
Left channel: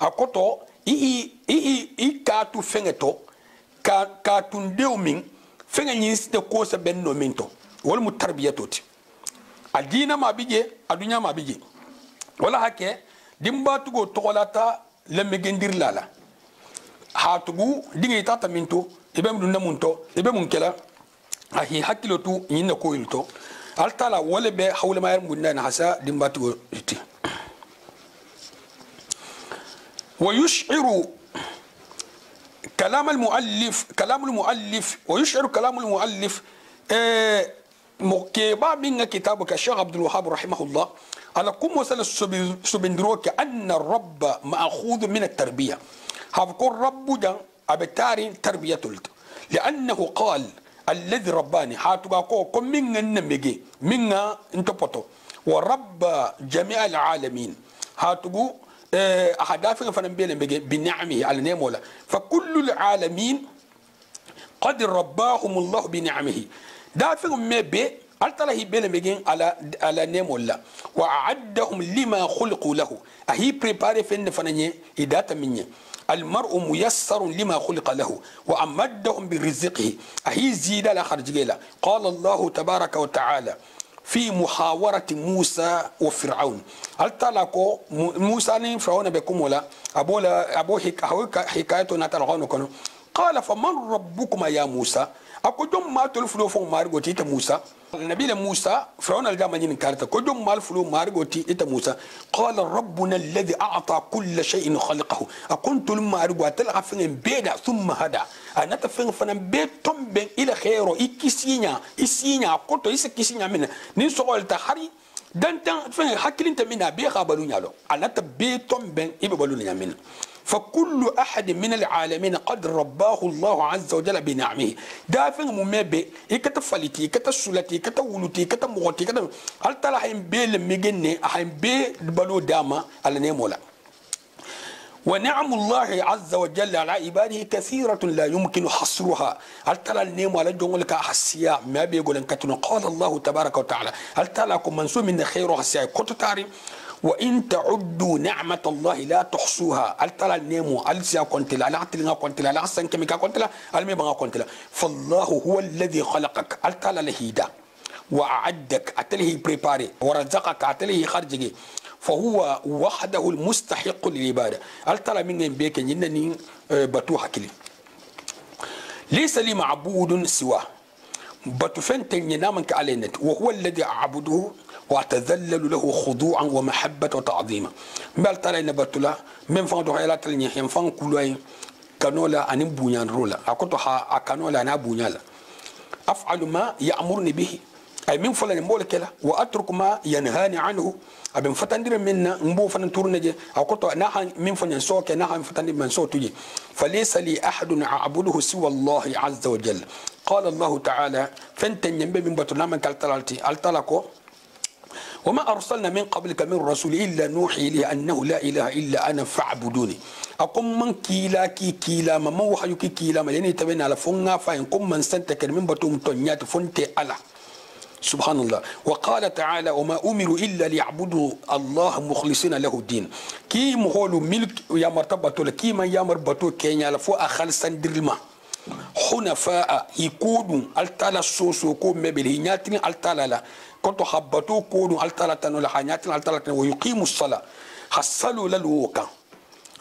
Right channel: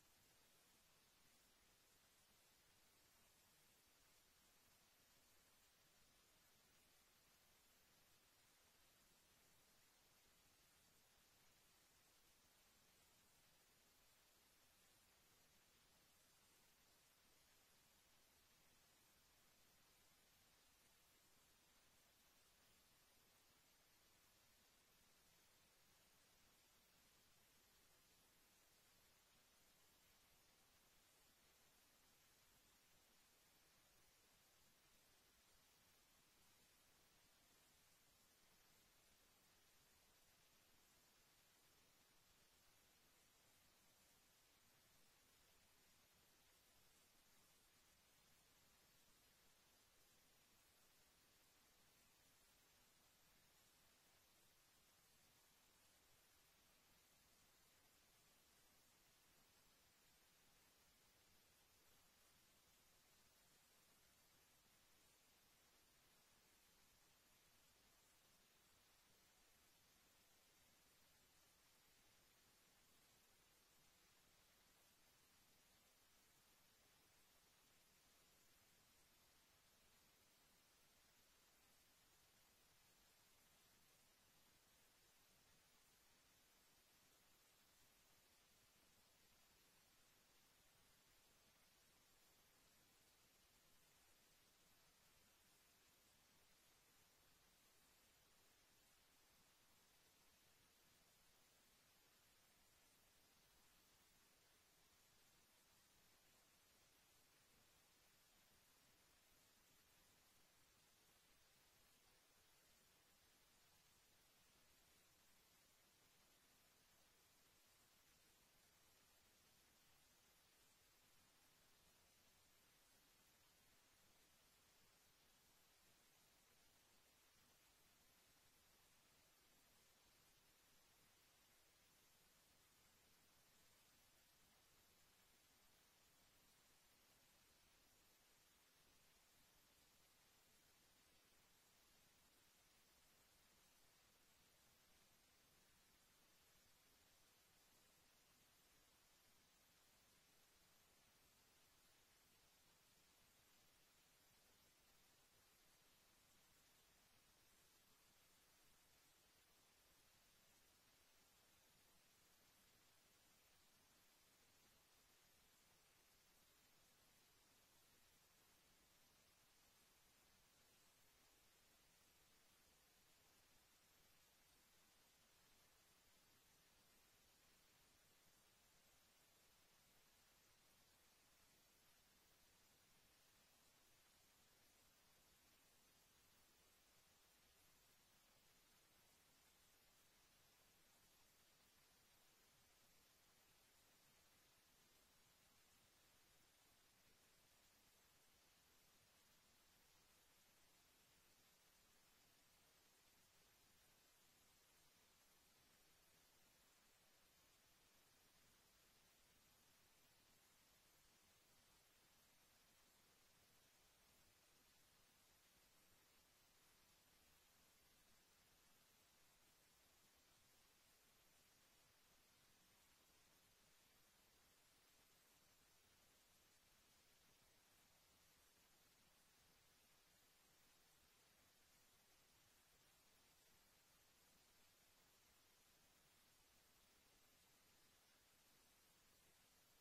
أقول إيه كاتو فينتو كاتون ديومين فين ينسى كوسا بنو مينتو ولا متربية توتي الدين ما بيجي الدنيا ما بيجي ولا هكى دمبا تقول تقولاتا لما جندير لالا هاتقو ديني تاتا مينتو إبى مدنا مونتو إبى مونكلا هي حكيلو تو يننا كويلتو التالا ولا به حول ما يرمونا نحسا دمبا تقول تي ويشعر كلام المؤلف ويشعر كلام المؤلف مكيبا من كتابك الشيخ عبد الوهاب رحمه الله على كم وصل سبندروك أن الرب مأخوذ من التربية هذكر رب جا أبتاري تربية لأنه قال الذي رباني هاتوكا كم من النمجي من انتبطو ورب جميع العالمين هاتوكو أهدافنا فنبيل بنعمه على نيمولا فكل العالمين قد رباهم الله بنعمه دافعهم ما بي ألتله بيل على نيمولا وأعدهم لما خلقوا له أهي بريباري فين فنني إداتا مني المرء ميسر لما خلق له وأمدهم برزقه أهي زيادة لا خرج قال الله تبارك وتعالى في محاورة موسى وفرعون هل تلاقوا موسى فرعون بكم ولا أبو حكايته نتلقون قال فمن ربكما يا موسى ako jom ma tol fulo fon margo ti ta Musa nabi Musa فرعون الجامع ين كارتا كجوم مال فلو مارغوتي إتا موسى قال ربنا الذي أعطى كل شيء خلقه أكنت لما أرجو أتلقى فين بيدا ثم هذا أنا تفين فن بيتم بين إلى خيره إكسينيا إسينيا كنت إسكسينيا من نسول تحري دانتا فين حكيلين تمنا بيخا بالونيا لو أنا تبيتم بين إبا بالونيا من فكل أحد من العالمين قد رباه الله عز وجل بنعمه دافن ممبي إكتفلتي كتسولتي كتولتي كتمغتي هل ترى حين بيل مجنة حين بي بلو داما على نيمولا ونعم الله عز وجل على عباده كثيرة لا يمكن حصرها هل ترى النيم على جونك حسيا ما بيقول إن كتنا قال الله تبارك وتعالى هل ترى لكم منسوب من خير حسيا كنت تعرف وإن تعدوا نعمة الله لا تحصوها هل ترى النيمو هل سيا كنت لا عتلنا كنت لا حسن كميكا كنت لا الميبغا كنت لا فالله هو الذي خلقك هل ترى لهيدا وأعدك أتليه بريباري ورزقك أتليه خرجك فهو وحده المستحق للعبادة هل ترى من بيك إنني بتوحى كلي ليس لي معبود سواه بتفنتن ينامك علينا وهو الذي أعبده وأتذلل له خضوعا ومحبة وتعظيما بل ترى إن بتلا من فان حيلات لني هم فان كلوي كانولا أن بنيان رولا أكتوها أكانولا أنا بنيان أفعل ما يأمرني به أي من فلان مولك لا وأترك ما ينهاني عنه أبن فتندر منا مبو فن تورنجي أو كتو نحن من فن سوك نحن فتندر من صوتي فليس لي أحد أعبده سوى الله عز وجل قال الله تعالى فانتن ينبي من بطلنا من كالتلالتي التلكو وما أرسلنا من قبلك من رسول إلا نوحي إليه أنه لا إله إلا أنا فاعبدوني أقوم من كيلا كي كيلا ما موحي كي كيلا ما لأني تبين على فنغا فإن قم من سنتكر من بطوم تنيات فنتي ألا سبحان الله وقال تعالى وما أمروا إلا ليعبدوا الله مخلصين له الدين كي مهولو ملك يا مرتبة كي ما يامر بطو كينيا لفو أخل سندرما حنفاء يكونوا التالا سوسو كو مبلي نياتني التالا لا كنتو حبتو كونوا التالا تنو لحانياتنا التالا تنو ويقيموا الصلاة حصلوا للوكا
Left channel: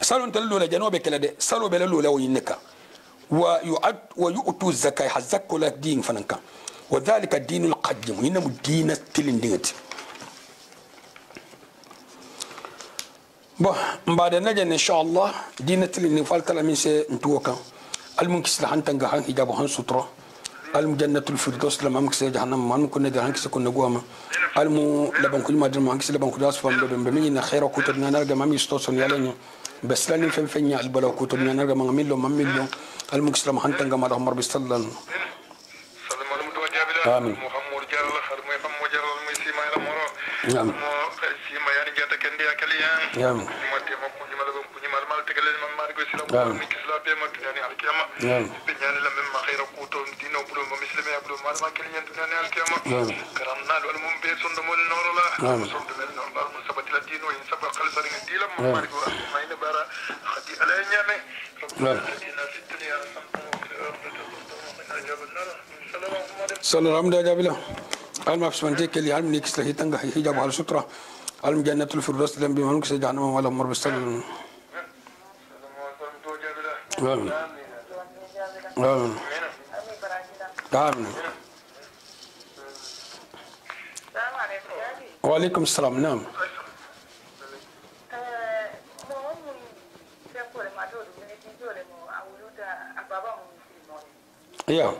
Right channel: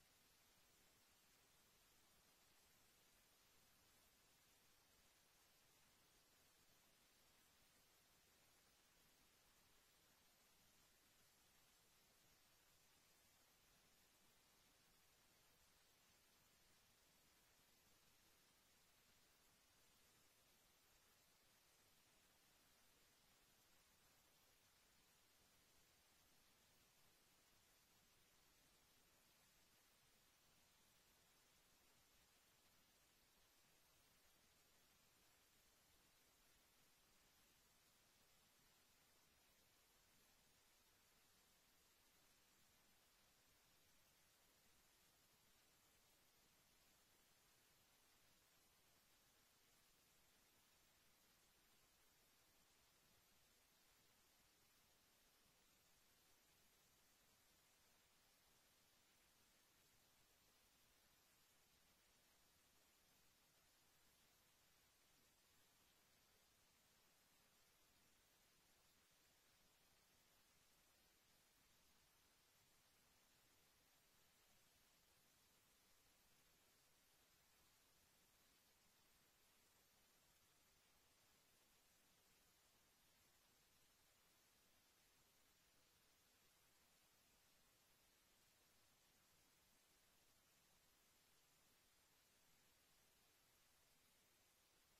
صلوا انت للو لجنوبك لدي صلوا بللو لو ينكا ويؤتوا الزكاة حزكوا لك دين فننكا وذلك الدين القديم هنا الدين التلنديت بعد نجن ان شاء الله دين التلندين فالتلا من سي نتوكا المنكس لحن تنغا حجاب هان سترة المجنة الفردوس لما مكس جهنم ما نكون ندير هنكس كنا جواما المو لبن كل ما در ما هنكس لبن كل أسفل بمن خير كتبنا نرجع ما ميستوسن يالين بس لاني فين البلا كتبنا نرجع ما مليون ما مليون المنكس لما هن تنغا ما رحم ربي صلى الله آمين محمد جل خير محمد جل المسيما إلى مرة آمين سيما يعني جاتا كندي أكليان آمين ما تيما كوني مال تكلم من ماركو سلام من كسلا بيما تناني على الكيامة بنيان لما ما خير قوتون دينو بلو ما مسلم يا بلو ما كليان تناني على الكيامة كرامنا والمم بيسون دمول نور الله سون دمول نور الله مسبت الدين وين سبق خلص الدين لما ماركو ما ينبرا خدي على نيامه ربنا في الدنيا صلى الله عليه وسلم المفس من ذيك اللي علم نيكس له تنجح حجاب على سترة علم جنة الفردوس لم بمنك سجعنا ولا مر بالسلام آمين آمين آمين وعليكم السلام نعم يا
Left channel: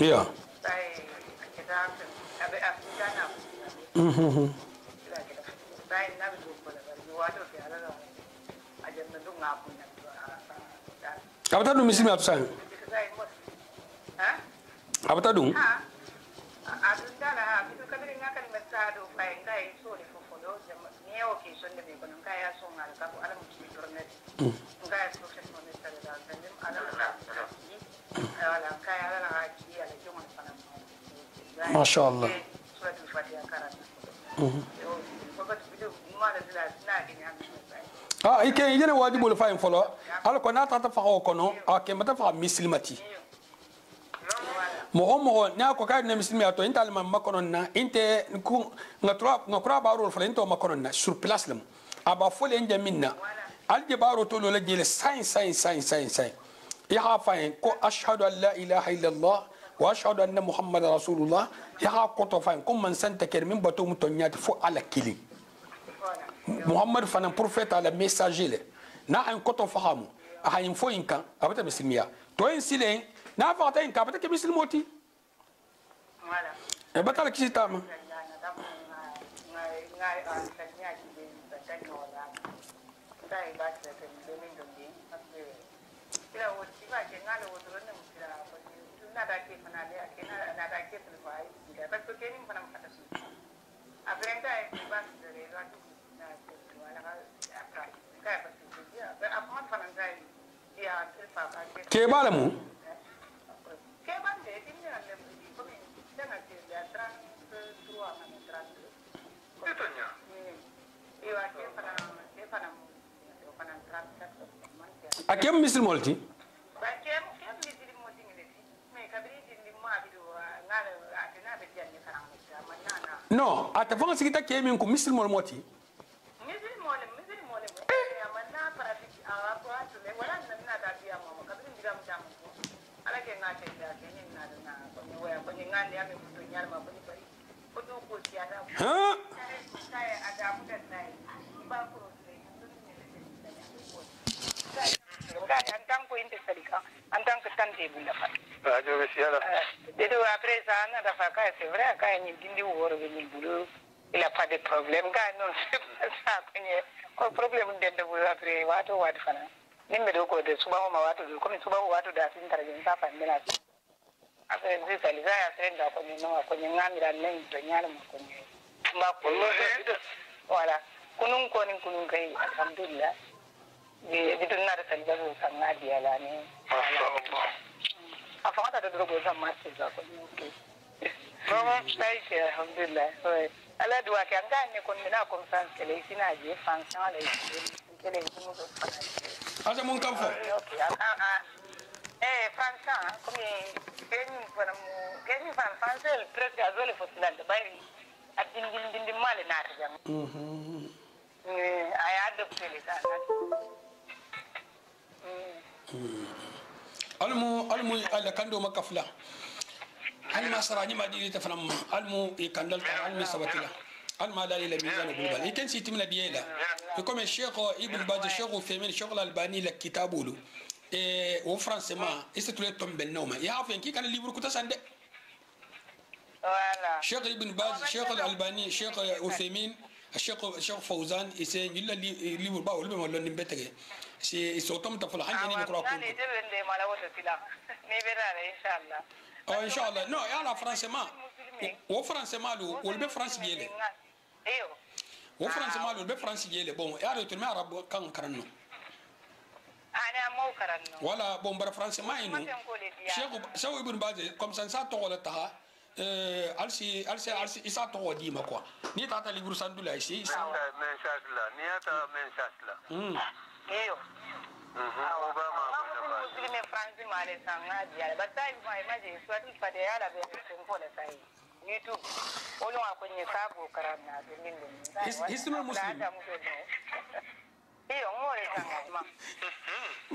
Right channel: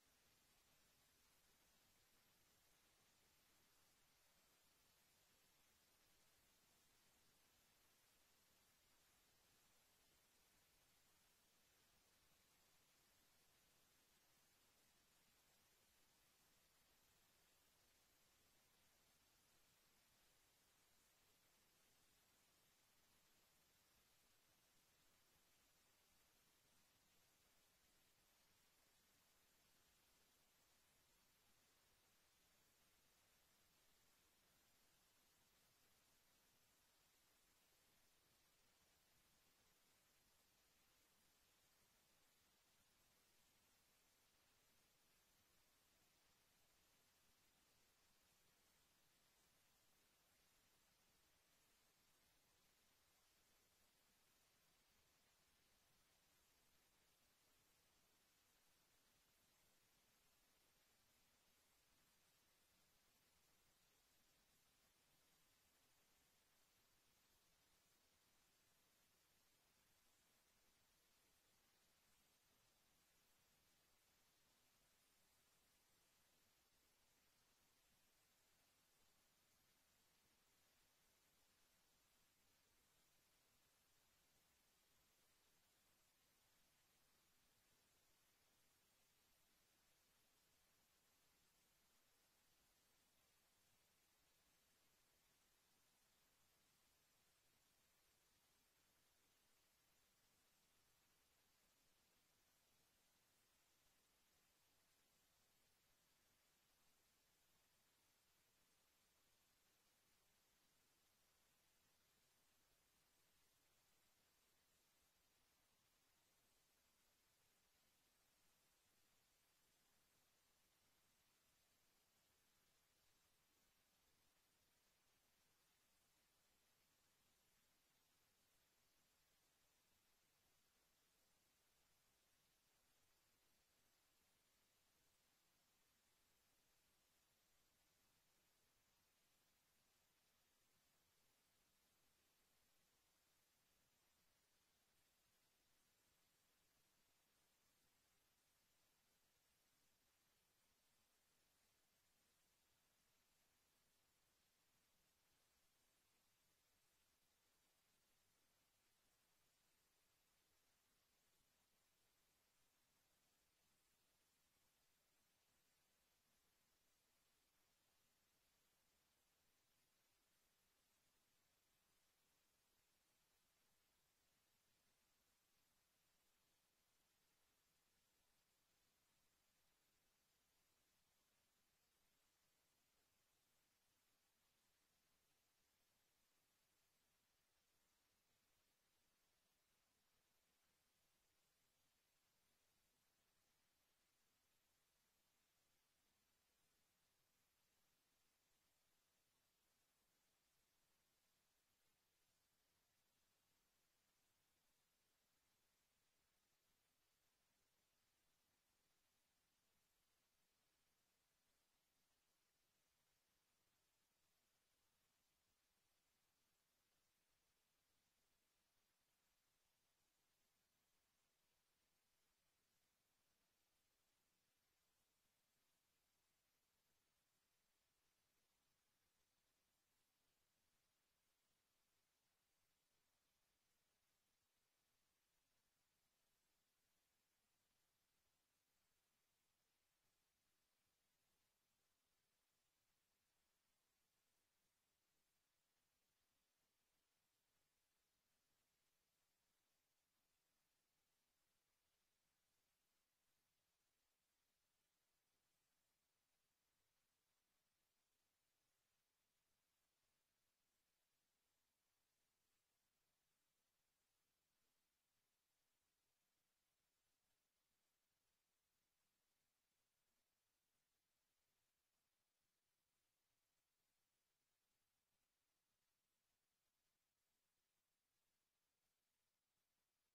يا apa tadi misi apa saya? Apa tadi? Masya Allah. ah ike yene wajibul fa en folo ala ko nata ta fa ko no ake mata fa muslimati mo na ko ka na muslimi to inta alma makonon na inte ku ngatra baro folo into makonon na sur place lam aba fole en jaminna alje baro to lo la jele sai ya fa en ko ashhadu an la ilaha illa allah wa ashhadu anna muhammadar rasulullah ya ko to fa en ko man santa ker min bato mutonyati fo ala kili Muhammad fana prophète ala messager le na an koto fahamu a yin fo yin kan abata muslimiya to yin silen na fa ta yin ka abata ke muslimoti wala e batala kisita ma ke bala mu akem misil molti no ata fanga sigita ke min ko misil mol moti Antang tante bunda fa. Ajo besiala. Dedo après ça na da fa ka c'est vrai ka ni dindi woro be ni bulu. Il a pas de problème ka non c'est pas ça ko problème de bulu après wato wat fana. Nimbe do ko de suba ma wato do comme suba wato da sin tarje sa fa mena. Après c'est ça les a senda ko ni no ko ni ngamira nen to nyala mo ko ni. Ma ko voilà. Kunun ko ni kunun kai alhamdulillah. Di tunna da salga zo san nadiya la ne a fata da dogo zan ma ce za ko ne sai ke alhamdulillah ala duwa ke an ga ne kon na conference kele sina je function ala kele mu ko asa mun kan fo function comme keni fan presque azole fo silal da bari adin male na ta jam ay adopté les ça almu ala kando makafla alma sarani madini tafram almu e kandal ta almi sabatila alma la ila mizan global iken sitimna diela comme cheikh ibn baz cheikh femin cheikh albani la kitabulu e au français ma et c'est tout le tombe noma ya fa ki kan livre kuta sande voilà cheikh ibn baz cheikh albani cheikh femin الشيخ فوزان يسي يلا اللي بربا ولا ما لون نبتغي سي صوتهم تفل حاجه ني نقرا كل دي بند ما لا وتسلا ني بيرا ان شاء الله ان شاء الله نو يا لا فرنسا و فرنسا مالو ولا فرنسا جيله ايوه و فرنسا مالو ولا فرنسا جيله بون يا ريت ما عرب كان كرنو انا مو كرنو ولا بون بر فرنسا ما ينو شيخ سو ابن باز كوم سان سا تو ولا تها alsi isa to wadi ma quoi ni tata libru sandula ici men shasla ni ata men shasla iyo obama muslime franzi male sanga dia batai ma imaje swati pade yala be ko le sai youtube olo akonye sabo karana dindin hisnul muslim iyo ngore sanga ma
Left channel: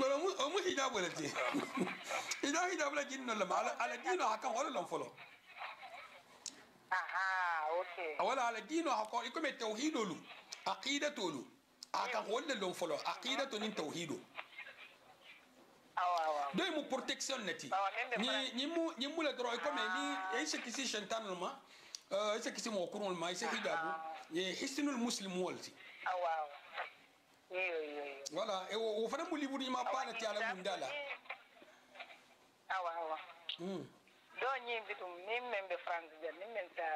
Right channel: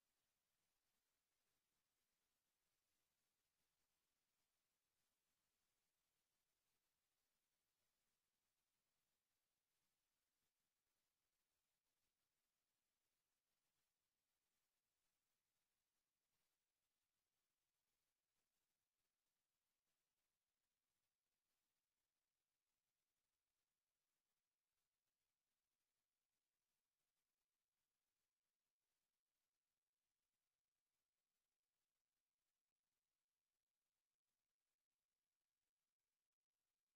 wala mu hijab wala ti hijab la jinno la ala dino hakan wala lam folo aha okay wala ala dino hako ikome tauhidolu aqidatolu aka holle lon folo aqidatu nin tauhido awa doy mu protection nati ni mu la dro ikome ni ese kisi shantanul ma ese kisi mo kurul ma ese hijabu ye hisnul muslim walti awa iyo wala e wo fana mu liburi ma bana ti ala mundala awa do nyi bitum ni membe france de ni menta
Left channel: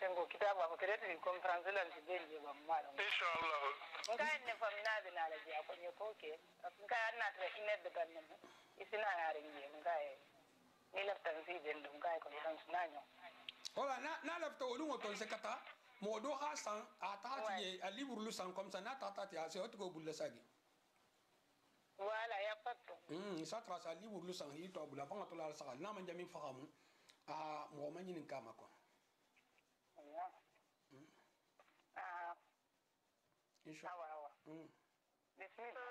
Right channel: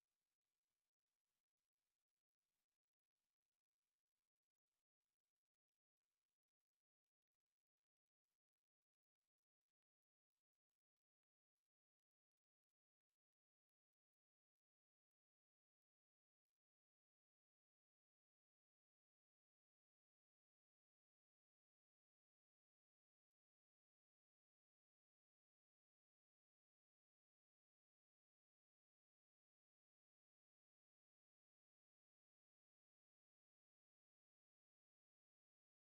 sengo kitabu ko kerete ni conference lan ci denje ba mala inshallah ngai ne famina de na la ji ko ni ko ke ngai na tra ine de ganna isina ngare ngi ngai ni la tanzi den ngai conference nanyo wala na lafta wolu mo ton sekata modo hasan atati a livre lu san comme ça na tata ya c'est autre ko bulle sagi voilà ya pato ça trace a livre lu san yi to bula pa to la sa na man jami fahamu a mo man yin kama ko inshallah bismillah